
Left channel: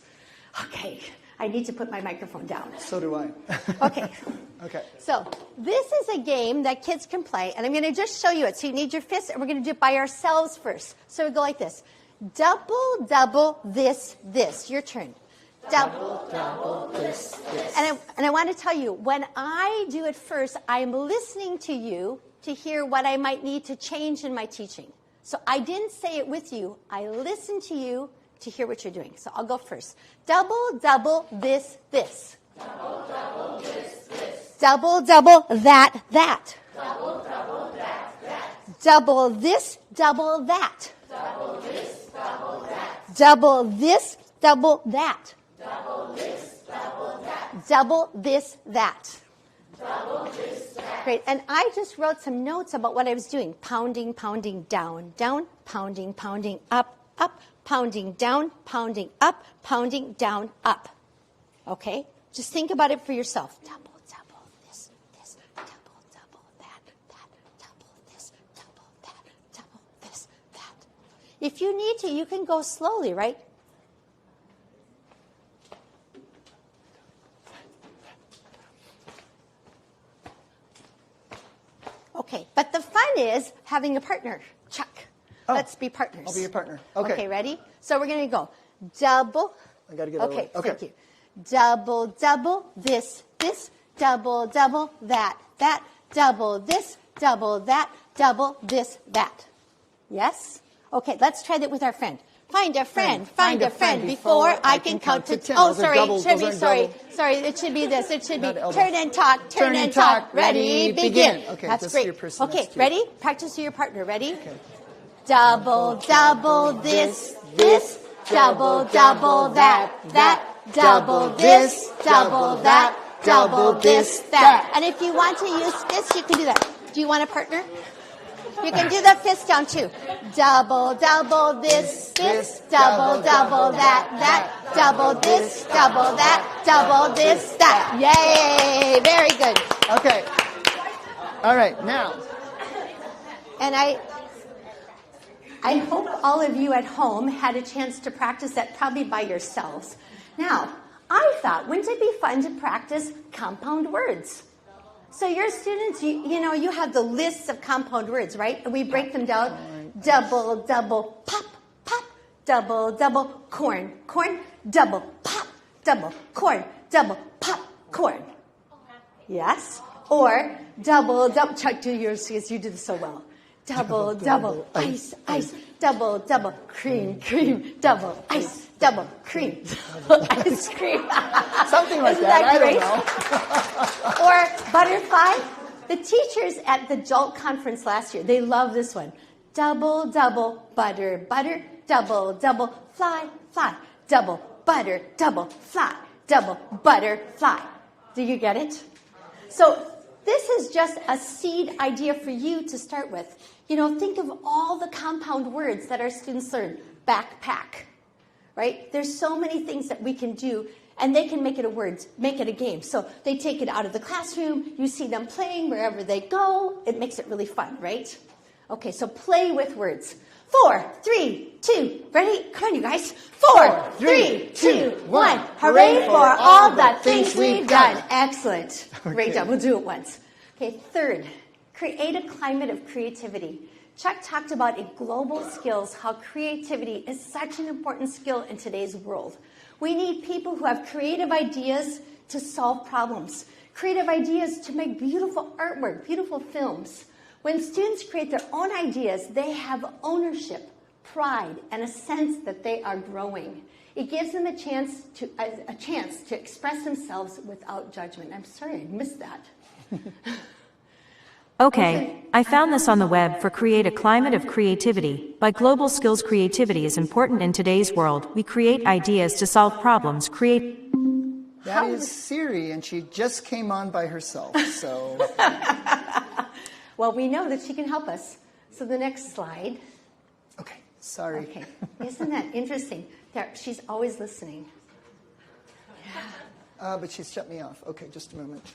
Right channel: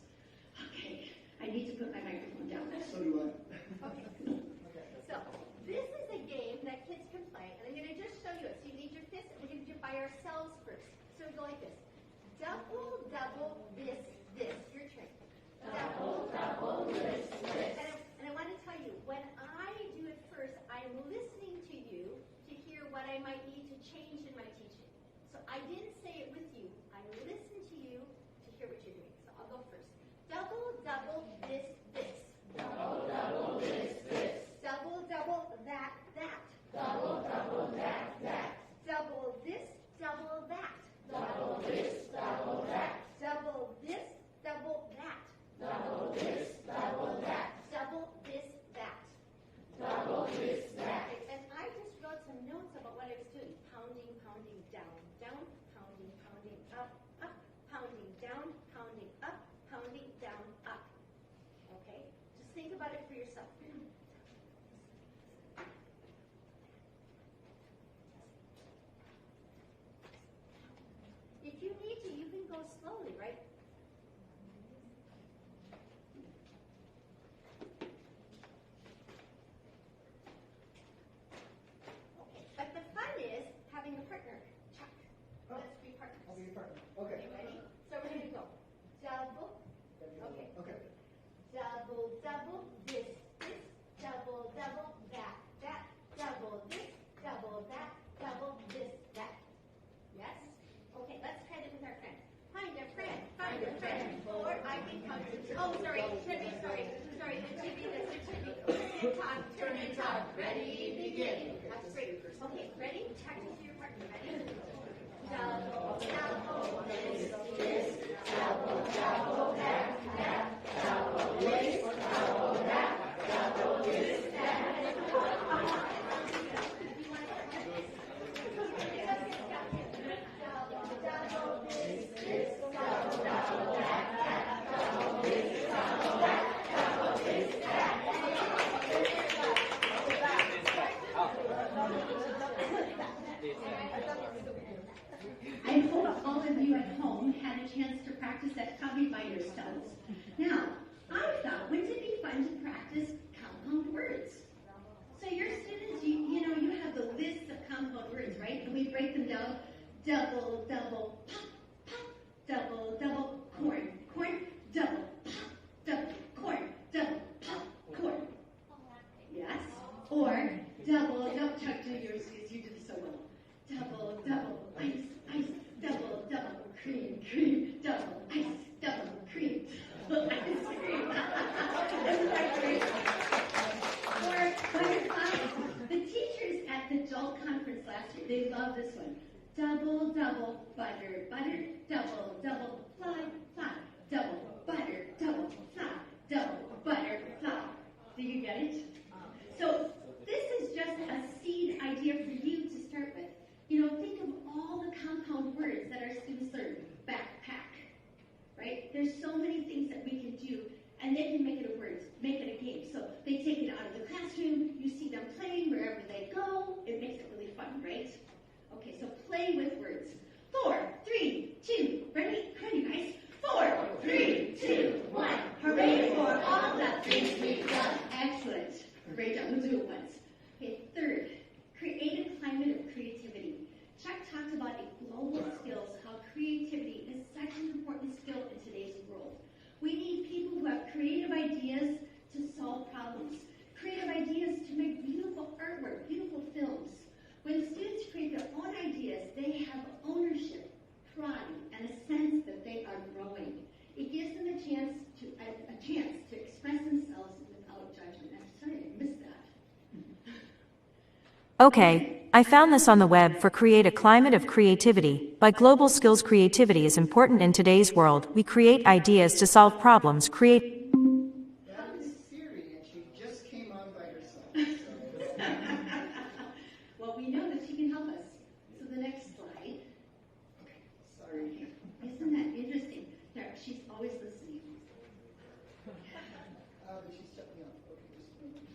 Okay, I need to put my microphone down. So do I. Okay. Okay. So this is a game that kids can play, and I'm going to just show you it. So you need your fists, and we're going to do it by ourselves first. So we go like this. Double, double, this, this. Your turn. Double, double, this, this. And I want to tell you, when I do it first, I'm listening to you to hear what I might need to change in my teaching. So I didn't say it with you. I listened to you to hear what you're doing. So I'll go first. Double, double, this, this. Double, double, this, this. Double, double, that, that. Double, double, that, that. Double this, double that. Double this, double that. Double this, double that. Double this, double that. Double this, that. Double this, that. Great. And I just wrote some notes about what I was doing. Pounding, pounding, down, down. Pounding, pounding, up, up. Pounding, down, pounding, up. Pounding, down, up. Okay? Just think about it for yourself. Double, double, this, this. Double, double, that, that. Double this, double that. Double this, that. If you need to, you can go slowly, right? Okay, but the fun is having a partner. Chuck, let's be partners. I'll be your partner. Okay. Okay, ready? So we're going to go double. I got to get Okay, okay. thank you. Double, double, this, this. Double, double, that, that. Double this, double that. Double this, that. Yes? Okay, let's try that with our friend. Find a friend, find a friend before I can count to 10. Oh, sorry, it should be, sorry, it should be this. It should be turn and talk, turn and talk. Ready, begin. Okay, that's great. Okay, cute. ready? Practice with your partner. Ready? Okay. Double, double, this, this. Double, double, that, that. Double this, double that. Double this, that. And if you want to use fists, you can do that. Do you want a partner? You can do the fist down too. Double, double, this, this. Double, double, that, that. Double this, double that. Double this, that. Yay! Very good. Okay. All right, now. And I hope all of you at home had a chance to practice that probably by yourselves. Now, I thought, wouldn't it be fun to practice compound words? So your students, you have the lists of compound words, right? And we break them down. Double, double, pop, pop. Double, double, corn, corn. Double, pop, double, corn. Double, pop, corn. Yes? Or double, double. Chuck, do yours because you did this so well. Double, double, ice, ice. Double, double, cream, cream. Double, ice, double, cream. Ice cream. Something like that. I don't know. Or butterfly. The teachers at the JOLT conference last year, they love this one. Double, double, butter, butter. Double, double, fly, fly. Double, butter, double, fly. Double, butter, fly. Do you get it? So this is just a seed idea for you to start with. Think of all the compound words that our students learn. Backpack, right? There's so many things that we can do, and they can make it a word, make it a game. So they take it out of the classroom. You see them playing wherever they go. It makes it really fun, right? Okay, so play with words. 4, 3, 2, ready? Come on, you guys. 4, 3, 2, 1. Hooray for all the things we've done. Excellent. Great job. We'll do it once. Okay, third, create a climate of creativity. Chuck talked about in global skills how creativity is such an important skill in today's world. We need people who have creative ideas to solve problems, creative ideas to make beautiful artwork, beautiful films. When students create their own ideas, they have ownership, pride, and a sense that they are growing. It gives them a chance to express themselves without judgment. I'm sorry, I missed that. Okay, I found this on the web for Create a Climate of Creativity. By global skills, creativity is important in today's world. We create ideas to solve problems. That is Siri, and she just came on by herself, so. Well, we know that she can help us. So the next slide. Okay, sorry. Okay, isn't that interesting? There, she's always listening. But she's shut me off. Okay, just a moment.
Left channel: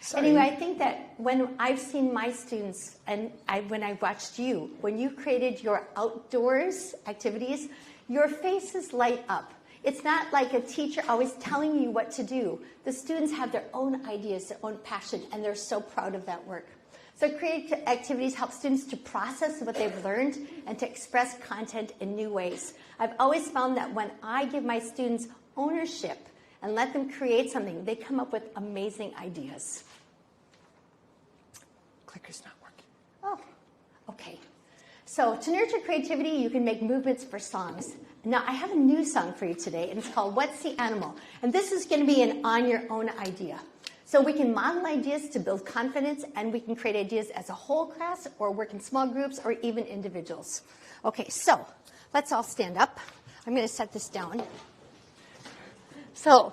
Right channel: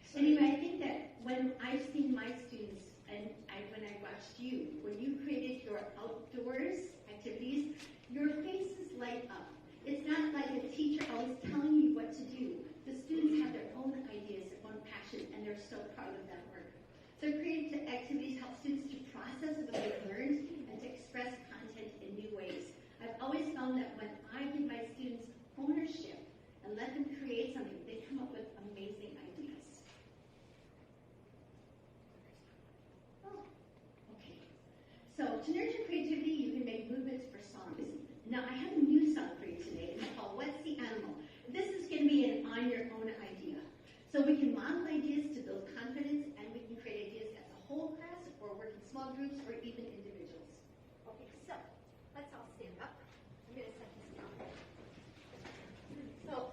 Sorry. Anyway, I think that when I've seen my students and when I watched you, when you created your outdoors activities, your faces light up. It's not like a teacher always telling you what to do. The students have their own ideas, their own passion, and they're so proud of that work. So creative activities help students to process what they've learned and to express content in new ways. I've always found that when I give my students ownership and let them create something, they come up with amazing ideas. Clicker's not working. Oh, okay. So to nurture creativity, you can make movements for songs. Now, I have a new song for you today, and it's called What's the Animal? And this is going to be an on-your-own idea. So we can model ideas to build confidence, and we can create ideas as a whole class or work in small groups or even individuals. Okay, so let's all stand up. I'm going to set this down. So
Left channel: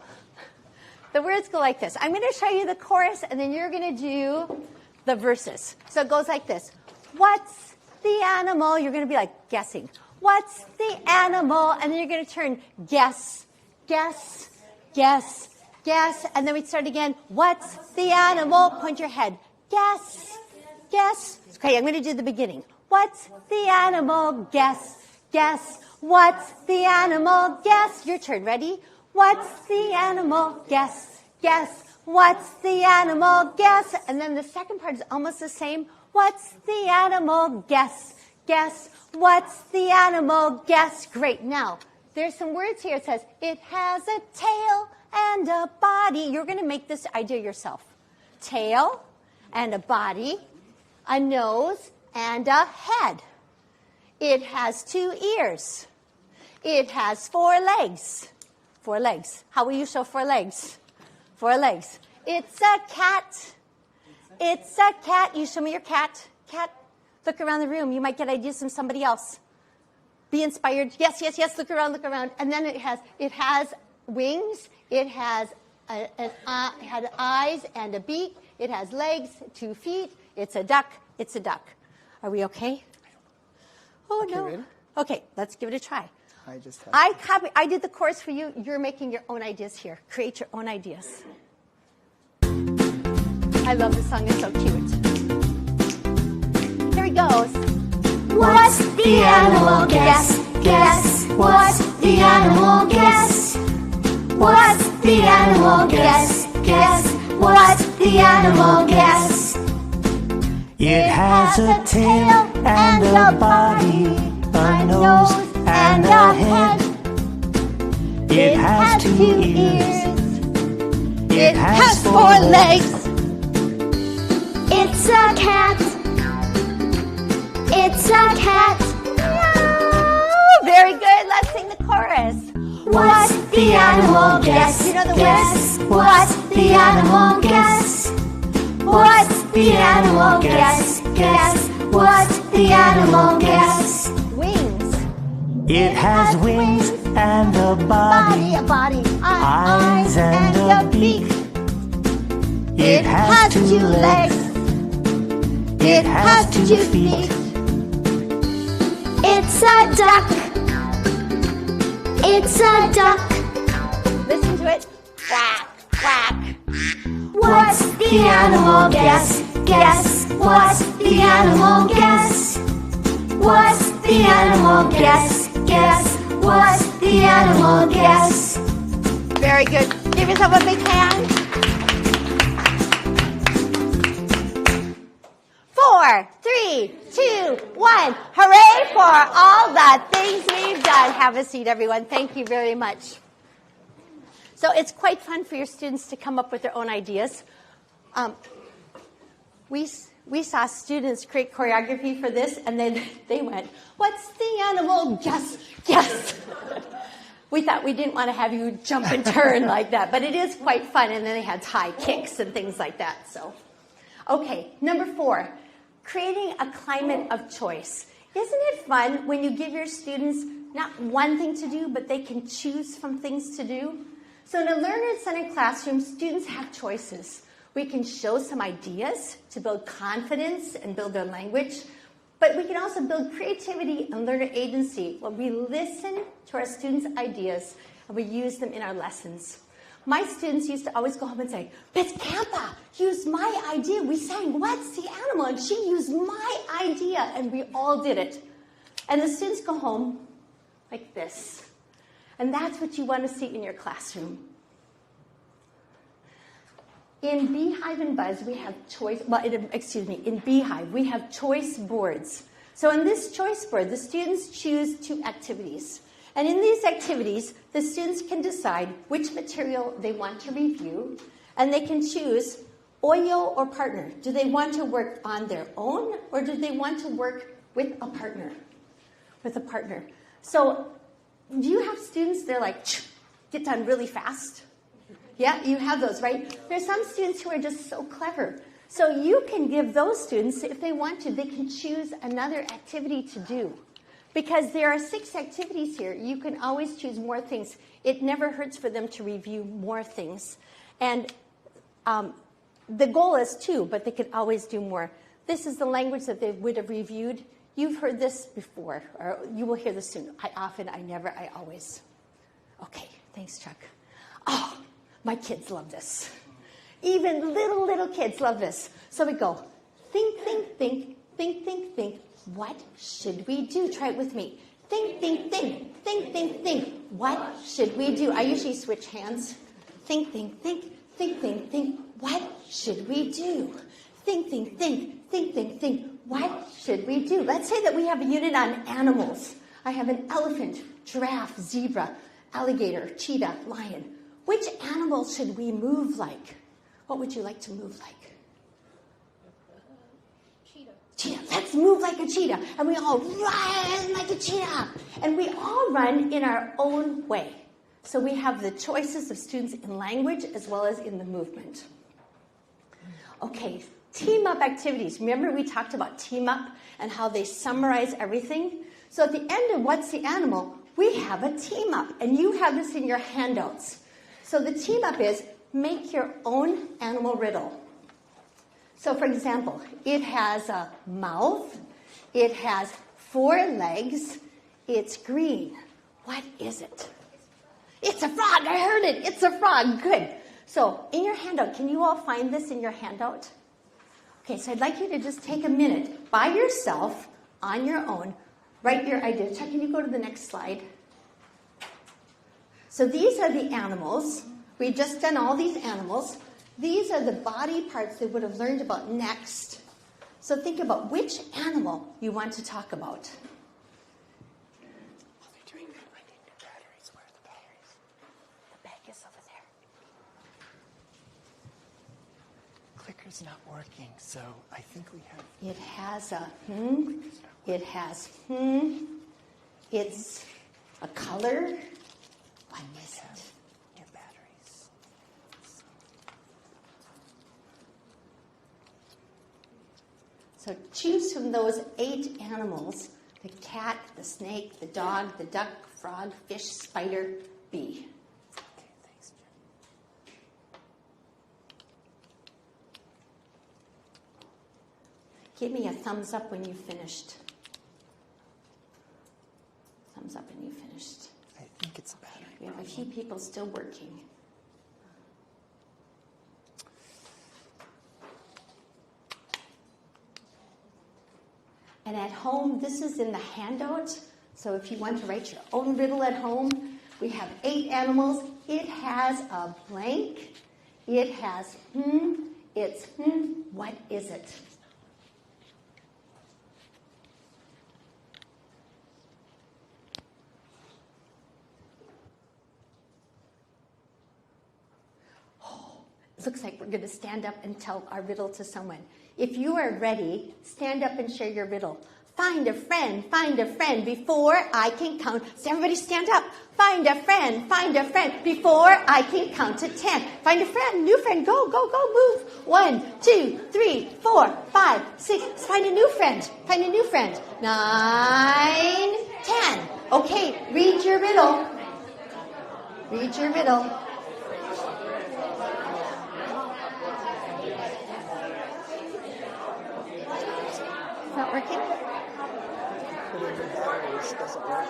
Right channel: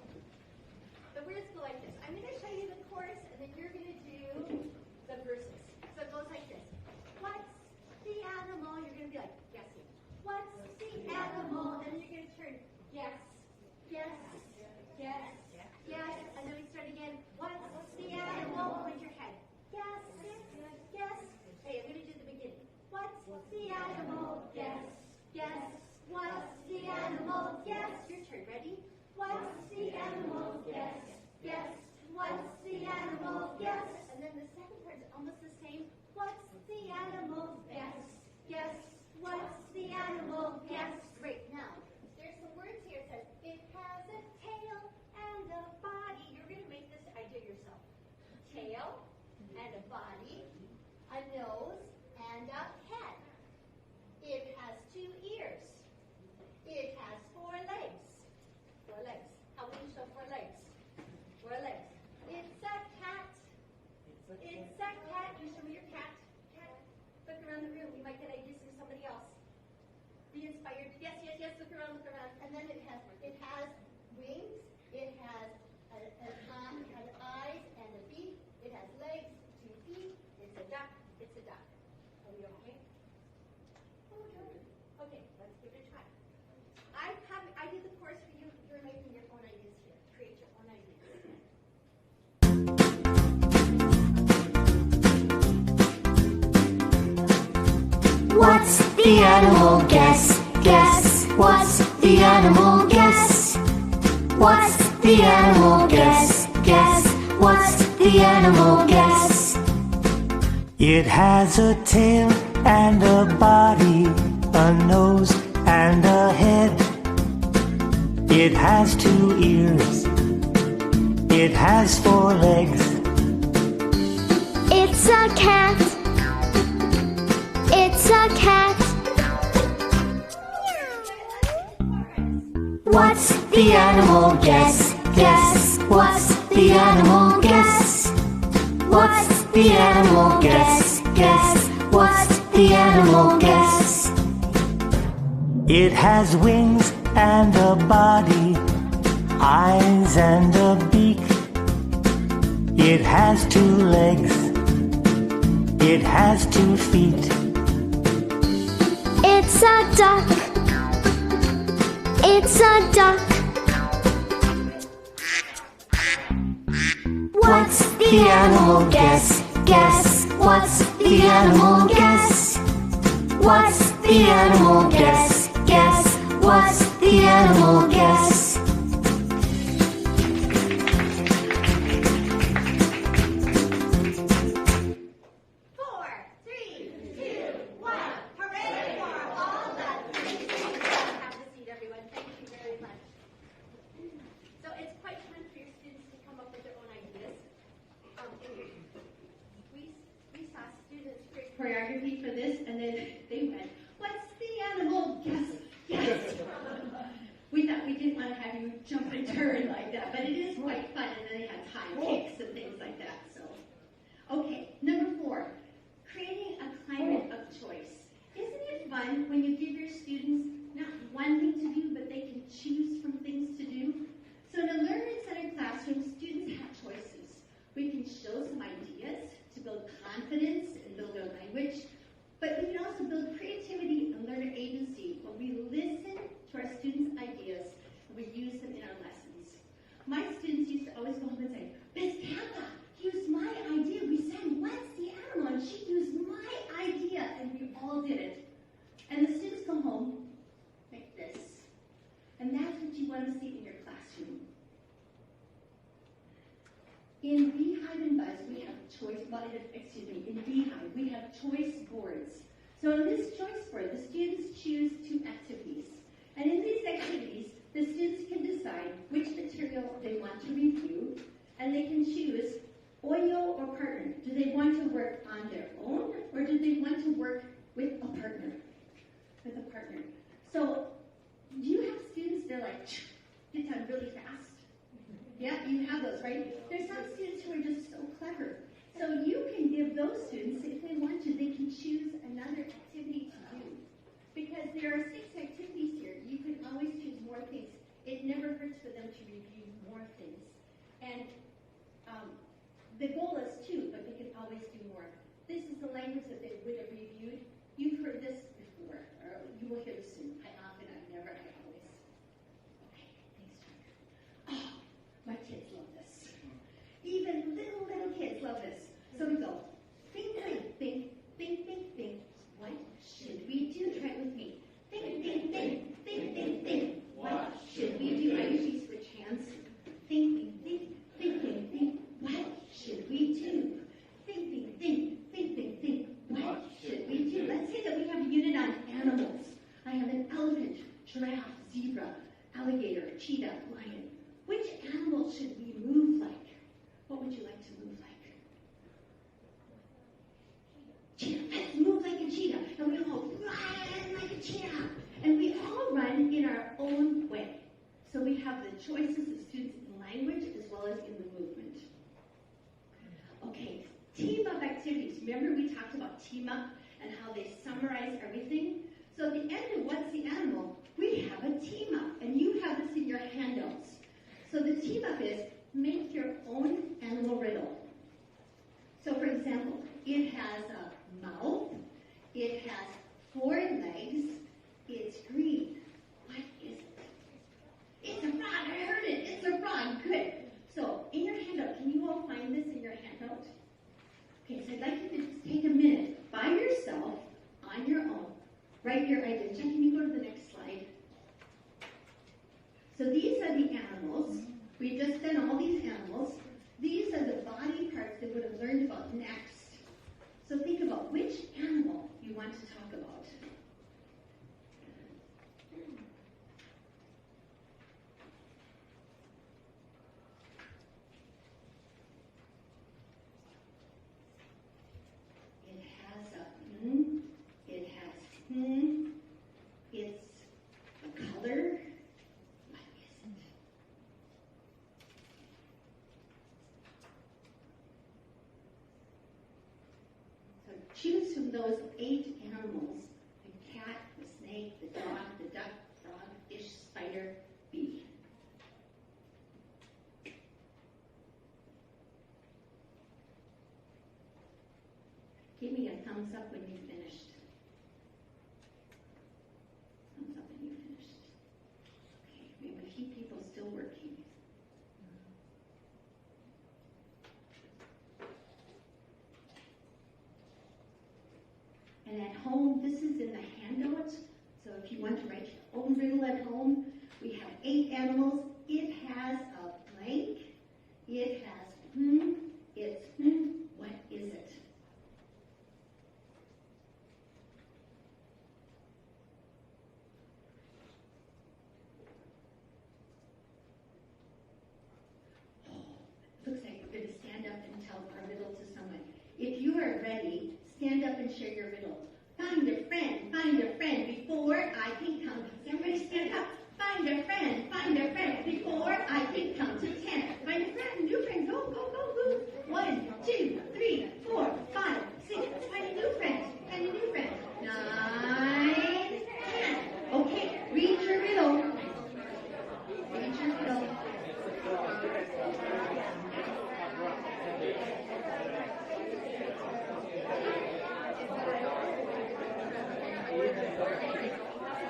the words go like this. I'm going to show you the chorus, and then you're going to do the verses. So it goes like this. What's the animal? You're going to be like guessing. What's the animal? And then you're going to turn guess, guess, guess, guess. And then we start again. What's the animal? Point your head. Guess, guess. Okay, I'm going to do the beginning. What's the animal? Guess, guess. What's the animal? Guess. Your turn. Ready? What's the animal? Guess, guess. What's the animal? Guess. And then the second part is almost the same. What's the animal? Guess, guess. What's the animal? Guess. Great. Now, there's some words here. It says, it has a tail and a body. You're going to make this idea yourself. Tail and a body, a nose and a head. It has 2 ears. It has 4 legs. 4 legs. How will you show 4 legs? 4 legs. It's a cat. It's a cat. You show me your cat. Cat. Look around the room. You might get ideas from somebody else. Be inspired. Yes, yes, yes. Look around, look around. And then it has wings. It has had eyes and a beak. It has legs, 2 feet. It's a duck. It's a duck. Are we okay? Oh, okay, no. Ready? Okay, let's give it a try. I did the course for you. You're making your own ideas here. Create your own ideas. I love the song. It's so cute. Here he goes. What's the animal? Guess, guess. What's the animal? Guess. What's the animal? Guess, guess. What's the animal? Guess. It has a tail and a body, a nose and a head. It has 2 ears. It has 4 legs. It's a cat. It's a cat. Very good. Let's sing the chorus. What's the animal? Guess, guess. What's the animal? Guess. What's the animal? Guess, guess. What's the animal? Guess. Wings. It has wings and a body, eyes and a beak. It has 2 legs. It has 2 feet. It's a duck. It's a duck. Listen to it. Quack, quack. What's the animal? Guess, guess. What's the animal? Guess. What's the animal? Guess, guess. What's the animal? Guess. Very good. Give yourself a big hand. 4, 3, 2, 1. Hooray for all the things we've done. Have a seat, everyone. Thank you very much. So it's quite fun for your students to come up with their own ideas. We saw students create choreography for this, and then they went, what's the animal? Guess, guess. We thought we didn't want to have you jump and turn like that, but it is quite fun, and then they had high kicks and things like that. So, okay, number 4, creating a climate of choice. Isn't it fun when you give your students not one thing to do, but they can choose from things to do? So in a learner-centered classroom, students have choices. We can show some ideas to build confidence and build their language. But we can also build creativity and learner agency when we listen to our students' ideas and we use them in our lessons. My students used to always go home and say, Miss Kampa used my idea. We sang, what's the animal? And she used my idea, and we all did it. And the students go home like this. And that's what you want to see in your classroom. In Beehive and Buzz, we have choice, in Beehive, we have choice boards. So in this choice board, the students choose 2 activities. And in these activities, the students can decide which material they want to review, and they can choose OYO or partner. Do they want to work on their own, or do they want to work with a partner? With a partner. So do you have students, they're like, get done really fast? Yeah, you have those, right? There's some students who are just so clever. So you can give those students, if they want to, they can choose another activity to do. Because there are 6 activities here, you can always choose more things. It never hurts for them to review more things. And the goal is 2, but they could always do more. This is the language that they would have reviewed. You've heard this before, or you will hear this soon. I often, I never, I always. Okay, thanks, Chuck. Oh, my kids love this. Even little kids love this. So we go, think. What should we do? Try it with me. Think. What should we do? I usually switch hands. Think. What should we do? Think. What should we do? Let's say that we have a unit on animals. I have an elephant, giraffe, zebra, alligator, cheetah, lion. Which animal should we move like? What would you like to move like? Cheetah. Let's move like a cheetah. And we all run like a cheetah. And we all run in our own way. So we have the choices of students in language as well as in the movement. Okay, team up activities. Remember we talked about team up and how they summarize everything? So at the end of What's the Animal, we have a team up. And you have this in your handouts. So the team up is make your own animal riddle. So for example, it has a mouth, it has 4 legs, it's green. What is it? It's a frog, I heard it, it's a frog, good. So in your handout, can you all find this in your handout? Okay, so I'd like you to just take a minute by yourself, on your own, write your idea. Chuck, can you go to the next slide? So these are the animals. We've just done all these animals. These are the body parts they would have learned about next. So think about which animal you want to talk about. While they're doing that, I need new batteries. Where are the batteries? The bag is over there. Clicker's not working, so I think we have... It has a it has it's a color. What is it? New batteries. So choose from those 8 animals, the cat, the snake, the dog, the duck, frog, fish, spider, bee. Give me a thumbs up when you've finished. Thumbs up when you've finished. I think it's a battery. We have a few people still working. And at home, this is in the handout. So if you want to write your own riddle at home, we have 8 animals. It has a blank. It has it's what is it? Looks like we're going to stand up and tell our riddle to someone. If you are ready, stand up and share your riddle. Find a friend before I can count. So everybody stand up. Find a friend before I can count to 10. Find a friend, new friend, go, move. 1, 2, 3, 4, 5, 6. Find a new friend. 9, 10. Okay, read your riddle. Not working? this doesn't work.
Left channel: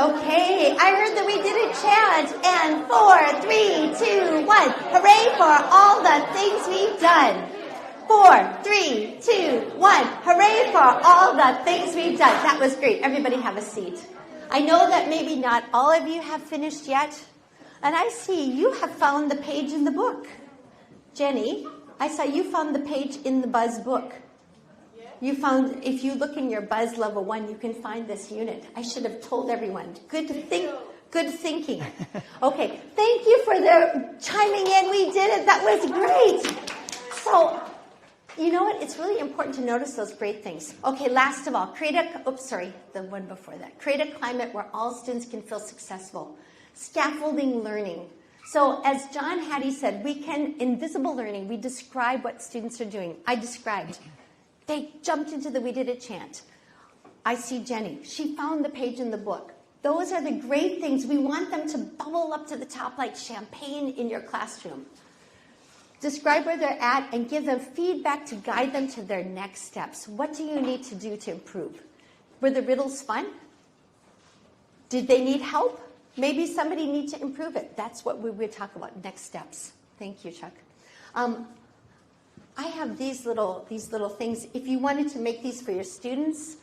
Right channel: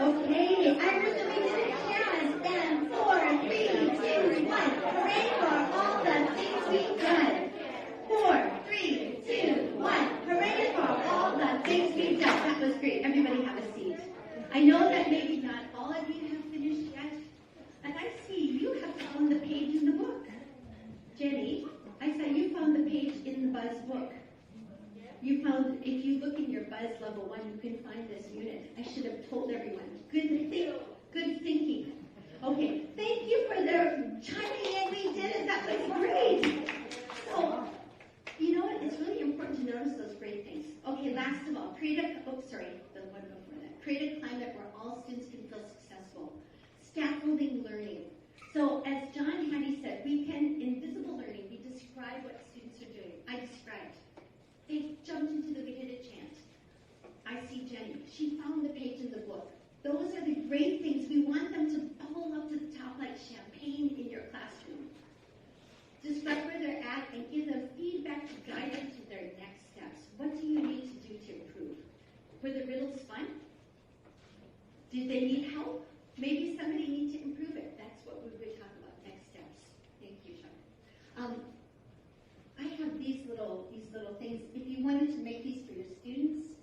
Okay, I heard that we did a chant, and 4, 3, 2, 1. Hooray for all the things we've done. 4, 3, 2, 1. Hooray for all the things we've done. That was great. Everybody have a seat. I know that maybe not all of you have finished yet, and I see you have found the page in the book. Jenny, I saw you found the page in the Buzz book. You found, if you look in your Buzz level 1, you can find this unit. I should have told everyone. Good thinking. Okay, thank you for the chiming in. We did it. That was great. So, you know what? It's really important to notice those great things. Okay, last of all, create a climate where all students can feel successful. Scaffolding learning. So as John Hattie said, invisible learning, we describe what students are doing. I described. They jumped into we did a chant. I see Jenny. She found the page in the book. Those are the great things. We want them to bubble up to the top like champagne in your classroom. Describe where they're at and give them feedback to guide them to their next steps. What do you need to do to improve? Were the riddles fun? Did they need help? Maybe somebody needs to improve it. That's what we would talk about, next steps. Thank you, Chuck. I have these little things. If you wanted to make these for your students,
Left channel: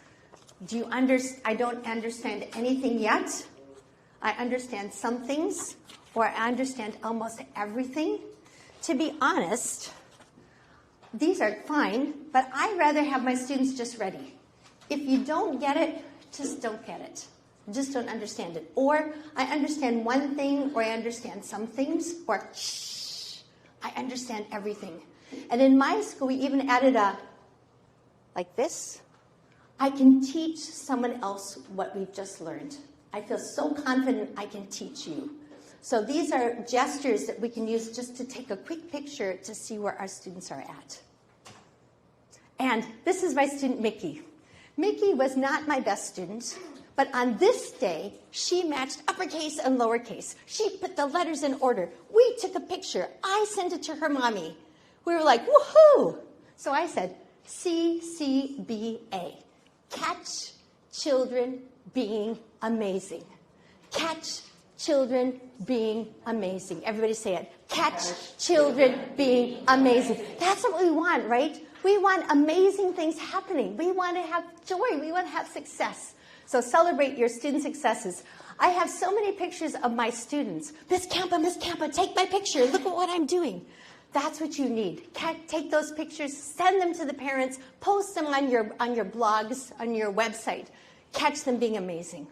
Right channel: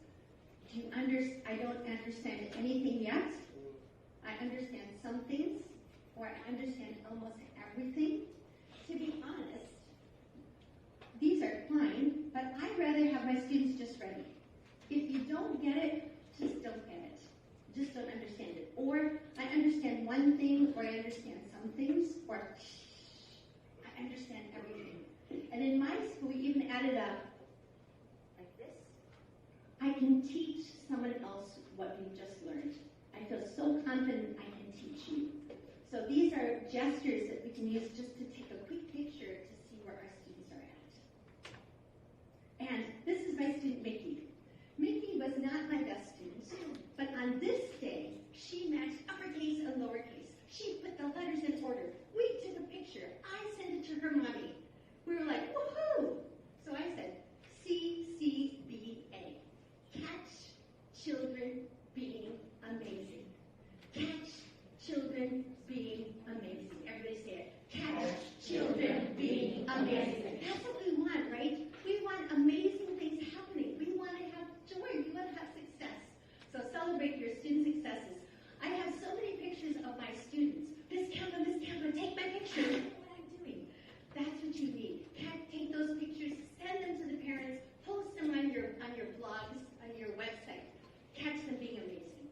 I don't understand anything yet. I understand some things, or I understand almost everything. To be honest, these are fine, but I'd rather have my students just ready. If you don't get it, just don't get it. Just don't understand it. Or I understand one thing, or I understand some things, or I understand everything. And in my school, we even added like this. I can teach someone else what we've just learned. I feel so confident I can teach you. So these are gestures that we can use just to take a quick picture to see where our students are at. And this is my student, Mickey. Mickey was not my best student, but on this day, she matched uppercase and lowercase. She put the letters in order. We took a picture. I sent it to her mommy. We were like, woohoo! So I said, CCBA. Catch children being amazing. Catch children being amazing. Everybody say it. Catch children being amazing. That's what we want, right? We want amazing things happening. We want to have joy. We want to have success. So celebrate your student successes. I have so many pictures of my students. Miss Kampa, take my picture. Look at what I'm doing. That's what you need. Take those pictures, send them to the parents, post them on your blogs, on your website. Catch them being amazing.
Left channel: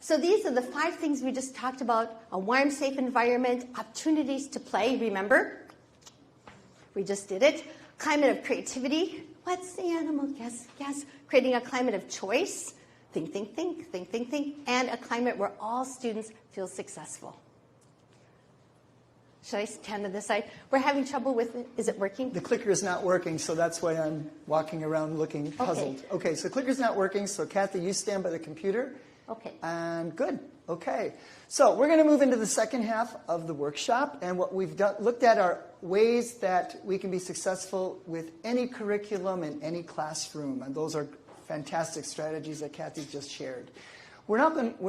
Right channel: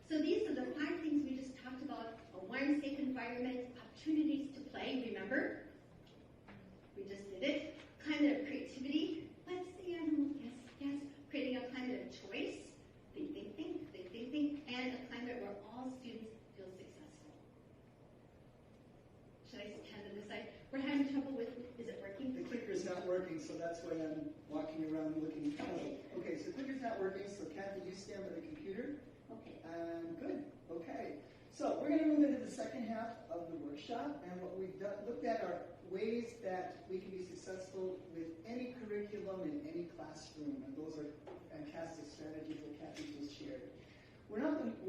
So these are the 5 things we just talked about. A warm, safe environment, opportunities to play, remember? We just did it. Climate of creativity. What's the animal? Guess. Creating a climate of choice. Think. And a climate where all students feel successful. Should I stand to this side? We're having trouble with it. Is it working? The clicker is not working, so that's why I'm walking around looking puzzled. Okay, so clicker's not working, so Kathy, you stand by the computer. Okay. And good. Okay. So we're going to move into the second half of the workshop, and what we've looked at are ways that we can be successful with any curriculum in any classroom, and those are fantastic strategies that Kathy just shared. We're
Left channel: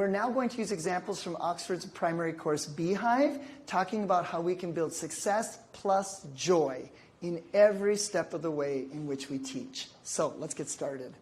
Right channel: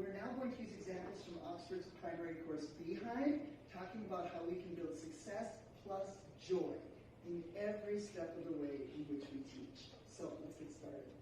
now going to use examples from Oxford's primary course, Beehive, talking about how we can build success plus joy in every step of the way in which we teach. So let's get started.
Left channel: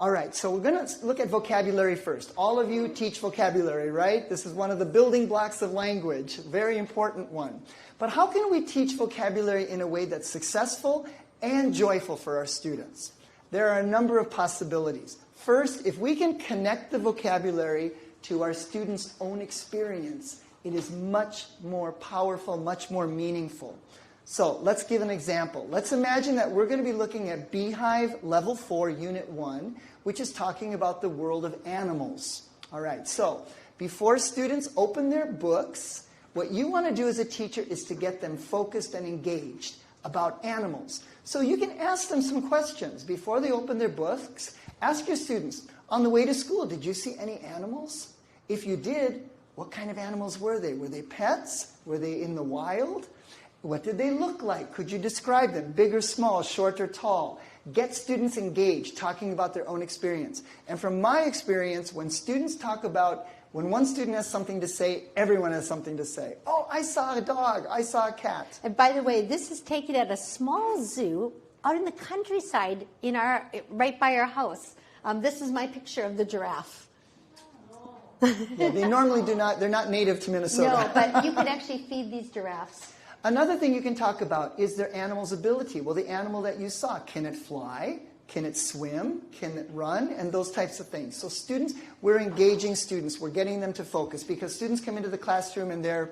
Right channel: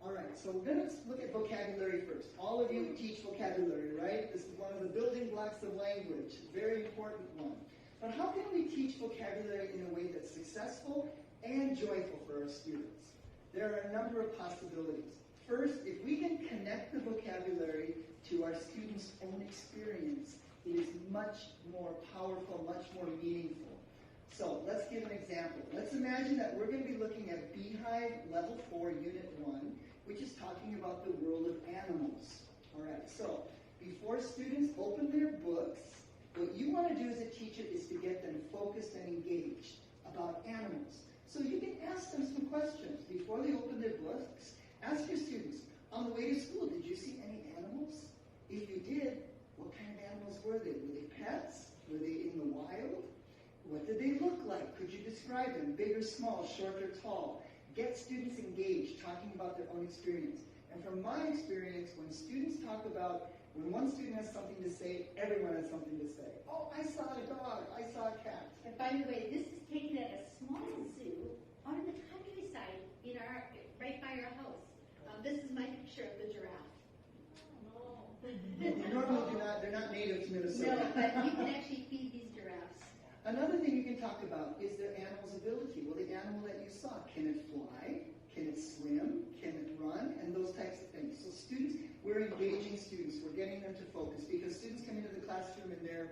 All right, so we're going to look at vocabulary first. All of you teach vocabulary, right? This is one of the building blocks of language, very important one. But how can we teach vocabulary in a way that's successful and joyful for our students? There are a number of possibilities. First, if we can connect the vocabulary to our students' own experience, It is much more powerful, much more meaningful. So let's give an example. Let's imagine that we're going to be looking at Beehive Level 4, Unit 1, which is talking about the world of animals. All right, so before students open their books, what you want to do as a teacher is to get them focused and engaged about animals. So you can ask them some questions before they open their books. Ask your students, on the way to school, did you see any animals? If you did, what kind of animals were they? Were they pets? Were they in the wild? What did they look like? Could you describe them? Big or small, short or tall? Get students engaged, talking about their own experience. And from my experience, when one student has something to say, everyone has something to say. Oh, I saw a dog. I saw a cat. And by the way, this is taken at a small zoo out in the countryside right by our house. This is my picture of the giraffe. Yeah, they normally they're not native to Minnesota. No, but you can actually feed these giraffes. Another thing you can talk about is their animal's ability. Well, the animal that you saw, can it fly? Can it swim? Can it run? And those types of things. So students, we're engaging students. We're getting them to focus because students come into the classroom and their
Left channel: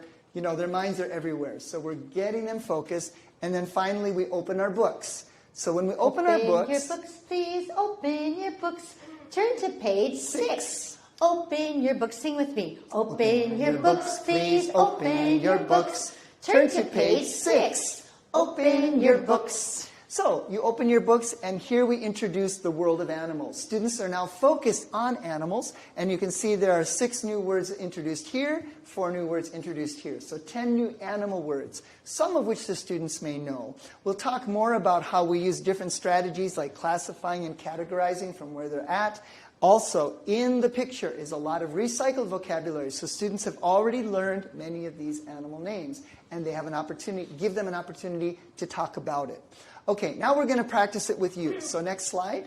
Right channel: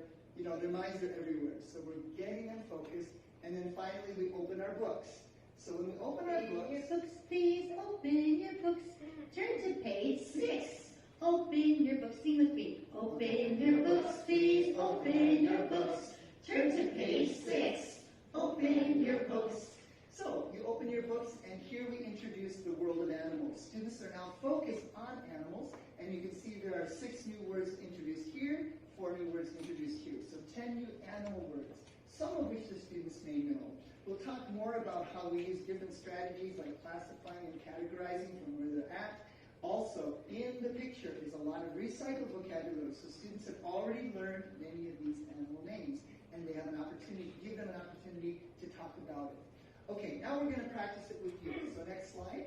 minds are everywhere. So we're getting them focused. And then finally, we open our books. So when we open our books... Open your books, please. Open your books. Turn to page 6. Open your books. Sing with me. Open your books, please. Open your books. Turn to page 6. Open your books. So you open your books, and here we introduce the world of animals. Students are now focused on animals, and you can see there are 6 new words introduced here, 4 new words introduced here. So 10 new animal words, some of which the students may know. We'll talk more about how we use different strategies like classifying and categorizing from where they're at. Also, in the picture is a lot of recycled vocabulary, so students have already learned many of these animal names, and they have an opportunity, give them an opportunity to talk about it. Okay, now we're going to practice it with you. So next slide.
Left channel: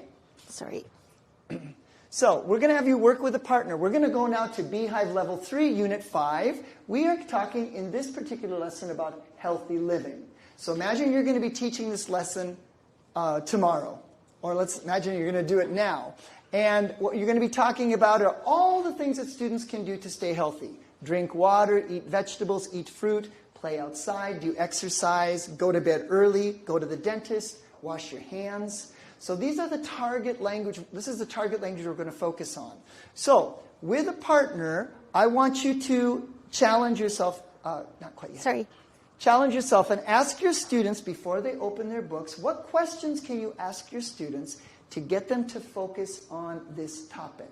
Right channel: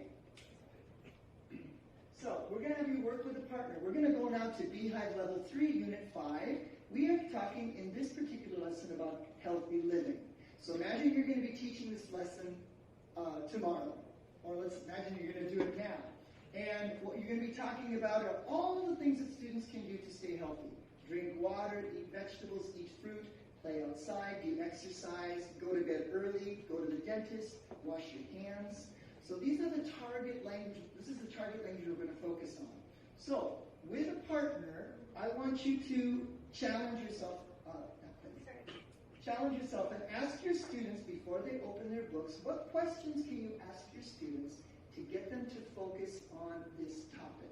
Sorry. So we're going to have you work with a partner. We're going to go now to Beehive Level 3, Unit 5. We are talking in this particular lesson about healthy living. So imagine you're going to be teaching this lesson tomorrow. Or let's imagine you're going to do it now. And what you're going to be talking about are all the things that students can do to stay healthy. Drink water, eat vegetables, eat fruit, play outside, do exercise, go to bed early, go to the dentist, wash your hands. So these are the target language. This is the target language we're going to focus on. So with a partner, I want you to challenge yourself. Not quite yet. Sorry. Challenge yourself and ask your students before they open their books, what questions can you ask your students to get them to focus on this topic?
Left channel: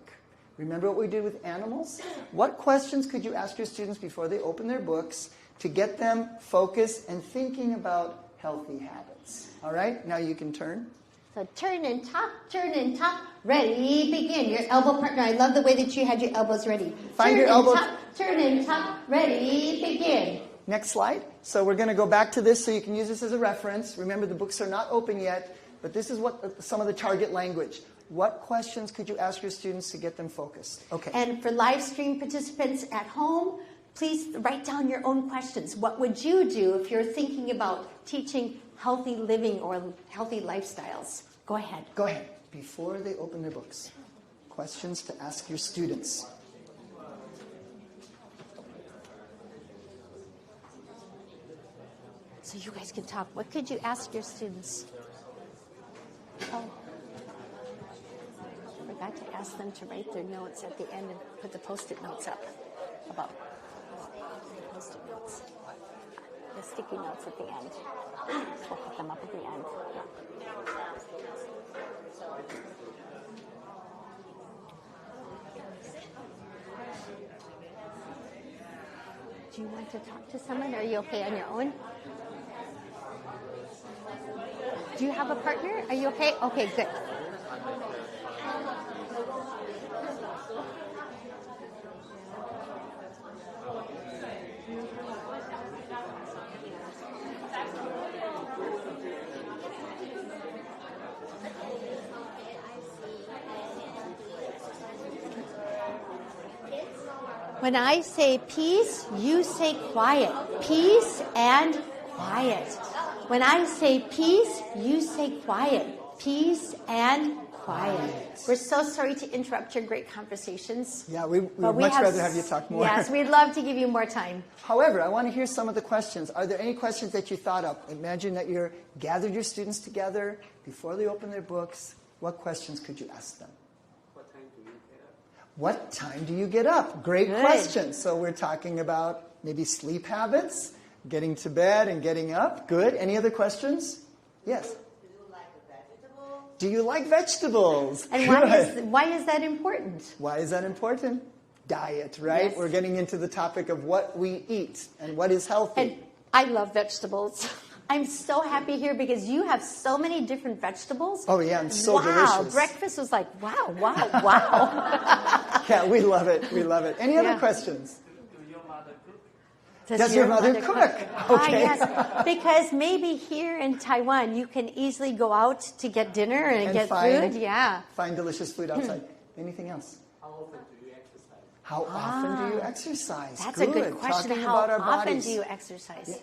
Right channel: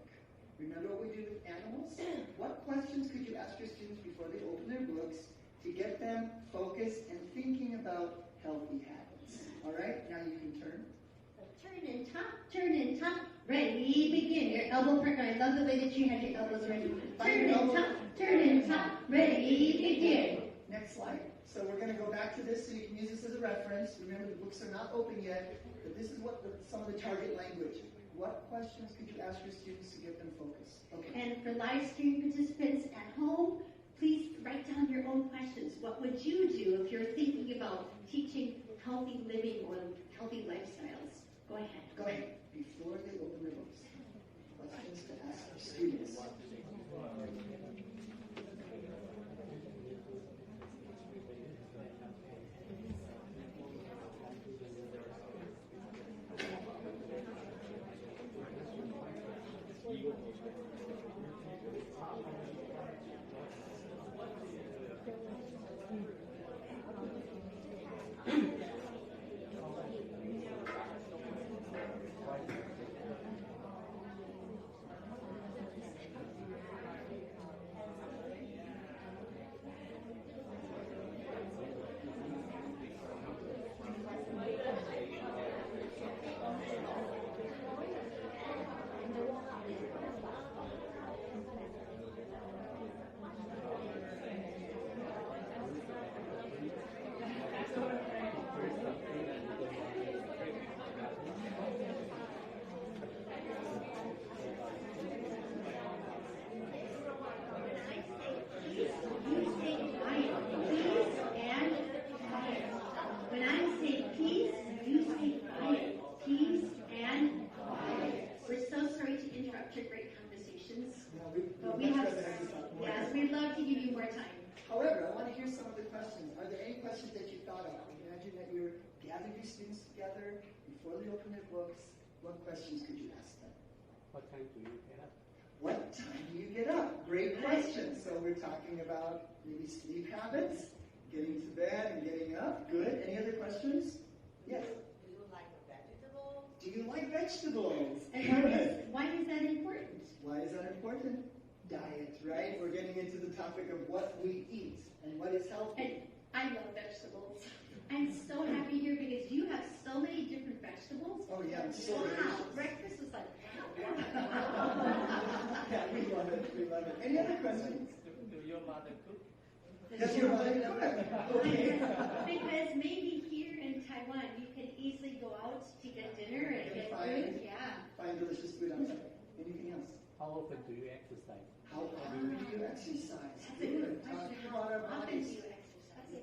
Remember what we did with animals? What questions could you ask your students before they open their books to get them focused and thinking about healthy habits? All right, now you can turn. So turn and top, ready, begin. Your elbow partner, I love the way that you had your elbows ready. Find your elbows. Turn and top, ready, begin. Next slide. So we're going to go back to this so you can use this as a reference. Remember, the books are not open yet, but this is what some of the target language. What questions could you ask your students to get them focused? Okay. And for live stream participants at home, please write down your own questions. What would you do if you're thinking about teaching healthy living or healthy lifestyles? Go ahead. Go ahead. Before they open their books, questions to ask your students. So you guys can talk. What could you ask your students? Oh. I forgot to ask them to write their notes at the end and put the Post-it notes up. About Post-it notes. The sticky notes at the end. We'll put them up at the end. Do you want to talk to someone? Are you okay on your own? Do you have a partner? Are you okay? Okay, good. When I say peace, you say quiet. Peace and quiet. When I say peace, you say quiet. Peace and quiet. We're so sorry to interrupt your great conversations. Yeah, we would much rather have you talk more. Yes, we'd love to give you more time. However, I want to hear some of the questions. Are there any questions that you thought of? Imagine that you're gathered your students together before they open their books. What questions could you ask them? What time do you get up? Great question. So we're talking about maybe sleep habits, getting to bed and getting up. Good. Any other questions? Yes. Do you like vegetables? And why is that important? Why is that important? Diet, right? Yes. We're getting into the topic of what we eat and what is healthy. And I love vegetables. I'm so happy here because you have so many different vegetables. Oh yeah, and so delicious. Wow, breakfast was like, wow, wow, wow. Yeah, we love it. We love it. Any other questions? Does your mother cook? Okay. Yes, because maybe here in Taiwan you can easily go out to get dinner and get food. Yeah. Find delicious food outside. Anything else? How often do you exercise? How often do you exercise? That's a good question. Talking How about our often bodies. do you exercise? Yeah.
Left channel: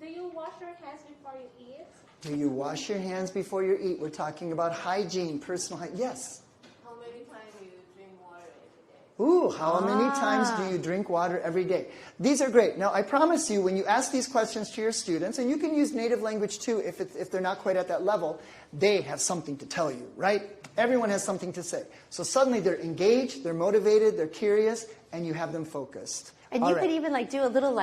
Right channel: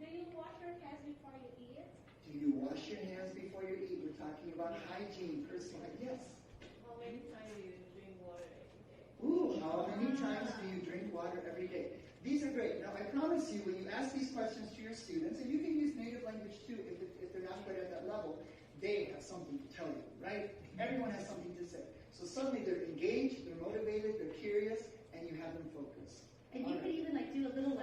Do you wash your hands before you eat? Do you wash your hands before you eat? We're talking about hygiene, personal hygiene. Yes. How many times do you drink water every day? Ooh, how many times do you drink water every day? These are great. Now, I promise you, when you ask these questions to your students, and you can use native language too if they're not quite at that level, they have something to tell you, right? Everyone has something to say. So suddenly they're engaged, they're motivated, they're curious, and you have them focused. And you could even do a little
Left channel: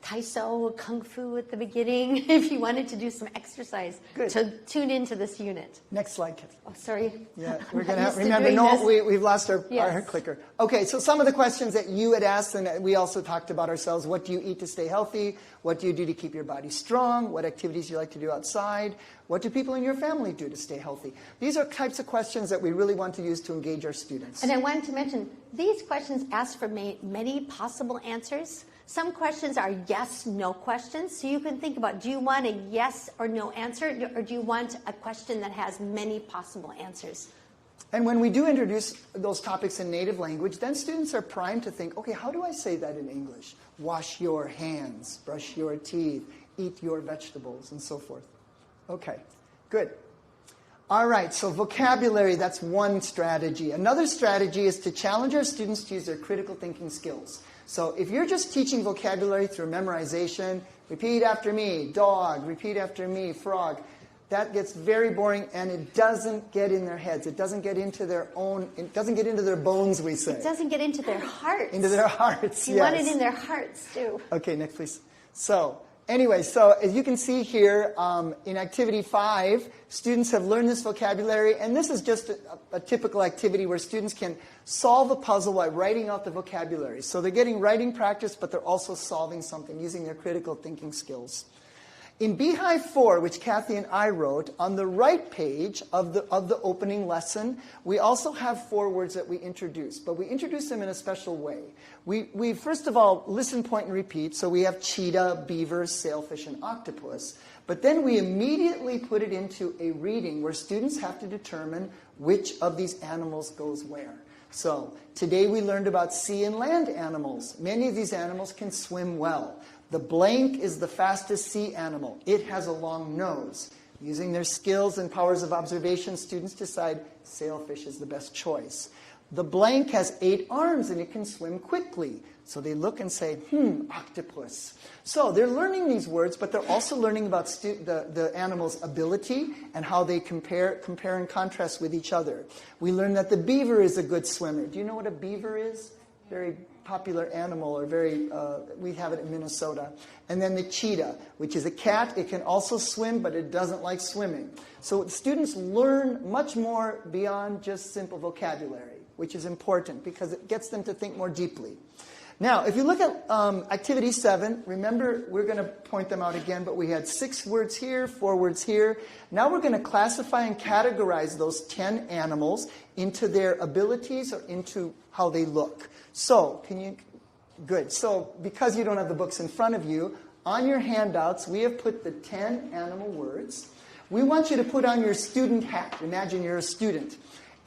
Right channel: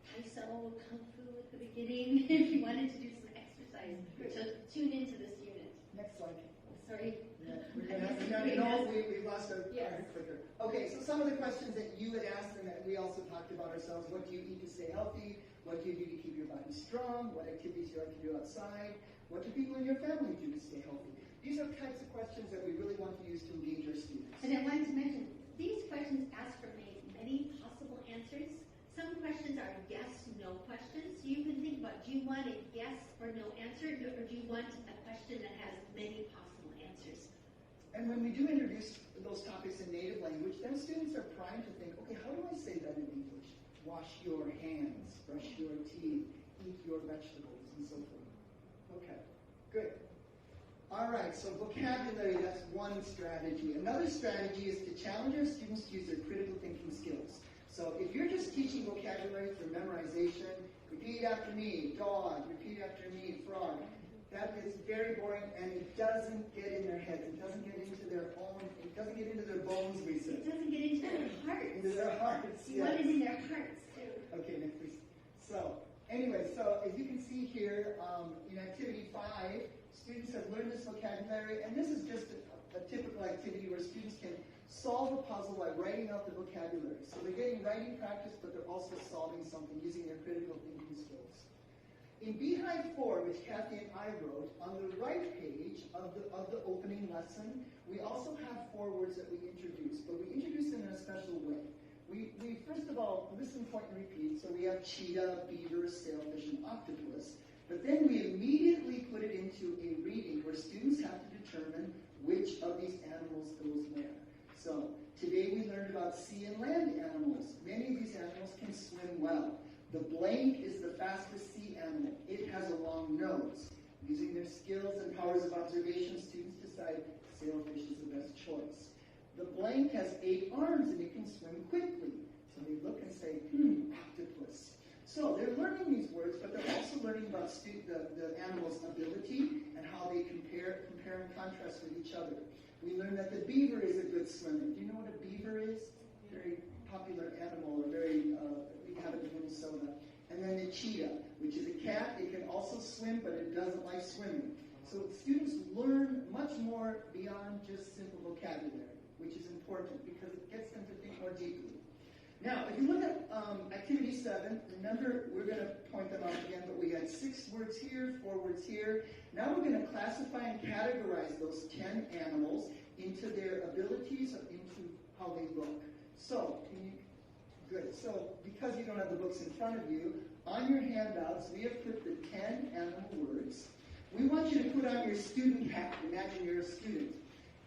Taiso, Kung Fu at the beginning if you wanted to do some exercise. Good. To tune into this unit. Next slide, Kathleen. Oh, sorry. Yeah, we're going to have, remember, no, we've lost our Yes. clicker. Okay, so some of the questions that you had asked, and we also talked about ourselves, what do you eat to stay healthy? What do you do to keep your body strong? What activities do you like to do outside? What do people in your family do to stay healthy? These are types of questions that we really want to use to engage our students. And I wanted to mention, these questions ask for many possible answers. Some questions are yes, no questions. So you can think about, do you want a yes or no answer, or do you want a question that has many possible answers? And when we do introduce those topics in native language, then students are primed to think, okay, how do I say that in English? Wash your hands, brush your teeth, eat your vegetables, and so forth. Okay, good. All right, so vocabulary, that's one strategy. Another strategy is to challenge our students to use their critical thinking skills. So if you're just teaching vocabulary through memorization, repeat after me, dog, repeat after me, frog, that gets very boring and it doesn't get in their heads. It doesn't get into their own, it doesn't get into their bones, we say. It doesn't get into their hearts. Into their hearts, You want it in their hearts, too. Okay, next, please. So, anyway, so as you can see here, in Activity 5, students have learned this vocabulary, and this is just a typical activity where students can solve a puzzle while writing out the vocabulary. So they're getting writing practice, but they're also solving something using their critical thinking skills. In Beehive 4, which Kathy and I wrote, on the right page of the opening lesson, we also have 4 words that we introduce, but we introduce them in a special way. We first of all listen, point, and repeat, so we have cheetah, beaver, sailfish, and octopus. But then we immediately put it into a reading where students have to determine which of these animals goes where. So today we learned about sea and land animals. Many of these animals can swim well. The blank is the fastest sea animal. It has a long nose. Using their skills and powers of observation, students decide sailfish is the best choice. The blank has 8 arms and it can swim quickly. So they look and say, octopus. So they're learning these words, but they're also learning about the animal's ability and how they compare and contrast with each other. We learned that the beaver is a good swimmer. Do you know what a beaver is? Very popular animal, or we have it in Minnesota. And then the cheetah, which is a cat. It can also swim, but it doesn't like swimming. So students learn much more beyond just simple vocabulary, which is important because it gets them to think more deeply. Now, if you look at Activity 7, remember, we're going to point them out again, but we had 6 words here, 4 words here. Now we're going to classify and categorize those 10 animals into their abilities or into how they look. So, good. So, because you don't have the books in front of you, on your handouts, we have put the 10 animal words. We want you to put on your student hat. Imagine you're a student.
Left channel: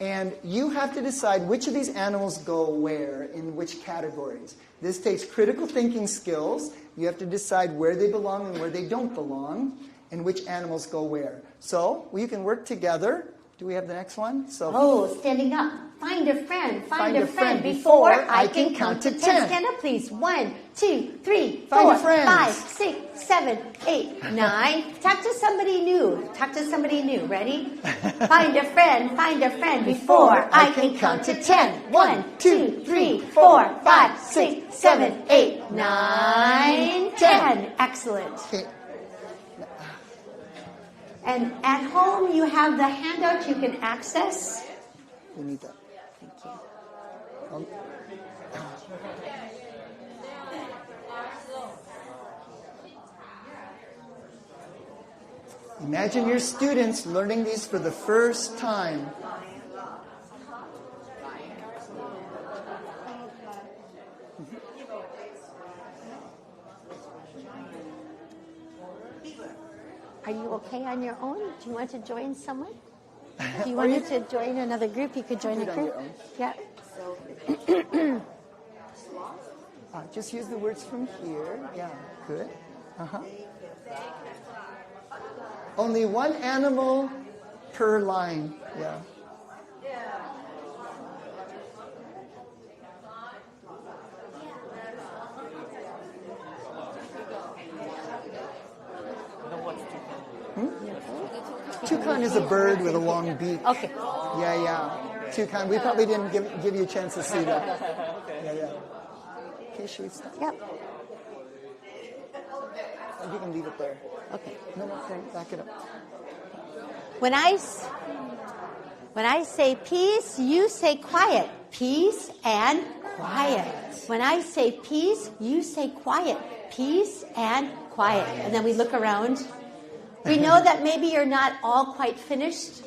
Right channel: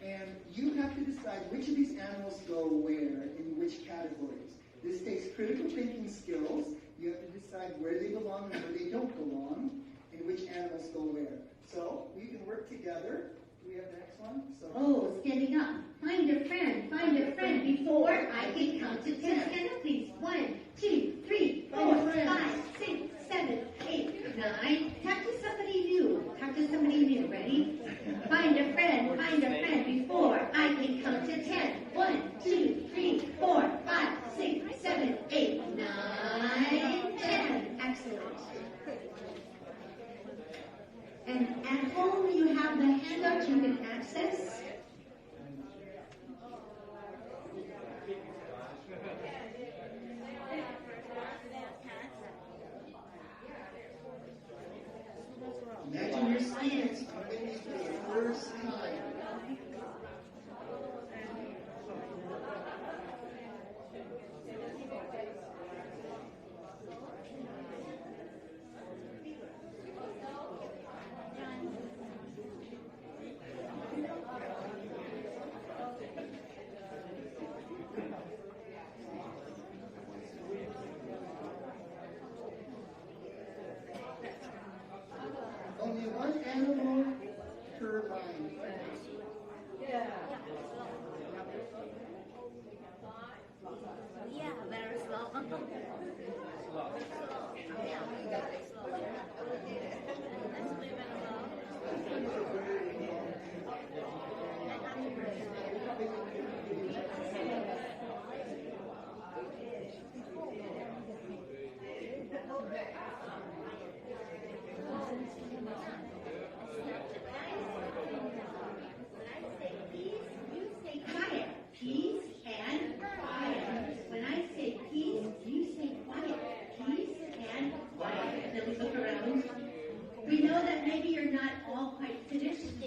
And you have to decide which of these animals go where, in which categories. This takes critical thinking skills. You have to decide where they belong and where they don't belong, and which animals go where. So you can work together Do we have the next one? So. Oh, standing up. Find a friend before I can count to 10. Stand up, please. 1, 2, 3, 4, 5, 6, 7, 8, 9. Talk to somebody new. Ready? Find a friend before I can count to 10. 1, 2, 3, 4, 5, 6, 7, 8, 9, 10. Excellent. Okay. And at home, you have the handout you can access. We need that. Imagine your students learning these for the first time. Are you okay on your own? Do you want to join someone? Do you want to join another group? You could join a group. Yeah. Just use the words from here. Yeah, good. Only one animal per line. Yeah. Toucan is a bird with a long beak. Okay. Yeah. Toucan. We probably didn't give you a chance to see that. Yeah. Okay, should we stop? Yep. You can leave it there. Okay. No, back it up. When I say peace, you say quiet. Peace and quiet. When I say peace, you say quiet. Peace and quiet. And then we look around. We know that maybe you're not all quite finished.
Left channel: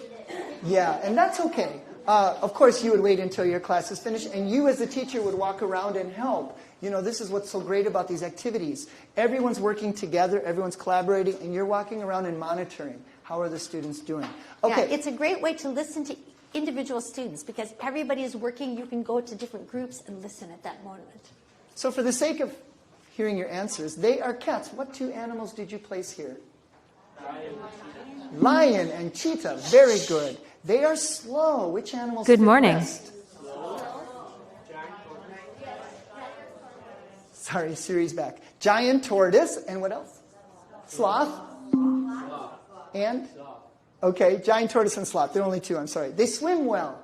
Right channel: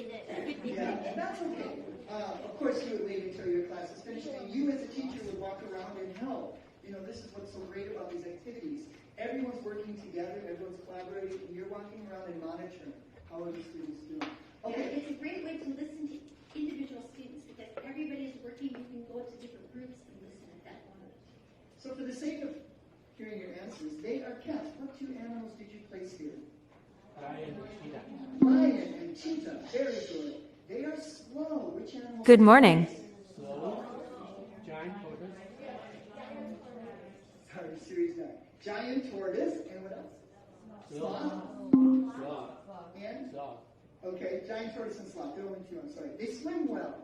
Yeah, and that's okay. Of course, you would wait until your class is finished, and you as a teacher would walk around and help. You know, this is what's so great about these activities. Everyone's working together, everyone's collaborating, and you're walking around and monitoring. How are the students doing? Okay. Yeah, it's a great way to listen to individual students because everybody is working. You can go to different groups and listen at that moment. So for the sake of hearing your answers, they are cats. What two animals did you place here? Lion and cheetah. Very good. They are slow. Which animals? Good morning. Best? Sorry, Siri's back. Giant tortoise. And what else? Sloth. And? Okay, giant tortoise and sloth. There are only two, I'm sorry. They swim well.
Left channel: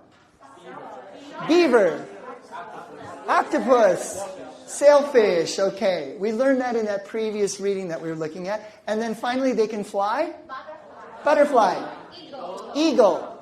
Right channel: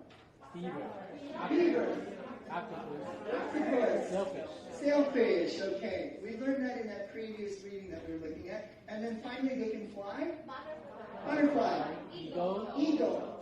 Beaver. Octopus. Sailfish. Okay, we learned that in that previous reading that we were looking at. And then finally, they can fly? Butterfly. Eagle.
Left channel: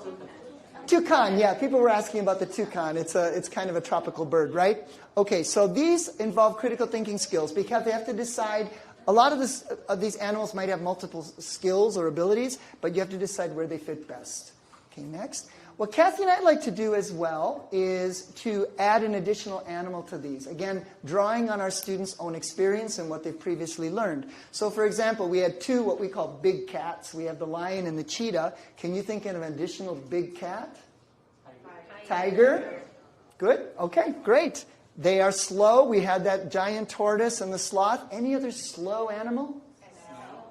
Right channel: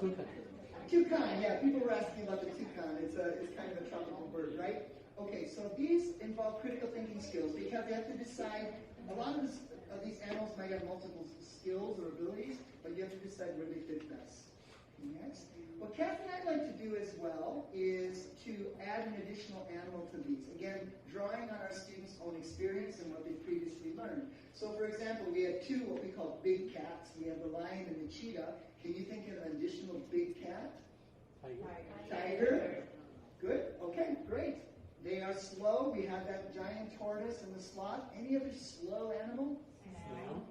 Toucan. Yeah, people were asking about the toucan. It's kind of a tropical bird, right? Okay, so these involve critical thinking skills because they have to decide. A lot of these animals might have multiple skills or abilities, but you have to decide where they fit best. Okay, next. What Kathy and I like to do as well is to add an additional animal to these. Again, drawing on our students' own experience and what they've previously learned. So, for example, we had two what we call big cats. We have the lion and the cheetah. Can you think of an additional big cat? Tiger. Good. Okay, great. They are slow. We had that giant tortoise and the sloth. Any other slow animal?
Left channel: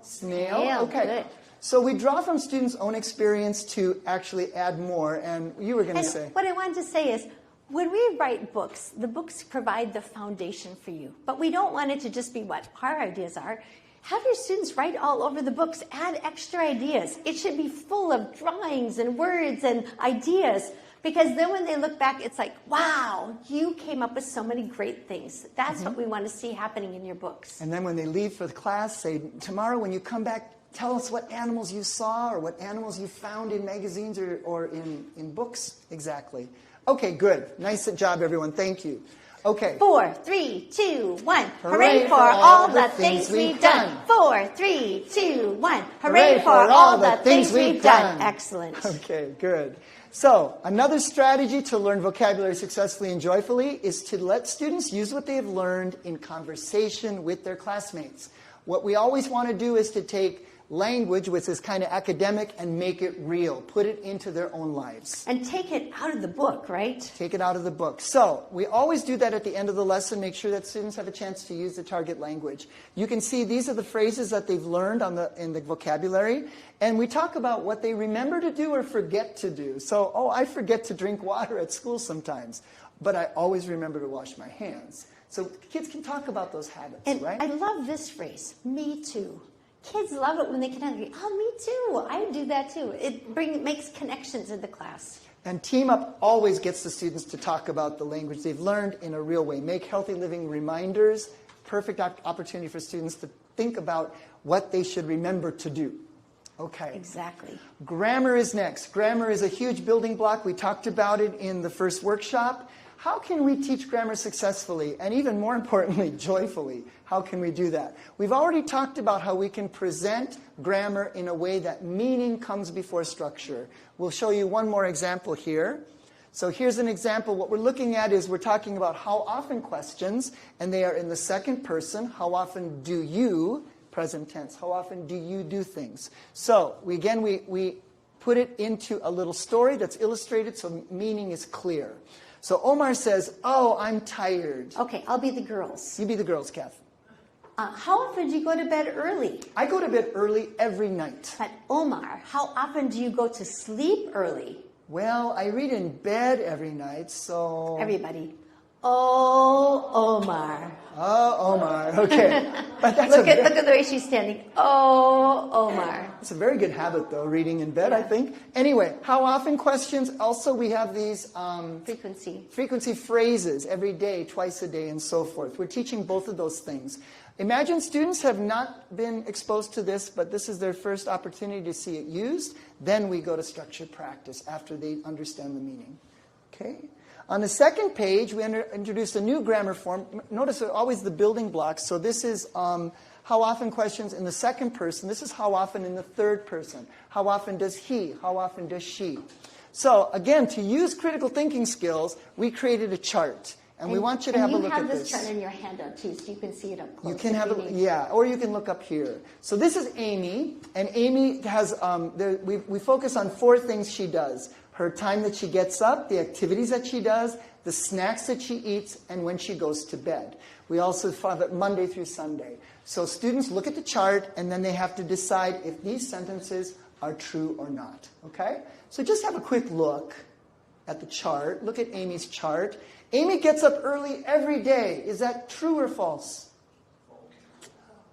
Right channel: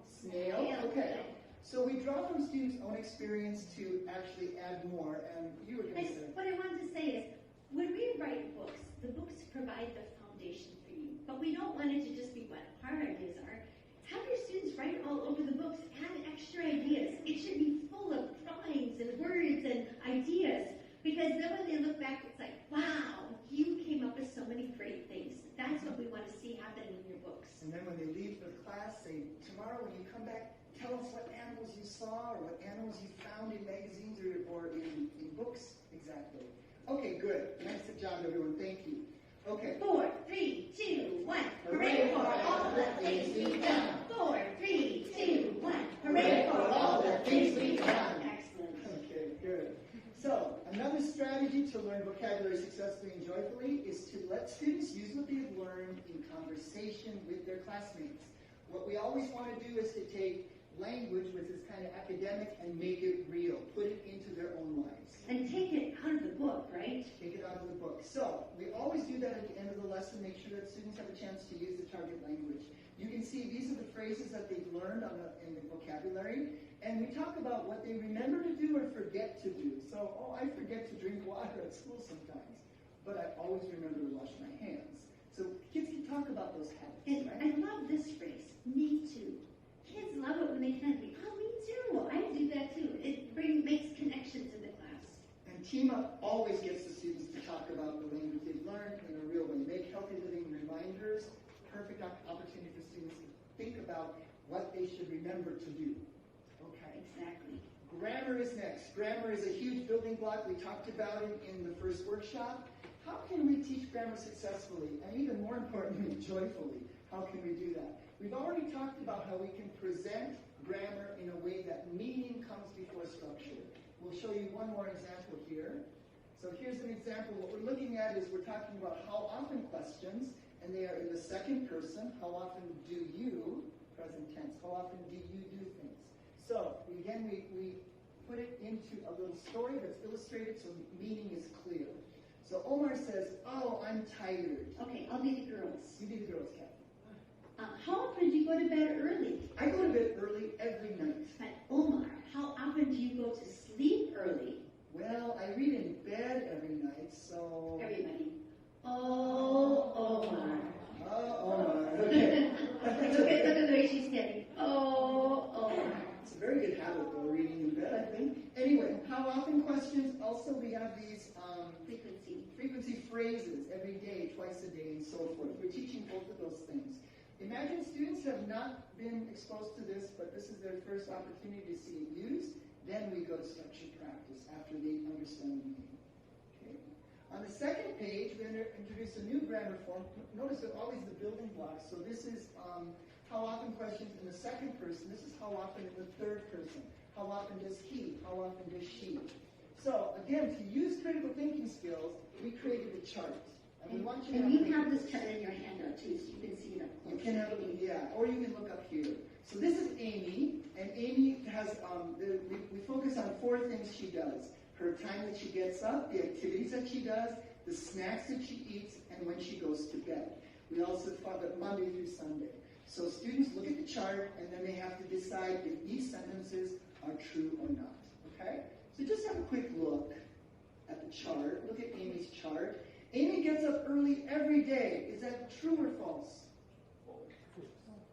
Snail. Okay. Good. So we draw from students' own experience to actually add more. And you were going to say. What I wanted to say is, when we write books, the books provide the foundation for you. But we don't want it to just be what our ideas are. Have your students write all over the books. Add extra ideas. It should be full of drawings and words and ideas. Because then when they look back, it's like, wow, you came up with so many great things. That's what we want to see happening in your books. And then when they leave for the class, say, tomorrow when you come back, tell us what animals you saw or what animals you found in magazines or in books. Exactly. Okay, good. Nice job, everyone. Thank you. Okay. 4, 3, 2, 1. Hooray for all the things we've done. 4, 3, 2, 1. Hooray for all the things we've done. Excellent. Okay, good. So, another strategy to learn vocabulary successfully and joyfully is to let students use what they have learned in conversation with their classmates. What we always want to do is to take language, which is kind of academic, and make it real. Put it into their own lives. And take it out of the book, right? Take it out of the book. So, we always do that at the end of the lesson, make sure that students have a chance to use the target language. You can see these are the phrases that they've learned in the vocabulary. And we talk about what they remember to do or forget to do. So, oh, I forget to drink water at school sometimes, but I always remember to wash my hands. So kids can talk about those habits, And right? I love this phrase, me too. Kids love it when they can agree, oh, me too, I do that too. It makes connections in the class. And Team Up always gets the students to talk about the language they've learned in a real way. Make healthy living reminders, perfect opportunity for students to think about what they should remember to do. Okay. Exactly. Grammar is next. Grammar is a huge building block. We talked about it in the first workshop. How can we teach grammar successfully and even more importantly, joyfully? How can we do that? We've already talked about how we can present grammar in a way that meaning comes before structure. We'll show you one more example here. So here's an example. What we're looking at is we're talking about how often questions, and they are in the second person. How often do you, present tense, how often do you do things? So we put it into a little story that's illustrated so meaning is clear. So Omar says, oh, I'm tired. Okay, I'll be the girls. You be the girls, Kath. How often do you go to bed early? I go to bed early every night. But Omar, how often do you go to sleep early? Well, I read in bed every night, so... Everybody. Oh, Omar. Oh, Omar. Okay. But that's look at the way she's standing. Oh, Omar. It's a very good habit, though, reading in bed, I think. Anyway, how often questions? Also, we have these frequency phrases every day, twice a day, and so forth. We're teaching both of those things. Imagine students have not been exposed to this, but this is their first opportunity to see it used. Then we go to structured practice after they understand the meaning. Okay? On the second page, we introduce a new grammar form. Notice always the building blocks. So this is how often questions in the second person. This is how often in the third person. How often does he? How often does she? So again, to use critical thinking skills, we created a chart. And we want you to have a look at this. You have this chart in your handout too, so you can see it up close. You can have or you can look up here. So this is Amy, and Amy has, we focus on 4 things she does. Her time that she gets up, the activities that she does, the snacks that she eats, and when she goes to bed. We also have it Monday through Sunday. So students look at the chart, and then they have to decide if these sentences are true or not. Okay? So just have a quick look at the chart. Look at Amy's chart. Amy gets up early every day. Is that true or false?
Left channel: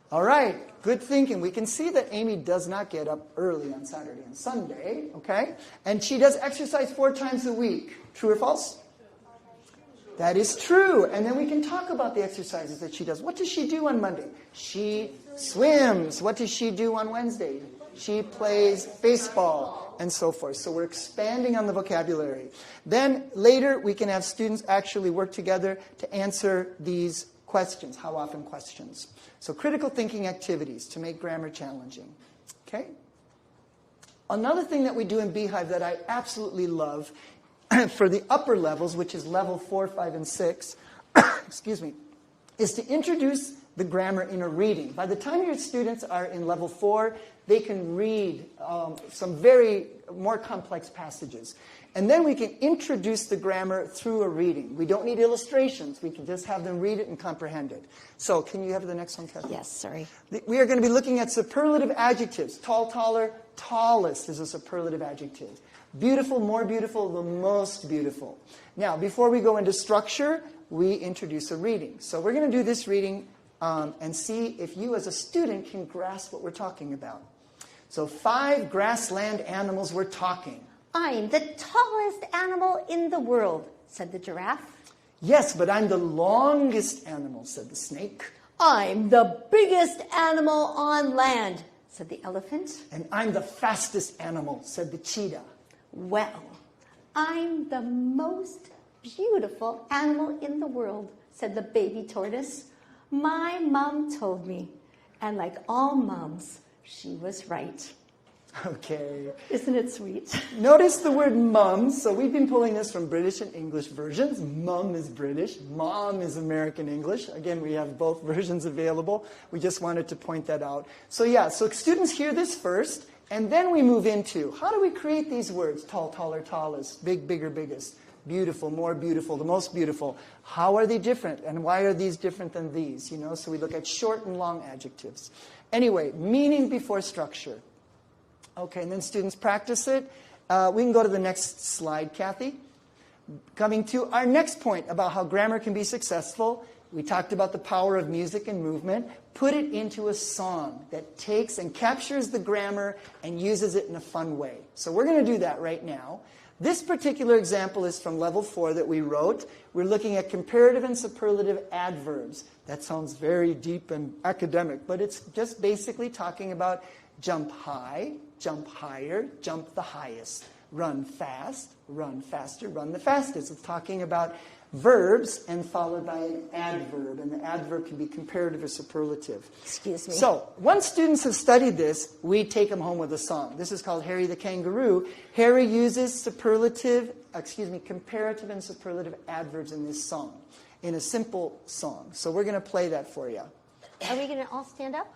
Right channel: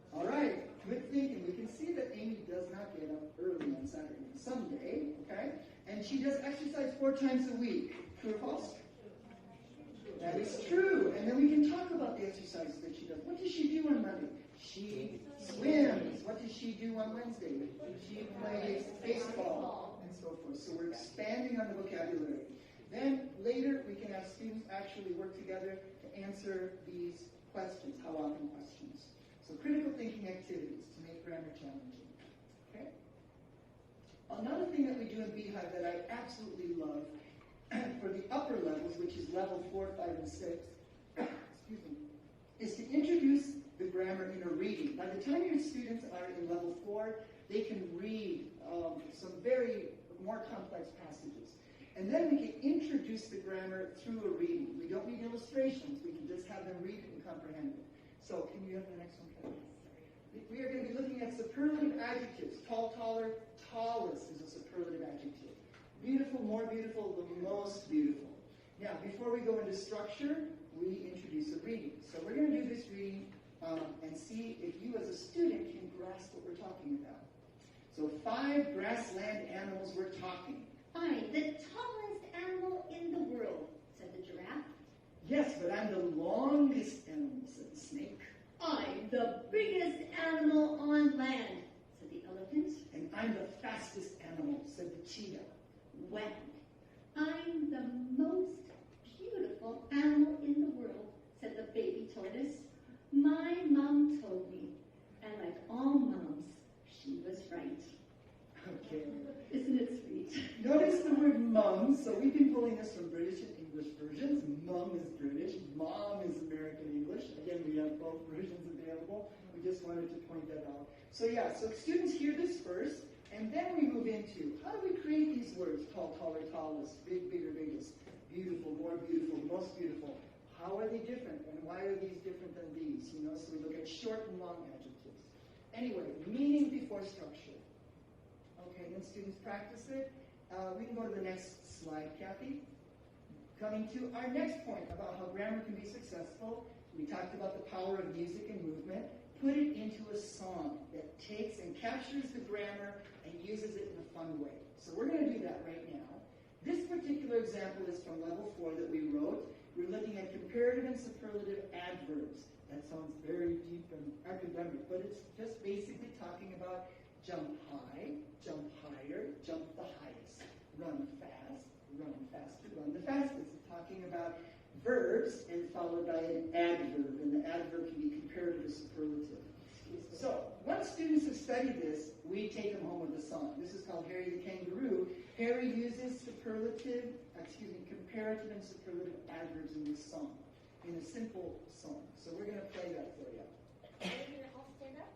All right, good thinking. We can see that Amy does not get up early on Saturday and Sunday, okay? And she does exercise 4 times a week. True or false? That is true. And then we can talk about the exercises that she does. What does she do on Monday? She swims. What does she do on Wednesday? She plays baseball and so forth. So we're expanding on the vocabulary. Then later we can have students actually work together to answer these questions, how often questions. So critical thinking activities to make grammar challenging. Okay? Another thing that we do in Beehive that I absolutely love for the upper levels, which is level 4, 5, and 6, excuse me, is to introduce the grammar in a reading. By the time your students are in level 4, they can read some very more complex passages. And then we can introduce the grammar through a reading. We don't need illustrations. We can just have them read it and comprehend it. So can you have the next one, Kathleen? Yes, sorry. We are going to be looking at superlative adjectives. Tall, taller, tallest is a superlative adjective. Beautiful, more beautiful, the most beautiful. Now, before we go into structure, we introduce a reading. So we're going to do this reading and see if you as a student can grasp what we're talking about. So 5 grassland animals were talking. I'm the tallest animal in the world, said the giraffe. Yes, but I'm the longest animal, said the snake. I'm the biggest animal on land, said the elephant. And I'm the fastest animal, said the cheetah. Well, I'm the most beautiful animal in the world, said the baby tortoise. My mom told me, and like all moms, she was right. Okay. Isn't it sweet? Notice the word mum. So we've been pulling this from British and English versions. Mum is British. Mom is American English. Again, we have both versions available. We just wanted to point that out. So yeah, so students hear this first, and then we move into how do we create these words? Tall, taller, tallest, big, bigger, biggest, beautiful, more beautiful, the most beautiful. How are they different? And why are these different than these? You know, so we look at short and long adjectives. Anyway, meaning before structure. Okay, and then students practice it. We can go to the next slide, Kathy. Coming to our next point about how grammar can be successful. We talked about the power of music and movement. Put it into a song that takes and captures the grammar and uses it in a fun way. So we're going to do that right now. This particular example is from level 4 that we wrote. We're looking at comparative and superlative adverbs. That sounds very deep and academic, but it's just basically talking about jump high, jump higher, jump the highest, run fast, run faster, run the fastest. It's talking about verbs and followed by an adverb, and the adverb can be comparative or superlative. Excuse me. So once students have studied this, we take them home with a song. This is called Harry the Kangaroo. Harry uses comparative and superlative adverbs in this song, in a simple song. So we're going to play that for you. Are we going to all stand up?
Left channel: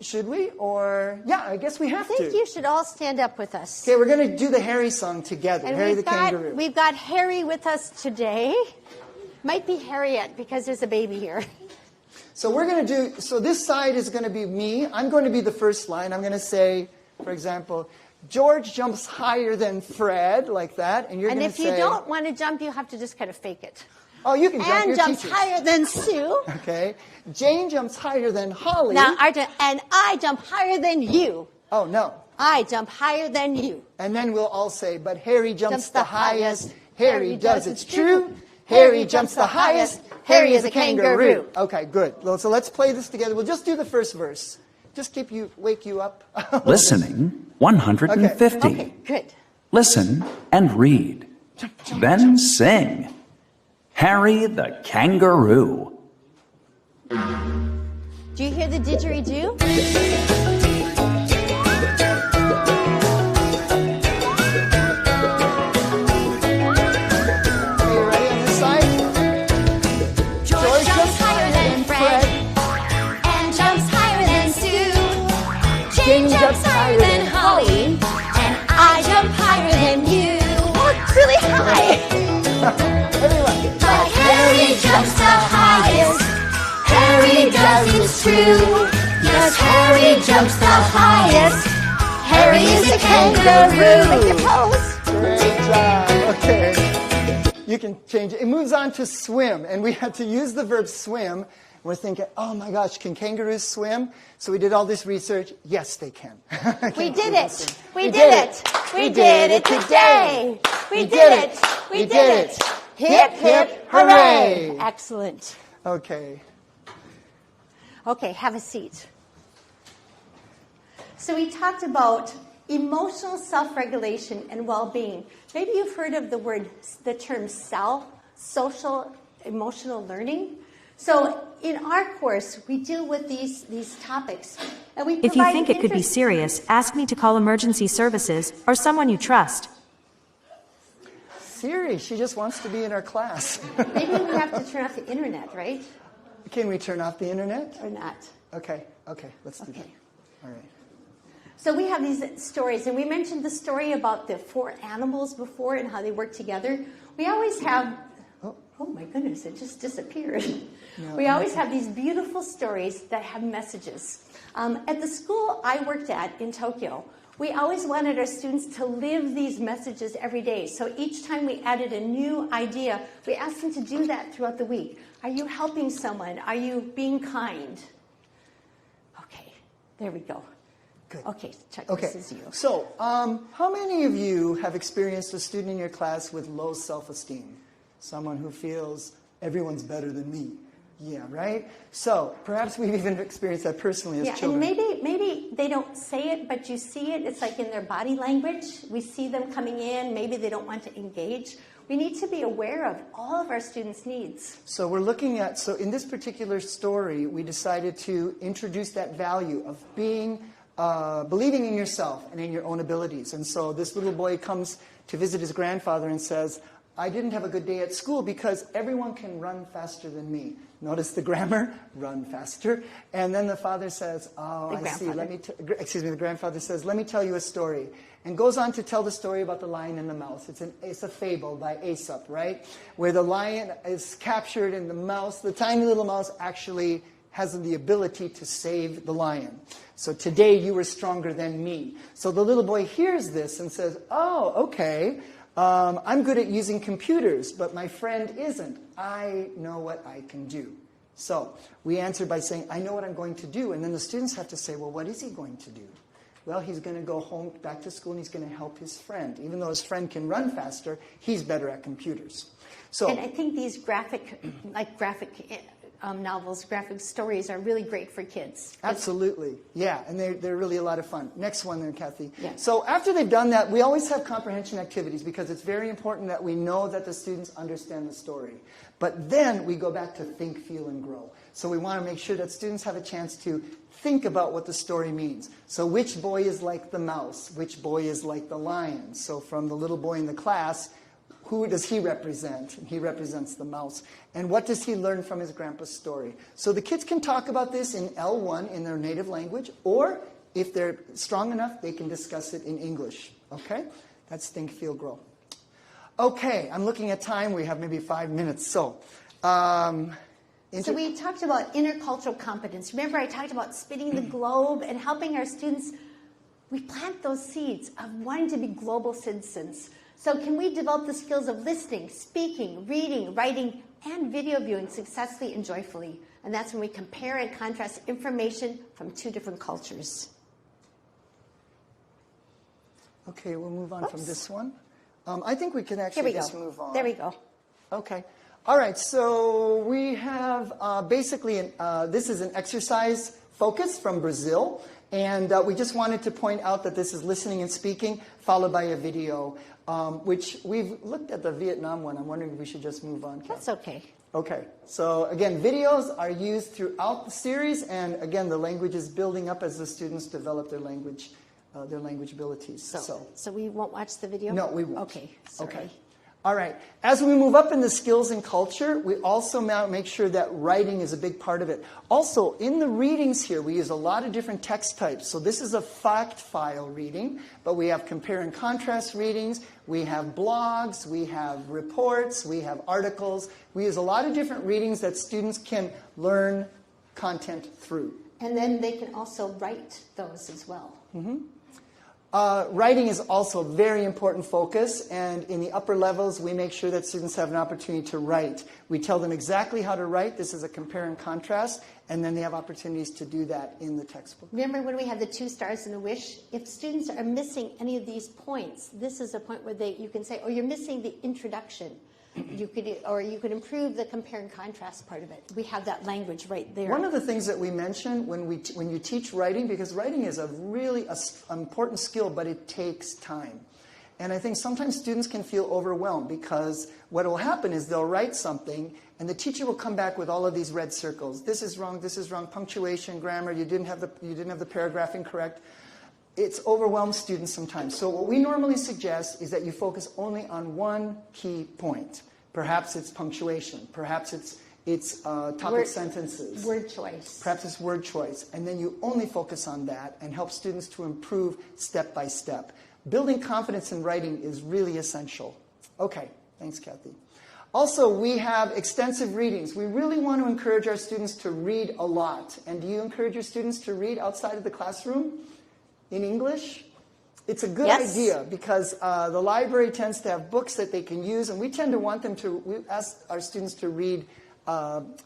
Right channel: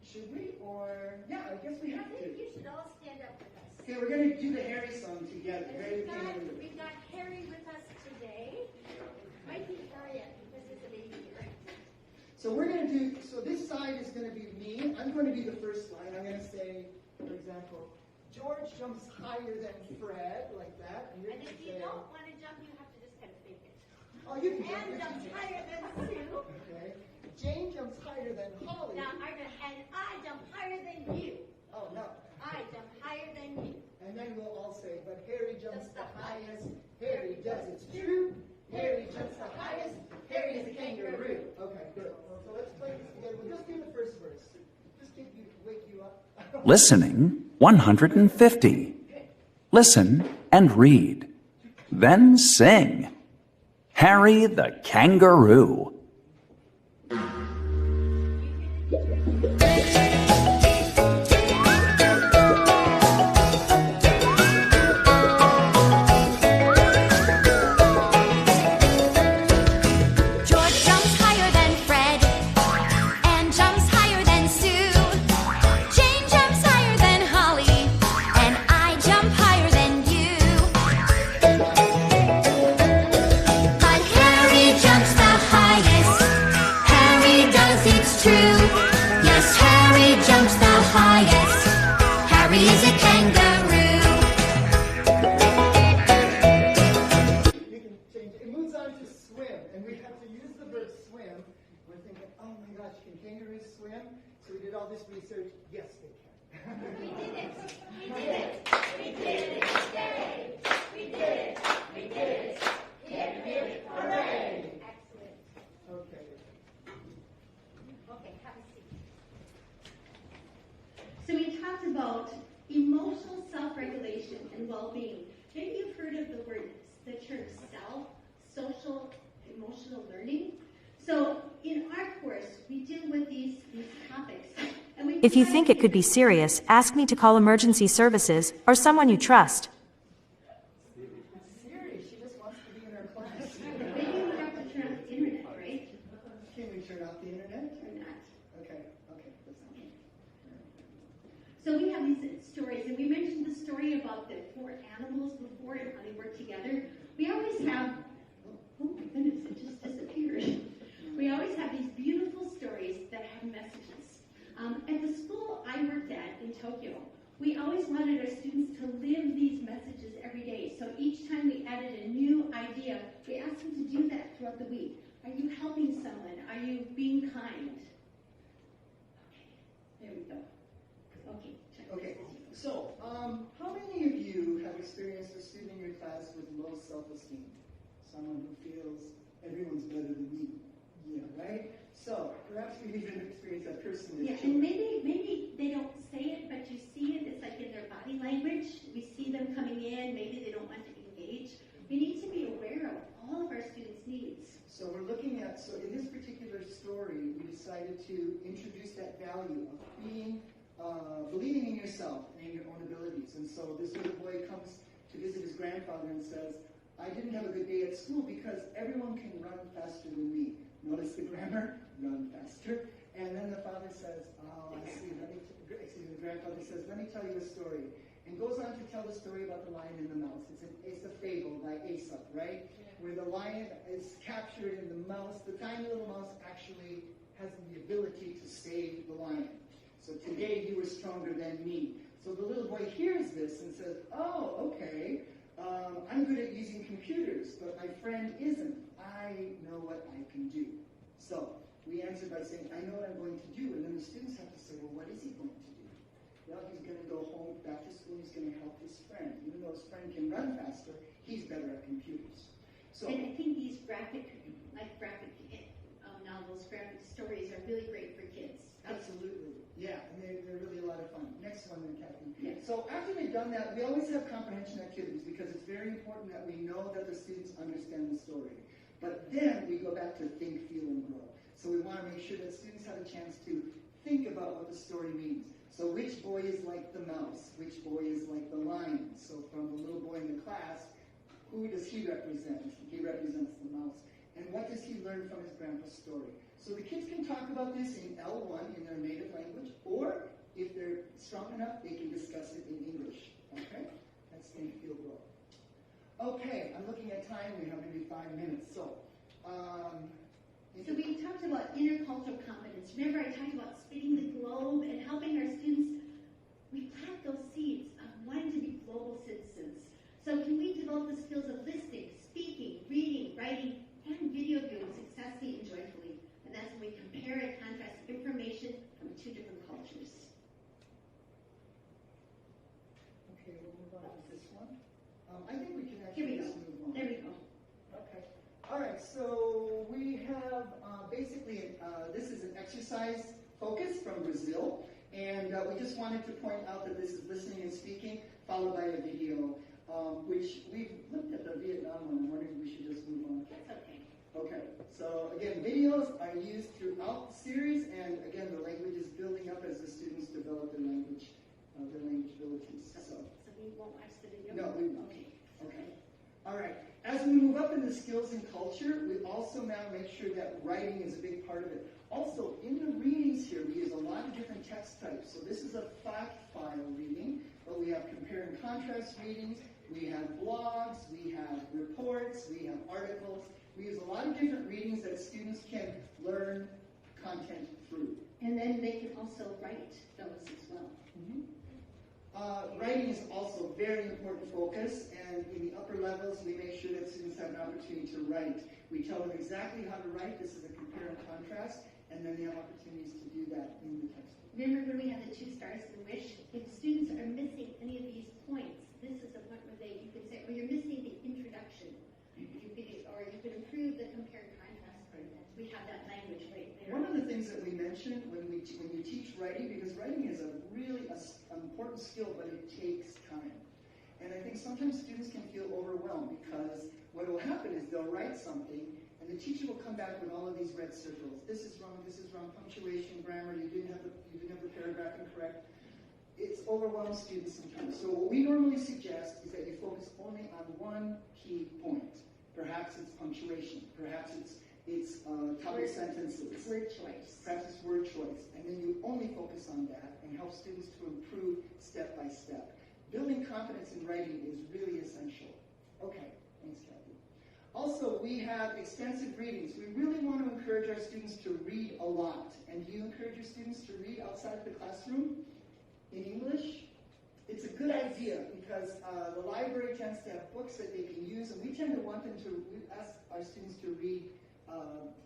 Should we? Or, yeah, I guess we have to. I think you should all stand up with us. Okay, we're going to do the Harry song together, And Harry the Kangaroo. We've got Harry with us today. Might be Harriet because there's a baby here. So we're going to do, so this side is going to be me. I'm going to be the first line. I'm going to say, for example, George jumps higher than Fred, like that. And you're going to say... And if you don't want to jump, you have to just kind of fake it. Oh, you can jump. And jumps higher than Sue. Okay. Jane jumps higher than Holly. Now, and I jump higher than you. Oh, no. I jump higher than you. And then we'll all say, but Harry jumps the highest. Harry does, it's true. Harry jumps the highest. Harry is a kangaroo. Okay, good. Well, so let's play this together. We'll just do the first verse. Just wake you up. Listening 150. Okay, good. Listen and read. Then sing. Harry the Kangaroo. Do you hear the didgeridoo? George jumps higher than Fred and jumps higher than Sue. Jane jumps higher than Holly and I jump higher than you. Oh, it's really high. But Harry jumps the highest. Harry does, it's true. Yes, Harry jumps the highest. Harry is a kangaroo. You can change it. It moves on to swim, and we had to use the verb swim. We're thinking, oh my gosh, can kangaroos swim? So we did all this research. Yes, they can. We did it. We did it. We did it today. We did it. We did it. Hip, hip, hooray. Excellent. Okay. Okay, have a seat. So we talked about emotional self-regulation and well-being. Maybe you've heard of the term social emotional learning. So in our course, we deal with these topics. And we If you think it could be serious, ask me to call emergency services or someone you trust. Siri, she just wants to be in our class. Maybe we have to turn off the internet, right? Can we turn off the internet? Or not? Okay, let's do that. All right. So we have these stories, and we mentioned the story about the 4 animals before and how they work together. We always have, oh my goodness, it just disappeared. We always have these beautiful stories that have messages. At the school I worked at in Tokyo, we always wanted our students to live these messages every day. So each time we added a new idea, we asked them to do that throughout the week. Are you helping someone? Are you being kind? Okay, there we go. Good. Okay, Chuck, Okay, this is you. so how many of you have experienced a student in your class with low self-esteem? Someone who feels everyone's better than me. Yeah, right? So perhaps we've even experienced that personally as children. And maybe they don't say it, but you see it. It's like in their body language. We see them coming in. Maybe they don't want to engage. We need to be aware of all of our students' needs. So we're looking at, so in this particular story, we decided to introduce that value of being, believing in yourself and in your own abilities. And so this little boy comes to visit his grandfather and says, I didn't have a good day at school because everyone can run faster than me. Notice the grammar, run faster. And then the father says, oh, I see. The grandfather says, let me tell you a story. And goes on to tell the story about the lion and the mouse. It's a fable by Aesop, right? Where the lion is captured and the mouse, the tiny little mouse, actually has the ability to save the lion. So today you were stronger than me. So the little boy hears this and says, oh, okay, I'm good at using computers, but my friend isn't. I know what I can do. So we answer by saying, I know what I'm going to do. And then the students have to say, well, what is he going to do? Well, he's going to go home, back to school, and he's going to help his friend. Even though his friend can run faster, he's better at computers. So, and I think these graphic novels, graphic stories are really great for kids. Absolutely. Yeah, and they're really a lot of fun. Next one there, Kathy. Yeah. So after they've done that, we always have comprehension activities because it's very important that we know that the students understand the story. But then we go back to think, feel, and grow. So we want to make sure that students have a chance to think about what the story means. So which boy is like the mouse? Which boy is like the lion? So from the little boy in the class, who does he represent? He represents the mouse. And what does he learn from his grandpa's story? So the kids can talk about this in L1 in their native language, or if they're strong enough, they can discuss it in English. Okay? That's think, feel, grow. Okay, I'm looking at time. We have maybe 5 minutes. So we talked about intercultural competence. Remember, I talked about spinning the globe and helping our students. We plant those seeds of wanting to be global citizens. So can we develop the skills of listening, speaking, reading, writing, and video viewing successfully and joyfully? And that's when we compare and contrast information from two different cultures. Okay, we'll move on from this one. I think we can actually just move on. There we go. Okay. All right, so we have basically, this is an exercise focus from Brazil. And we just wanted to point out that this is listening and speaking, followed by a video, which we've looked at the Vietnam one. I'm wondering if we should just move on. That's okay. Okay. So again, videos are used throughout the series. And again, the language is building up as the students develop their language abilities. So we won't watch the video? No, we won't. Okay. Sorry. Okay. All right. As we move up in the skills and culture, we also now make sure that writing is a big part of it. Also, in the readings here, we use a lot of different text types. So this is a fact file reading, but we have compare and contrast readings. We have blogs. We have reports. We have articles. We use a lot of different readings that students can learn content through. And then they can also write those as well. Mm-hmm. Writing is also a very important focus, and in the upper levels, we make sure that students have an opportunity to write. We tell them exactly how to write. This is a compare and contrast, and then they have opportunities to do that in the textbook. Remember when we had the 2 stars and a wish? If students are missing any of these points, this is a point where you can say, oh, you're missing the introduction. You could improve the compare and contrast part of it. We have that language right there. One of the things that we mention when you teach writing, because writing is a really important skill, but it takes time. And I think sometimes students can feel overwhelmed because what will happen is they'll write something and the teacher will come back with all of these red circles. This is wrong, punctuation, grammar, you didn't have the paragraphing correct. It's overwhelmed students sometimes. So what we normally suggest is that you focus only on one key point. Perhaps it's punctuation. Perhaps it's topic sentences. Word choice. Perhaps it's word choice. And then you only focus on that and help students to improve step by step. Building confidence in writing is really essential. Okay, thanks, Kathy. Also, we have extensive readings. We really want to encourage our students to read a lot. And do you encourage your students to read outside of the classroom? In English? It's a good idea because the library tends to have books that they can use, and we tend to want them to, we ask our students to read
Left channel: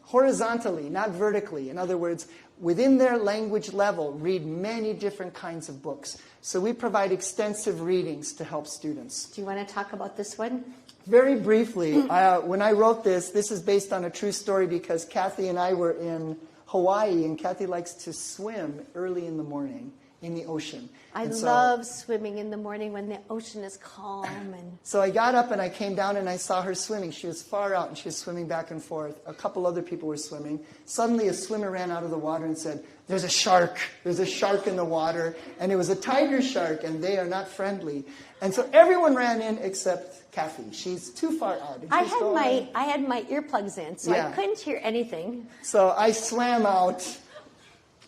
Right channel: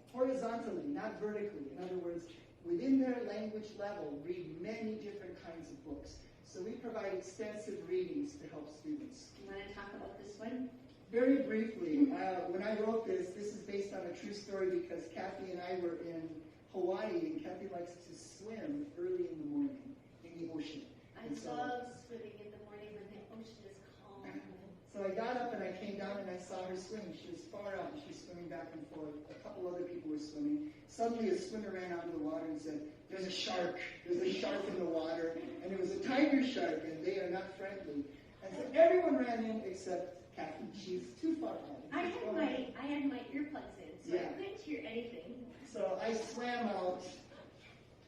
horizontally, not vertically. In other words, within their language level, read many different kinds of books. So we provide extensive readings to help students. Do you want to talk about this one? Very briefly, when I wrote this is based on a true story because Kathy and I were in Hawaii, and Kathy likes to swim early in the morning in the ocean. I love swimming in the morning when the ocean is calm. So I got up and I came down and I saw her swimming. She was far out and she was swimming back and forth. A couple other people were swimming. Suddenly a swimmer ran out of the water and said, "There's a shark. There's a shark in the water." And it was a tiger shark and they are not friendly. And so everyone ran in except Kathy. She's too far out. I had my earplugs in, so I couldn't hear anything. So I swam out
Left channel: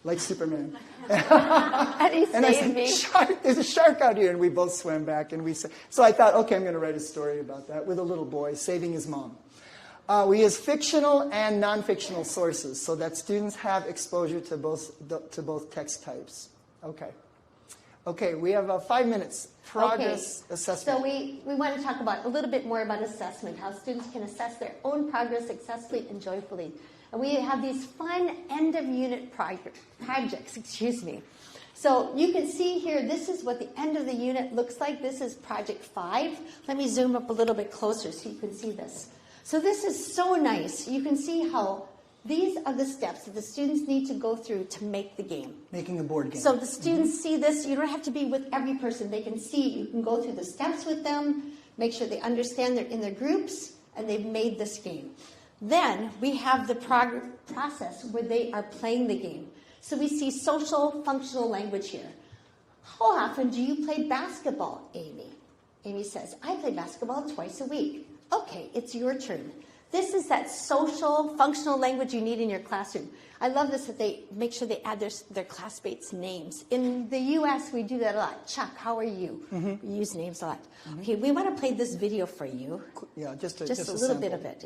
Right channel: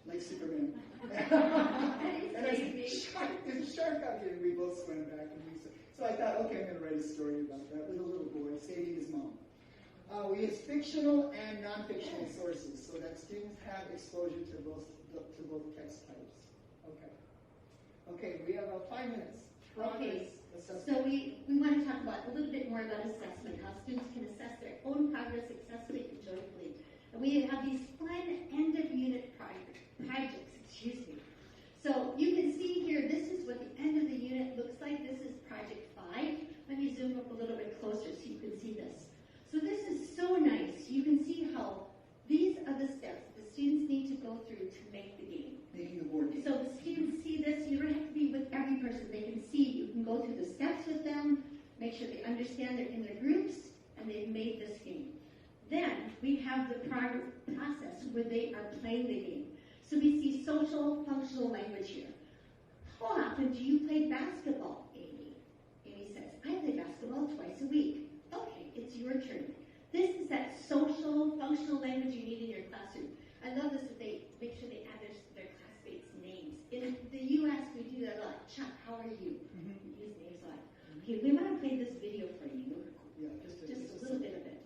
like Superman. And he saved me. Shark, there's a shark out here, and we both swam back. And so I thought, okay, I'm going to write a story about that with a little boy saving his mom. We use fictional and non-fictional sources so that students have exposure to both text types. Okay. Okay, we have 5 minutes. Progress assessment. So we want to talk about a little bit more about assessment, how students can assess their own progress successfully and joyfully. And we have these fun end-of-unit projects, So you can see here, this is what the end of the unit looks like. This is project 5. Let me zoom up a little bit closer so you can see this. So this is so nice. You can see how these are the steps that the students need to go through to make the game. Making a board game. So the students see this. You don't have to be with every person. They can see. You can go through the steps with them, make sure they understand they're in their groups, and they've made this game. Then we have the process where they are playing the game. So we see social functional language here. How often do you play basketball, Amy? Amy says, I play basketball twice a week. Okay, it's your turn. This is that social functional language you need in your classroom. I love this that they make sure they add their classmates' names. In the U.S., we do that a lot. Chuck, how are you? We use names a lot. Okay, we want to play this video for you. Yeah, just a little sample. bit of it.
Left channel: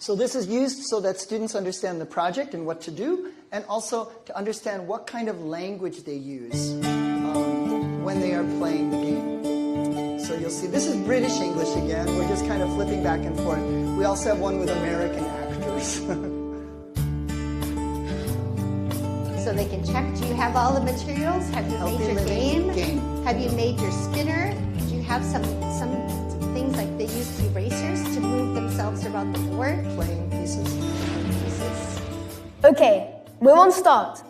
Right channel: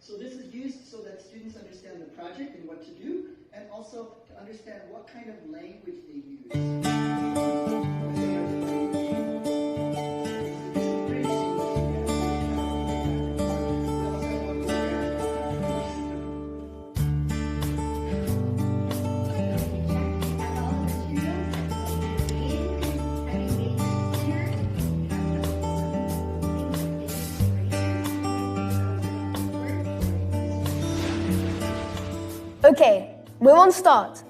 So this is used so that students understand the project and what to do, and also to understand what kind of language they use when they are playing the game. So you'll see, this is British English again. We're just kind of flipping back and forth. We also have one with American actors. So they can check, do you have all the materials? Have you made your game? Have you made your spinner? Do you have some things like they use erasers to move themselves around the board? Playing pieces. Okay, we're on start.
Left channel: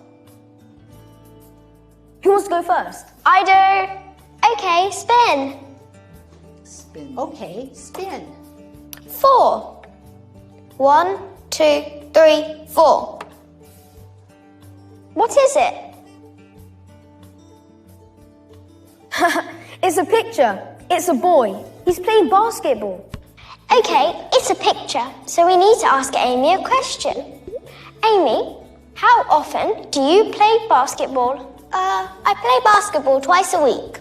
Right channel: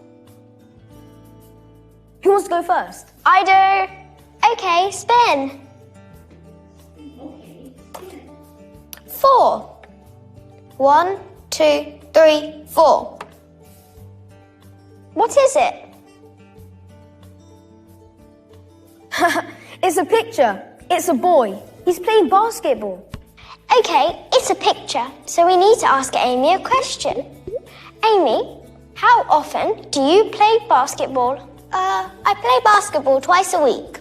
Who wants to go first? I do. Okay, spin. Spin. Okay, spin. 4. 1, 2, 3, 4. What is it? It's a picture. It's a boy. He's playing basketball. Okay, it's a picture, so we need to ask Amy a question. Amy, how often do you play basketball? I play basketball twice a week.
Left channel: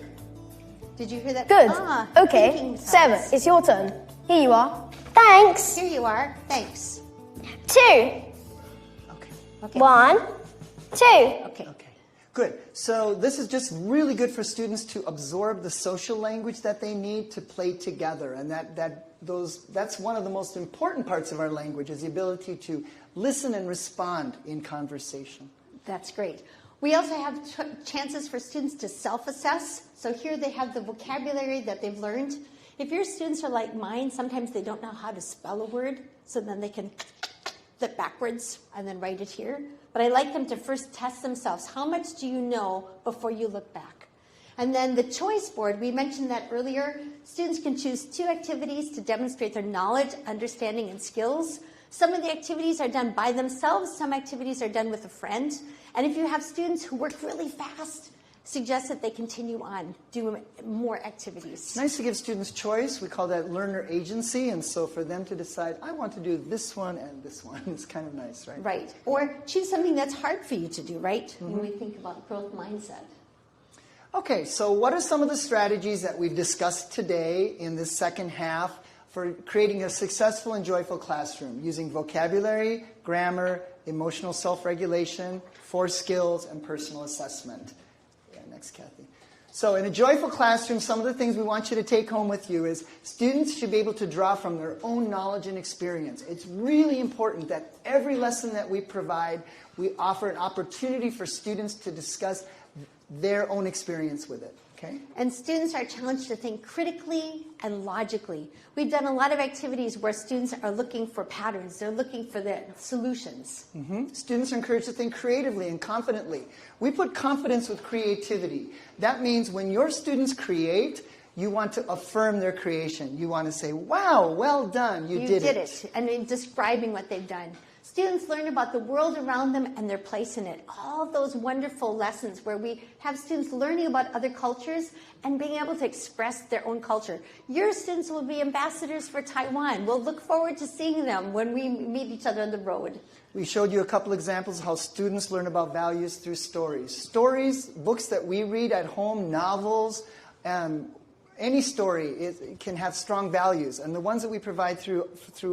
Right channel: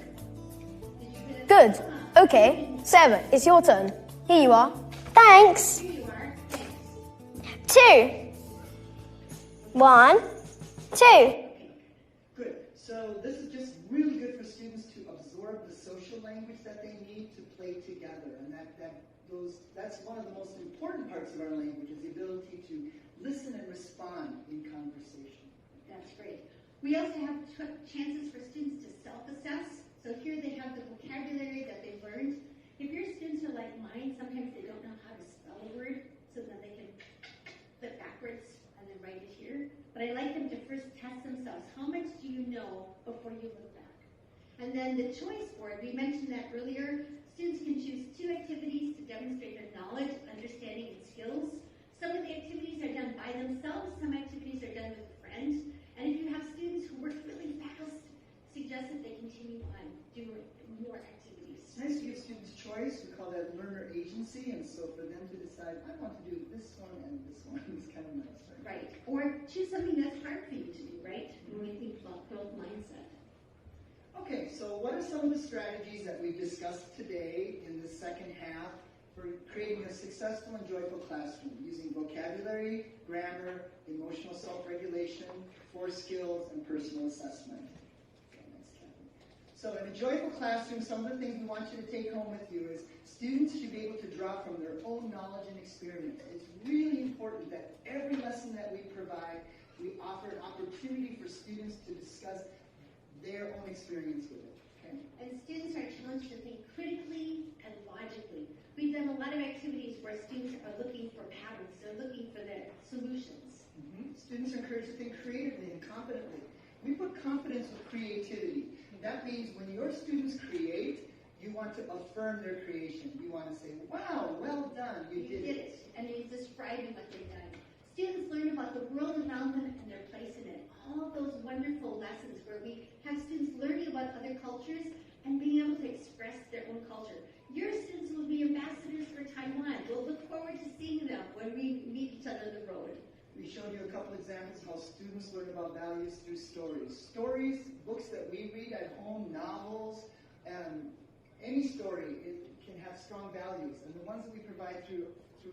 Did you hear that? Good. Okay, Sarah, it's your turn. Here you are. Thanks. Here you are. Thanks. 2. Okay. 1, 2. Okay. Good. So this is just really good for students to absorb the social language that they need to play together, and that's one of the most important parts of our language, is the ability to listen and respond in conversation. That's great. We also have chances for students to self-assess. So here they have the vocabulary that they've learned. If your students are like mine, sometimes they don't know how to spell a word, so then they can flip backwards and then write it here. But I like them to first test themselves. How much do you know before you look back? And then the choice board, we mentioned that earlier. Students can choose 2 activities to demonstrate their knowledge, understanding, and skills. Some of the activities are done by themselves. Some activities are done with a friend. And if you have students who work really fast, suggest that they continue on, do more activities. It's nice to give students choice. We call that learner agency. And so for them to decide, I want to do this one and this one, it's kind of nice, right? Right. Or choose something that's hard for you to do, right? When we think about growth mindset. Okay, so what are some of the strategies that we've discussed today in this second half for creating a successful and joyful classroom using vocabulary, grammar, emotional self-regulation, 4 skills, and personal assessment? Yeah, next, Kathy. So in a joyful classroom, some of the things we want you to take home with you is students should be able to draw from their own knowledge and experience. It's really important that every lesson that we provide, we offer an opportunity for students to discuss their own experience with it. Okay. And students are challenged to think critically and logically. We've done a lot of activities where students are looking for patterns. They're looking for the solutions. Students are encouraged to think creatively and confidently. We put confidence with creativity. That means when your students create, you want to affirm their creation. You want to say, wow, well done, you did it. And in describing what they've done. Students learn about the world around them and their place in it. All of those wonderful lessons where we have students learning about other cultures and being able to express their own culture. Your students will be ambassadors for Taiwan. We'll look forward to seeing them when we meet each other on the road. We showed you a couple examples of how students learn about values through stories. Stories, books that we read at home, novels, any story can have strong values, and the ones that we provide through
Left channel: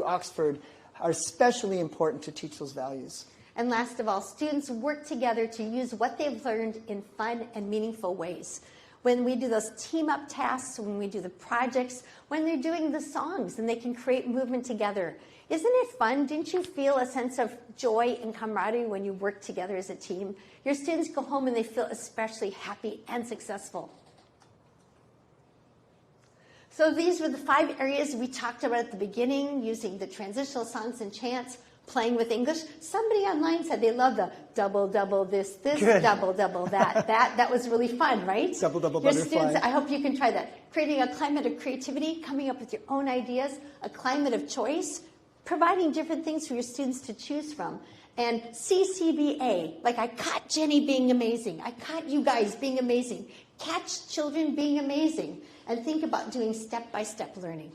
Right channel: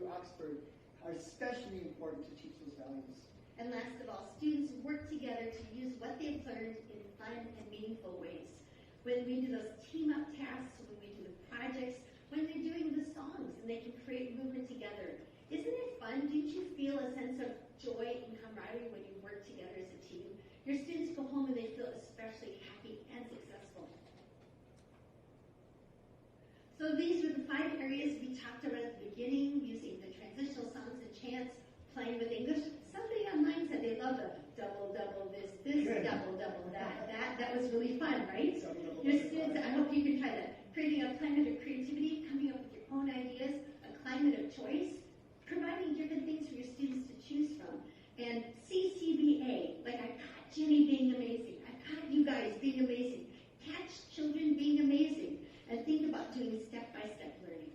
Oxford are especially important to teach those values. And last of all, students work together to use what they've learned in fun and meaningful ways. When we do those team-up tasks, when we do the projects, when they're doing the songs, and they can create movement together. Isn't it fun? Didn't you feel a sense of joy and camaraderie when you work together as a team? Your students go home and they feel especially happy and successful. So these were the 5 areas we talked about at the beginning, using the transitional songs and chants, playing with English. Somebody online said they love the double, double this, Good. double, double that. That was really fun, right? Double, double Your butterfly. students, I hope you can try that. Creating a climate of creativity, coming up with your own ideas, a climate of choice, providing different things for your students to choose from. And CCBA, like I caught Jenny being amazing. I caught you guys being amazing. Catch children being amazing. And think about doing step-by-step learning.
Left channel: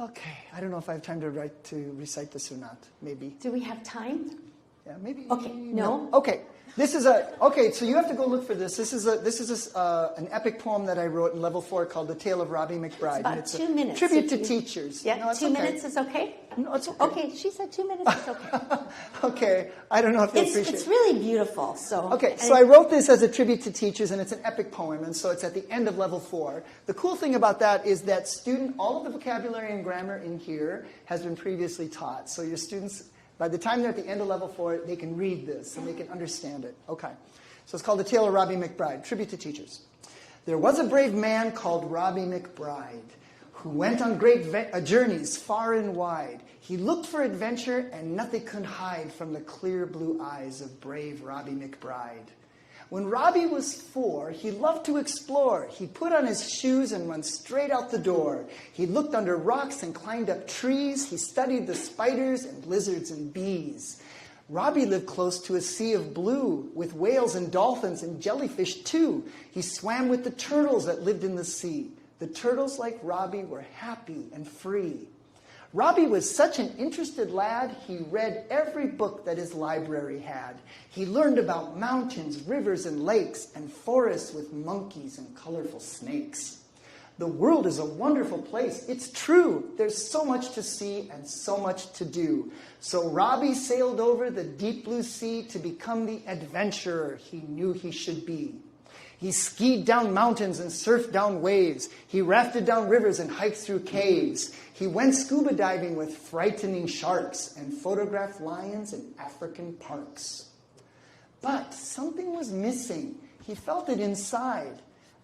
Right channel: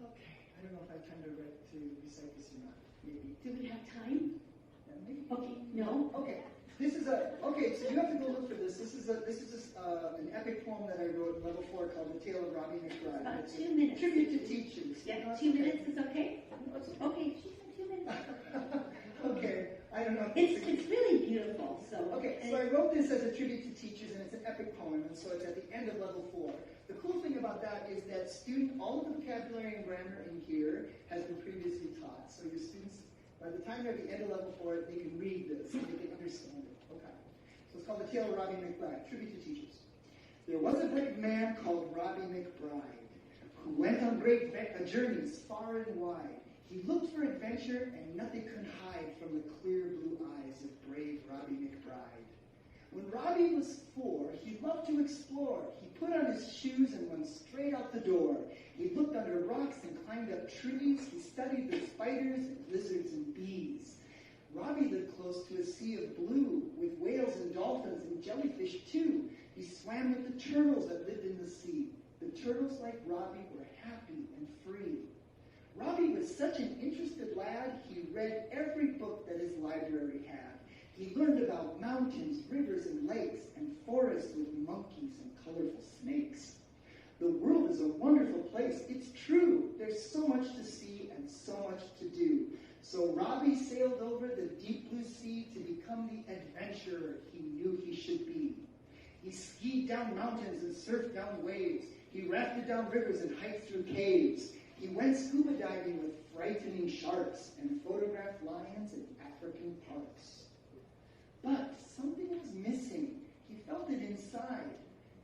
Okay, I don't know if I have time to recite this or not. Maybe. Do we have time? Yeah, maybe. Okay, no. Okay, so you have to go look for this. This is an epic poem that I wrote in level 4 called "The Tale of Robbie McBride." It's about and it's 2 minutes. Tribute to teachers. Yeah, no, it's 2 okay. minutes is okay? No, it's okay. Okay, she said 2 minutes is okay. Okay, I don't know if they appreciate it. It's really beautiful. So Okay, so I wrote this as a tribute to teachers, and it's an epic poem, and so it's at the end of level 4. The cool thing about that is that all of the vocabulary and grammar in here has been previously taught. So your students, by the time they're at the end of level 4, they can read this and they can understand it. Okay, so it's called The Tale of Robbie McBride, tribute to teachers. There was a brave man called Robbie McBride who went on great journeys far and wide. He looked for adventure, and nothing could hide from the clear blue eyes of brave Robbie McBride. When Robbie was 4, he loved to explore. He put on his shoes and went straight out the door. He looked under rocks and climbed up trees. He studied the spiders and lizards and bees. Robbie lived close to a sea of blue with whales and dolphins and jellyfish too. He swam with the turtles that lived in the sea. The turtles, like Robbie, were happy and free. Robbie was such an interested lad, he read every book that his library had. He learned about mountains, rivers, and lakes, and forests with monkeys and colorful snakes. The world is a wonderful place. It's true. There's so much to see and so much to do. So Robbie sailed over the deep blue sea to become the adventurer he knew he should be. He skied down mountains and surfed down waves. He rafted down rivers and hiked through caves. He went scuba diving with frightening sharks and photographed lions in African parks. But something was missing. He felt it inside.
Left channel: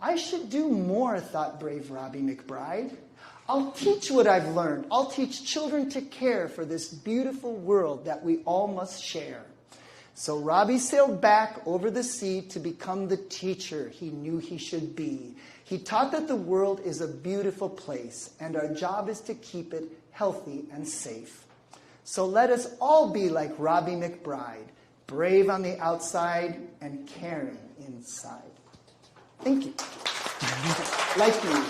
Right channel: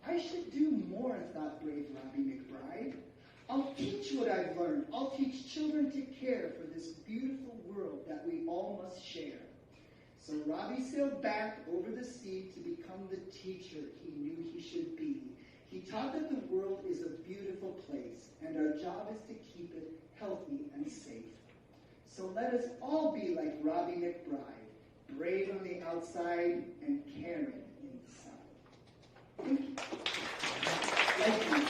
I should do more, thought brave Robbie McBride. I'll teach what I've learned. I'll teach children to care for this beautiful world that we all must share. So Robbie sailed back over the sea to become the teacher he knew he should be. He taught that the world is a beautiful place, and our job is to keep it healthy and safe. So let us all be like Robbie McBride, brave on the outside and caring inside. Thank you. Like me.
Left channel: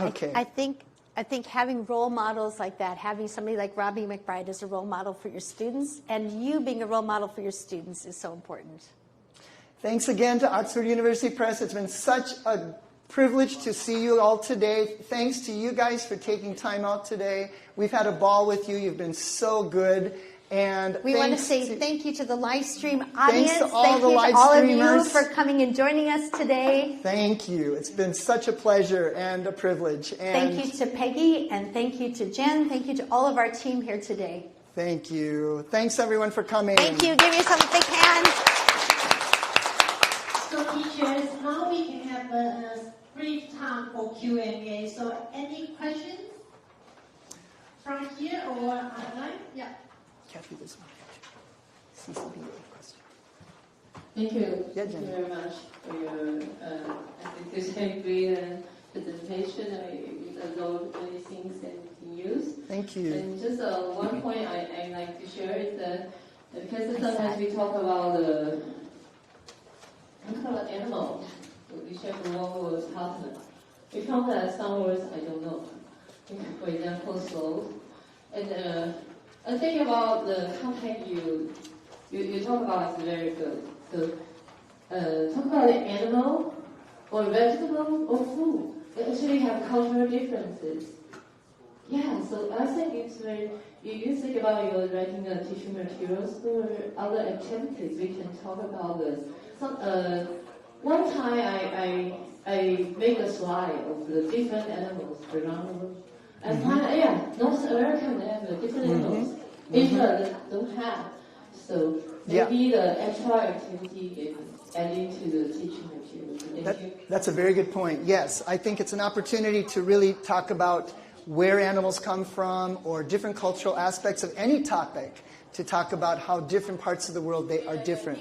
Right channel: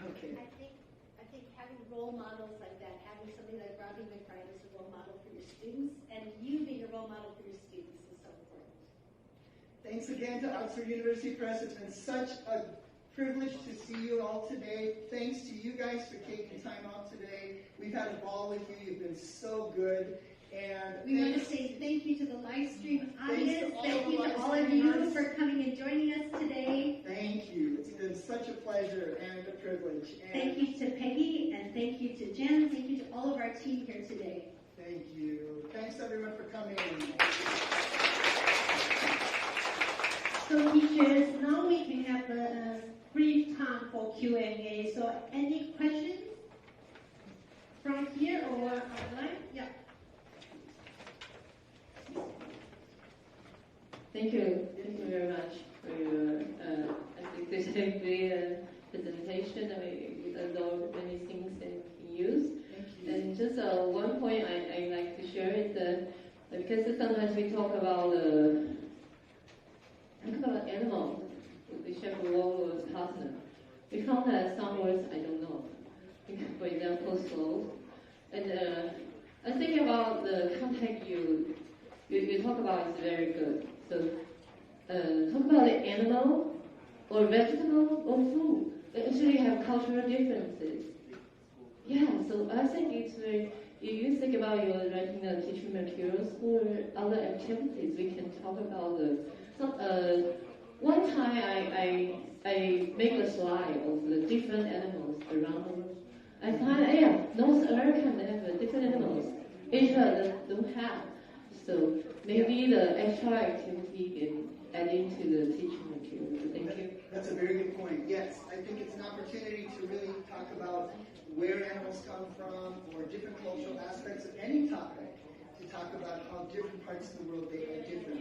Okay. I think having role models like that, having somebody like Robbie McBride as a role model for your students, and you being a role model for your students is so important. Thanks again to Oxford University Press. It's been such a privilege to see you all today. Thanks to you guys for taking time out today. We've had a ball with you. You've been so good. And we want to say thank you to the Livestream audience. Thanks to all thank the you to all of you Livestreamers for coming and joining us today. Thank you. It's been such a pleasure and a privilege. And thank you to Peggy, and thank you to Jen. Thank you to all of our team here today. Thank you. Thanks, everyone, for coming. Thank you. Give yourself a big hand. So, teachers, now we can have a brief time for Q&A. So, any questions from here or online? Yeah. This one. Thank you. Thank you very much for your, I think this is a great presentation. You absorbed many things and use. Thank you. And just one point I like to share is because sometimes we talk about animals. We share the role was husband. We count that some words I don't know. For example, slow. And I think about the contact you talk about is very good. So talk about the animal or vegetable or food. They actually have cultural differences. Yeah, so I think it's very, if you think about your writing the teaching materials or other activities, we can talk about this. So, one time I made a slide of the different animals around the world. I find, yeah, North America have different animals. Asia don't have. So maybe the extra activity can add into the teaching materials. That's a very good point. Yes, I think it's an opportunity to really talk about where animals come from or different cultural aspects of any topic, to talk about how different parts of the world they are different.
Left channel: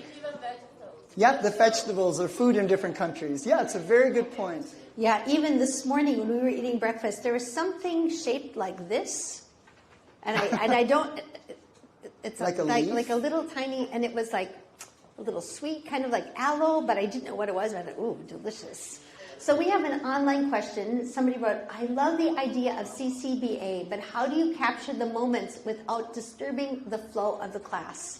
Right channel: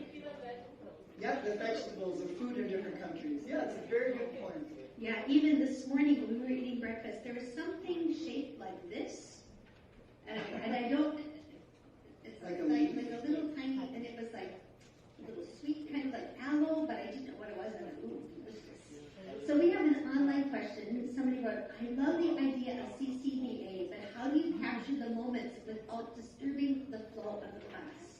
Yeah, the vegetables or food in different countries. Yeah, it's a very good point. Yeah, even this morning when we were eating breakfast, there was something shaped like this, and I don't. It's like a little tiny, and it was like a little sweet, kind of like aloe, but I didn't know what it was. And I thought, ooh, delicious. So we have an online question. Somebody wrote, I love the idea of CCBA, but how do you capture the moments without disturbing the flow of the class?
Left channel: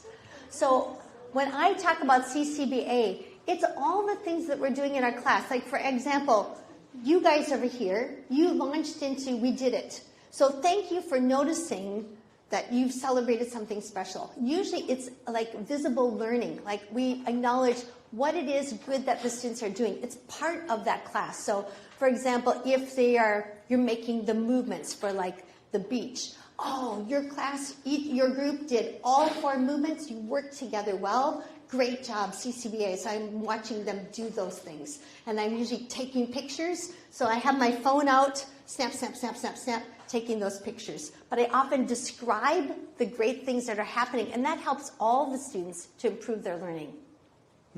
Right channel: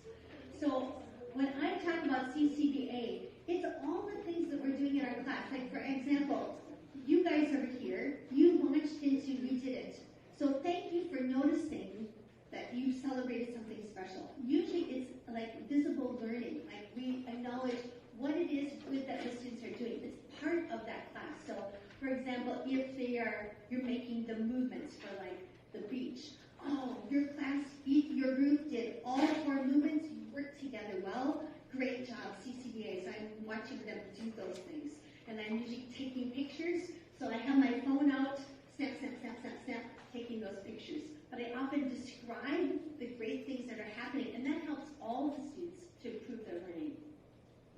So when I talk about CCBA, it's all the things that we're doing in our class. Like, for example, you guys over here, you launched into We Did It. So thank you for noticing that you've celebrated something special. Usually it's like visible learning. Like, we acknowledge what it is good that the students are doing. It's part of that class. So, for example, if you're making the movements for like the beach. Oh, your class, your group did all 4 movements. You worked together well. Great job, CCBA. So I'm watching them do those things. And I'm usually taking pictures. So I have my phone out, snap, snap, snap, snap, snap, taking those pictures. But I often describe the great things that are happening, and that helps all the students to improve their learning.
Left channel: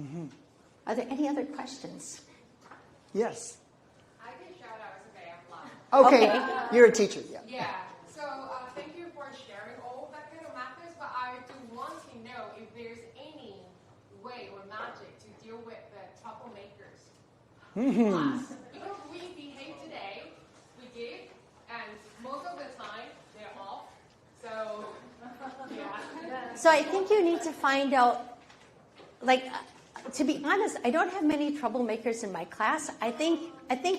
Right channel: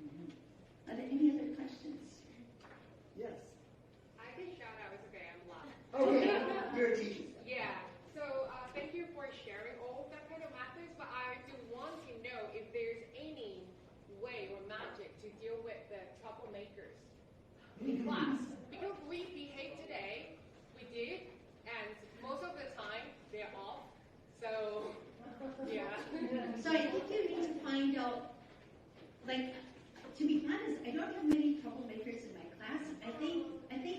Mm-hmm. Are there any other questions? Yes. I can shout out, okay, I'm live. Okay, you're a teacher, yeah. Yeah, so thank you for sharing all that kind of methods, but I do want to know if there's any way or magic to deal with the troublemakers in class. Because we behave today, we did, and most of the time, they're off, so, yeah. So I think you need to find out, like, to be honest, I don't have many troublemakers in my class. I think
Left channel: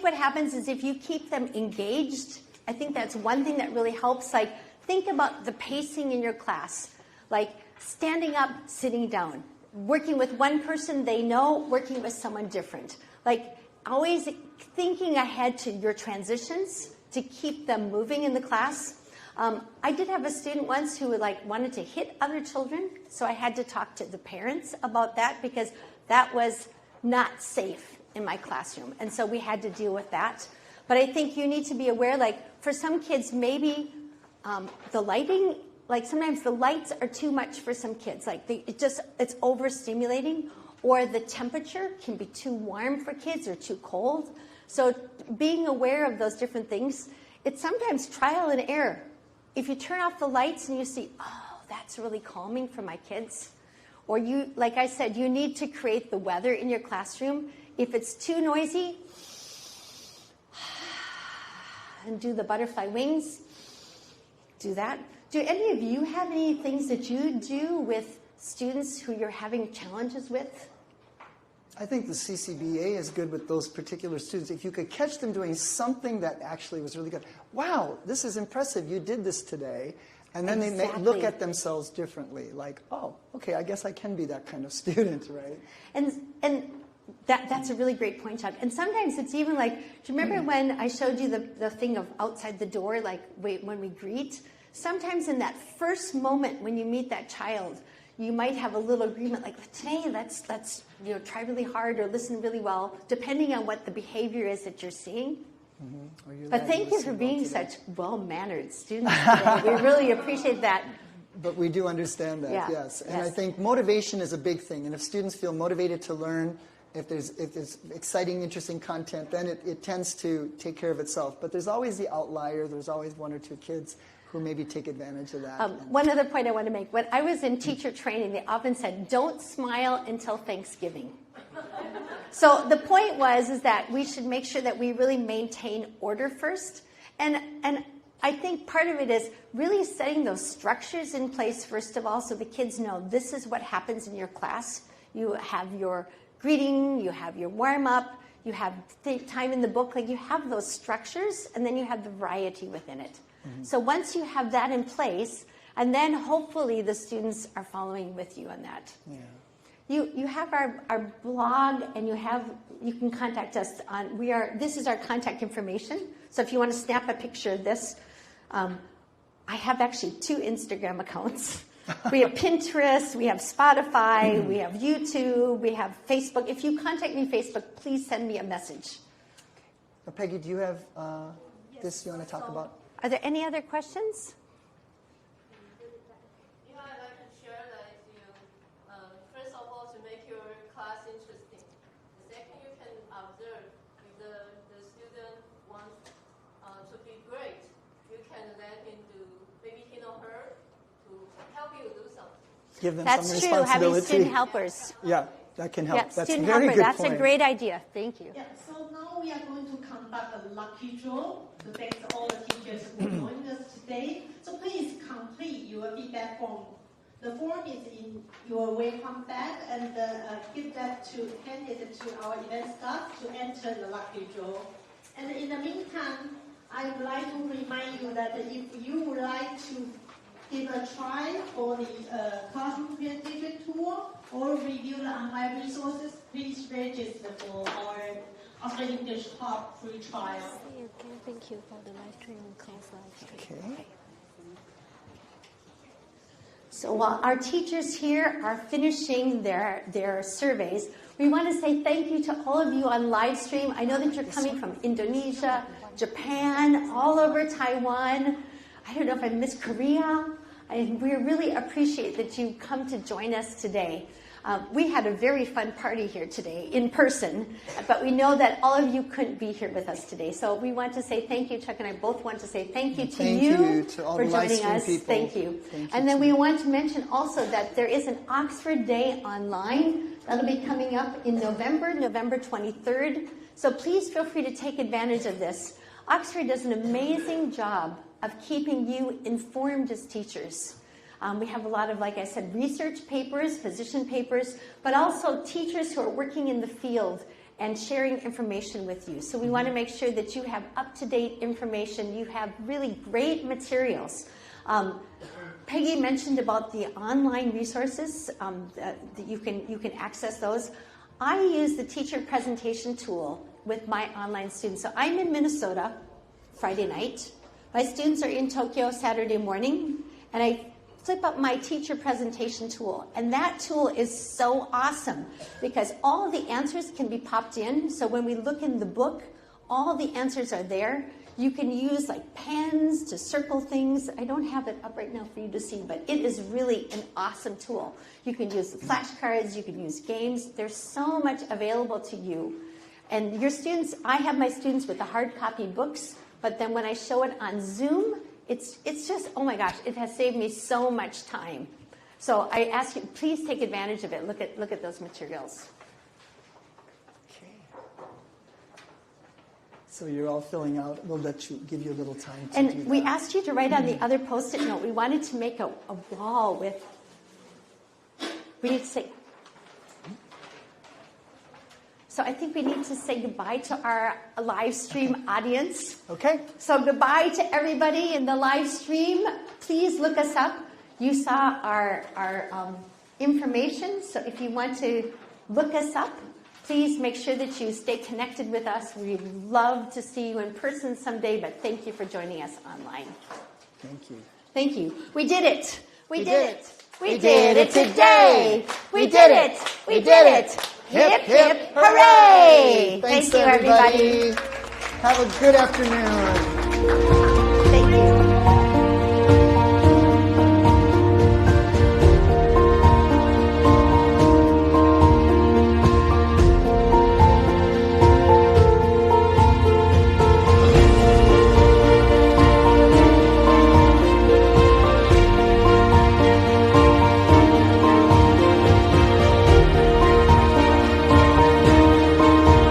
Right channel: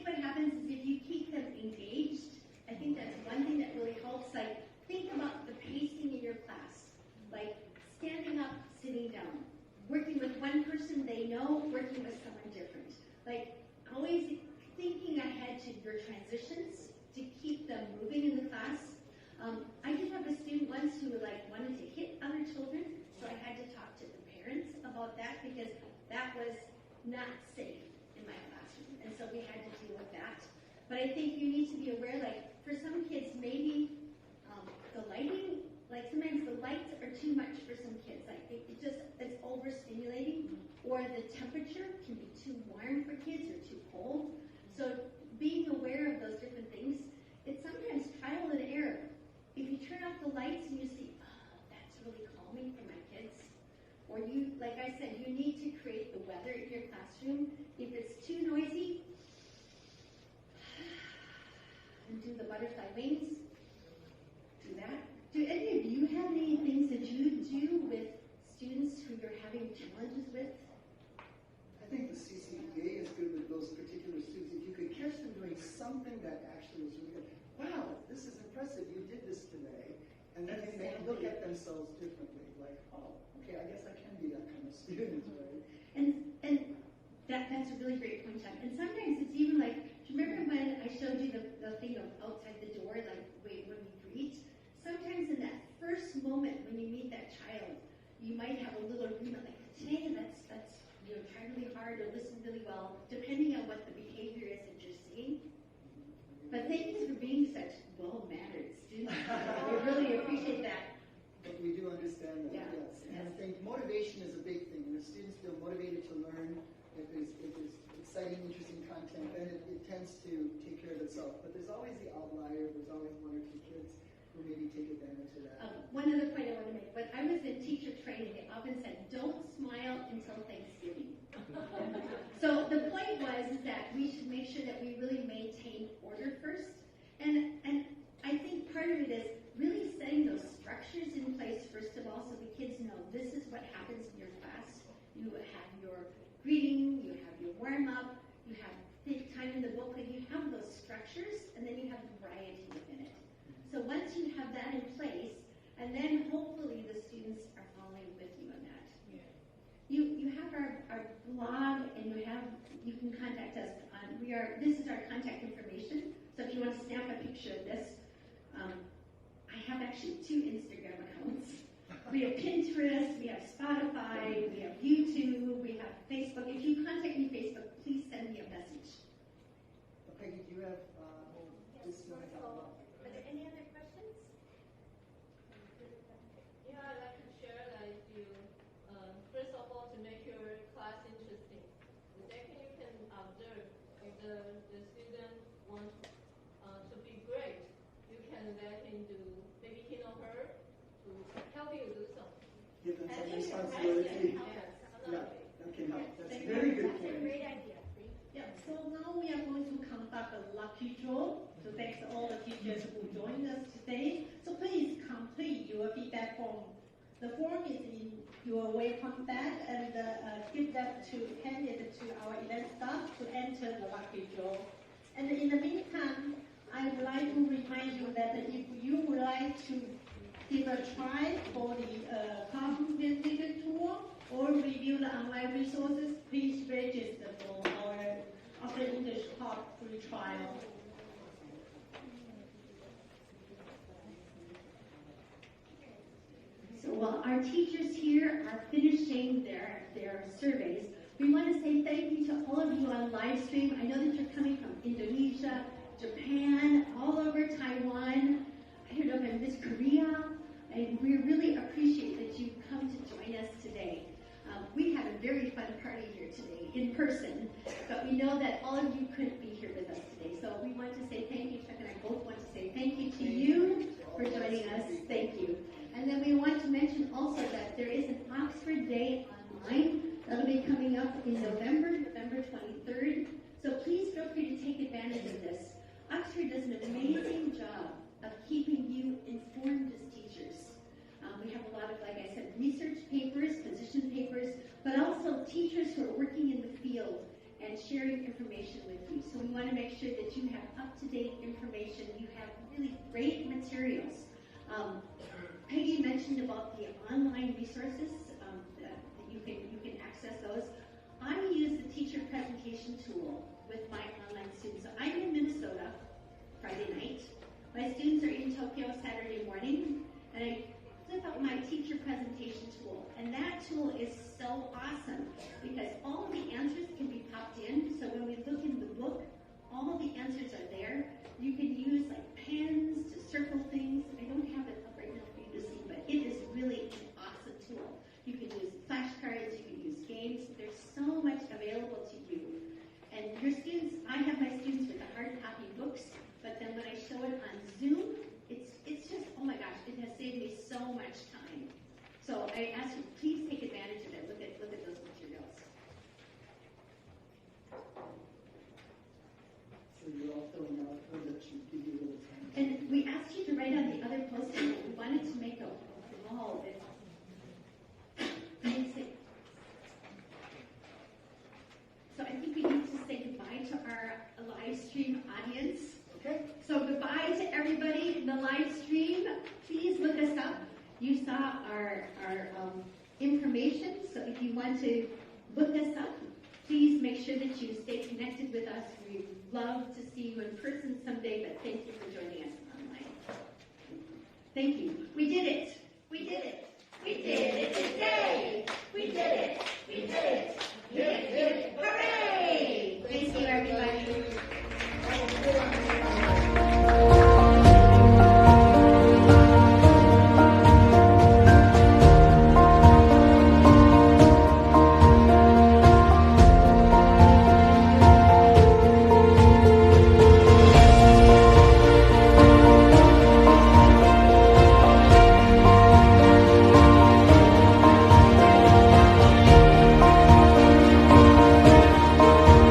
what happens is if you keep them engaged, I think that's one thing that really helps. Like, think about the pacing in your class. Like, standing up, sitting down. Working with one person they know, working with someone different. Like, always thinking ahead to your transitions to keep them moving in the class. I did have a student once who wanted to hit other children, so I had to talk to the parents about that because that was not safe in my classroom. And so we had to deal with that. But I think you need to be aware, like, for some kids, maybe the lighting, like sometimes the lights are too much for some kids. Like, it's overstimulating, or the temperature can be too warm for kids or too cold. So being aware of those different things, it's sometimes trial and error. If you turn off the lights and you see, oh, that's really calming for my kids, or you, like I said, you need to create the weather in your classroom. If it's too noisy, and do the butterfly wings, do that. Do any of you have any things that you do with students who you're having challenges with? I think the CCBA is good with those particular students. If you could catch them doing something that actually was really good. Wow, this is impressive. You did this today. And then they may look at themselves differently. Like, oh, okay, I guess I can be that kind of student, right? And that's a really great point, Chuck. And sometimes it's even like, do you remember when I showed you the thing of outside the door, like when we greet? Sometimes in that first moment when you meet that child, you might have a little agreement like, today, let's try really hard or listen really well, depending on what the behavior is that you're seeing. Mm-hmm. But thank you for being such well-mannered students today. We really appreciate that. But we do understand that, yes. And I think motivation is a big thing. And if students feel motivated to learn, if there's exciting, interesting content, then it tends to take care of itself. But there's always the outlier. There's always 1 or 2 kids who maybe take advantage of that. One other point I want to make. When I was in teacher training, they often said, don't smile until Thanksgiving. So the point is that we should make sure that we really maintain order first. And I think part of it is really setting those structures in place, first of all, so the kids know this is what happens in your class. You have your greeting, you have your warm-up, you have time in the book, like you have those structures, and then you have the variety within it. So once you have that in place, and then hopefully the students are following with you on that. You have our blog, and you can contact us on, this is our contact information. So if you want to snap a picture of this, I have actually 2 Instagram accounts. We have Pinterest, we have Spotify, we have YouTube, we have Facebook. If you contact me on Facebook, please send me a message. Peggy, do you have this you want to talk about? Are there any other questions? Yeah, I'd like to share that with you. First of all, to make your class interesting. Second, you can observe if the student wants to be great, you can let him do, maybe he or her, to help you do something. Give them That's some true, responsibility. having student helpers. Yeah, that can help. Yeah, That's student very helper, good that's point. a great idea. Thank you. Yeah, so now we are going to conduct a lucky draw. So thanks to all the teachers who joined us today. So please complete your feedback form. The form is in your welcome bag, and hand it to our event staff to enter the lucky draw. And in the meantime, I would like to remind you that if you would like to give a try for the classroom presentation tool or review the online resources, please register for our Oxford English Hub free trial. Thank you for the live stream class live stream. Okay. So while our teachers here are finishing their surveys, we want to say thank you to all of you on live stream. I know that you're coming from Indonesia, Japan, all over Taiwan. I don't know if I missed Korea. We really appreciate that you come to join us today. We had a very fun party here today in person, but we know that all of you couldn't be here with us today. So we want to say thank you. Chuck and I both want to say thank you to you for joining us. Thank you. And then we want to mention also that there is an Oxford Day online. That'll be coming up in November 23rd. So please feel free to take advantage of this. Oxford does an amazing job of keeping you informed as teachers. We have a lot of, like I said, research papers, position papers, but also teachers who are working in the field and sharing information with you. So we want to make sure that you have up-to-date information. You have really great materials. Peggy mentioned about the online resources that you can access those. I use the teacher presentation tool with my online students. So I'm in Minnesota Friday night. My students are in Tokyo Saturday morning, and I flip up my teacher presentation tool. And that tool is so awesome because all the answers can be popped in. So when we look in the book, all the answers are there. You can use like pens to circle things. I don't have it up right now for you to see, but it is really an awesome tool. You can use flashcards, you can use games. There's so much available to you. And your students, I have my students with the hard copy books, but then when I show it on Zoom, it's just, oh my gosh, it has saved me so much time. So I ask you, please take advantage of it. Look at those materials. Okay. So you're all filling out. We'll give you a little time to do that. We asked you to write on the other Post-it note. We wanted to make a wall with, we need to say, so I think we need to say goodbye to our live stream audience. Okay. So goodbye to everybody in the live stream. Please look us up. You saw our information. So if you want to look us up, please make sure that you stay connected with us. We'd love to see you in person someday, but thank you for joining us online. Thank you. Thank you. We did it. We did it. We did it today. We did it. We did it. Hip, hip, hooray! Thanks, Thank you, everybody. Have a good afternoon.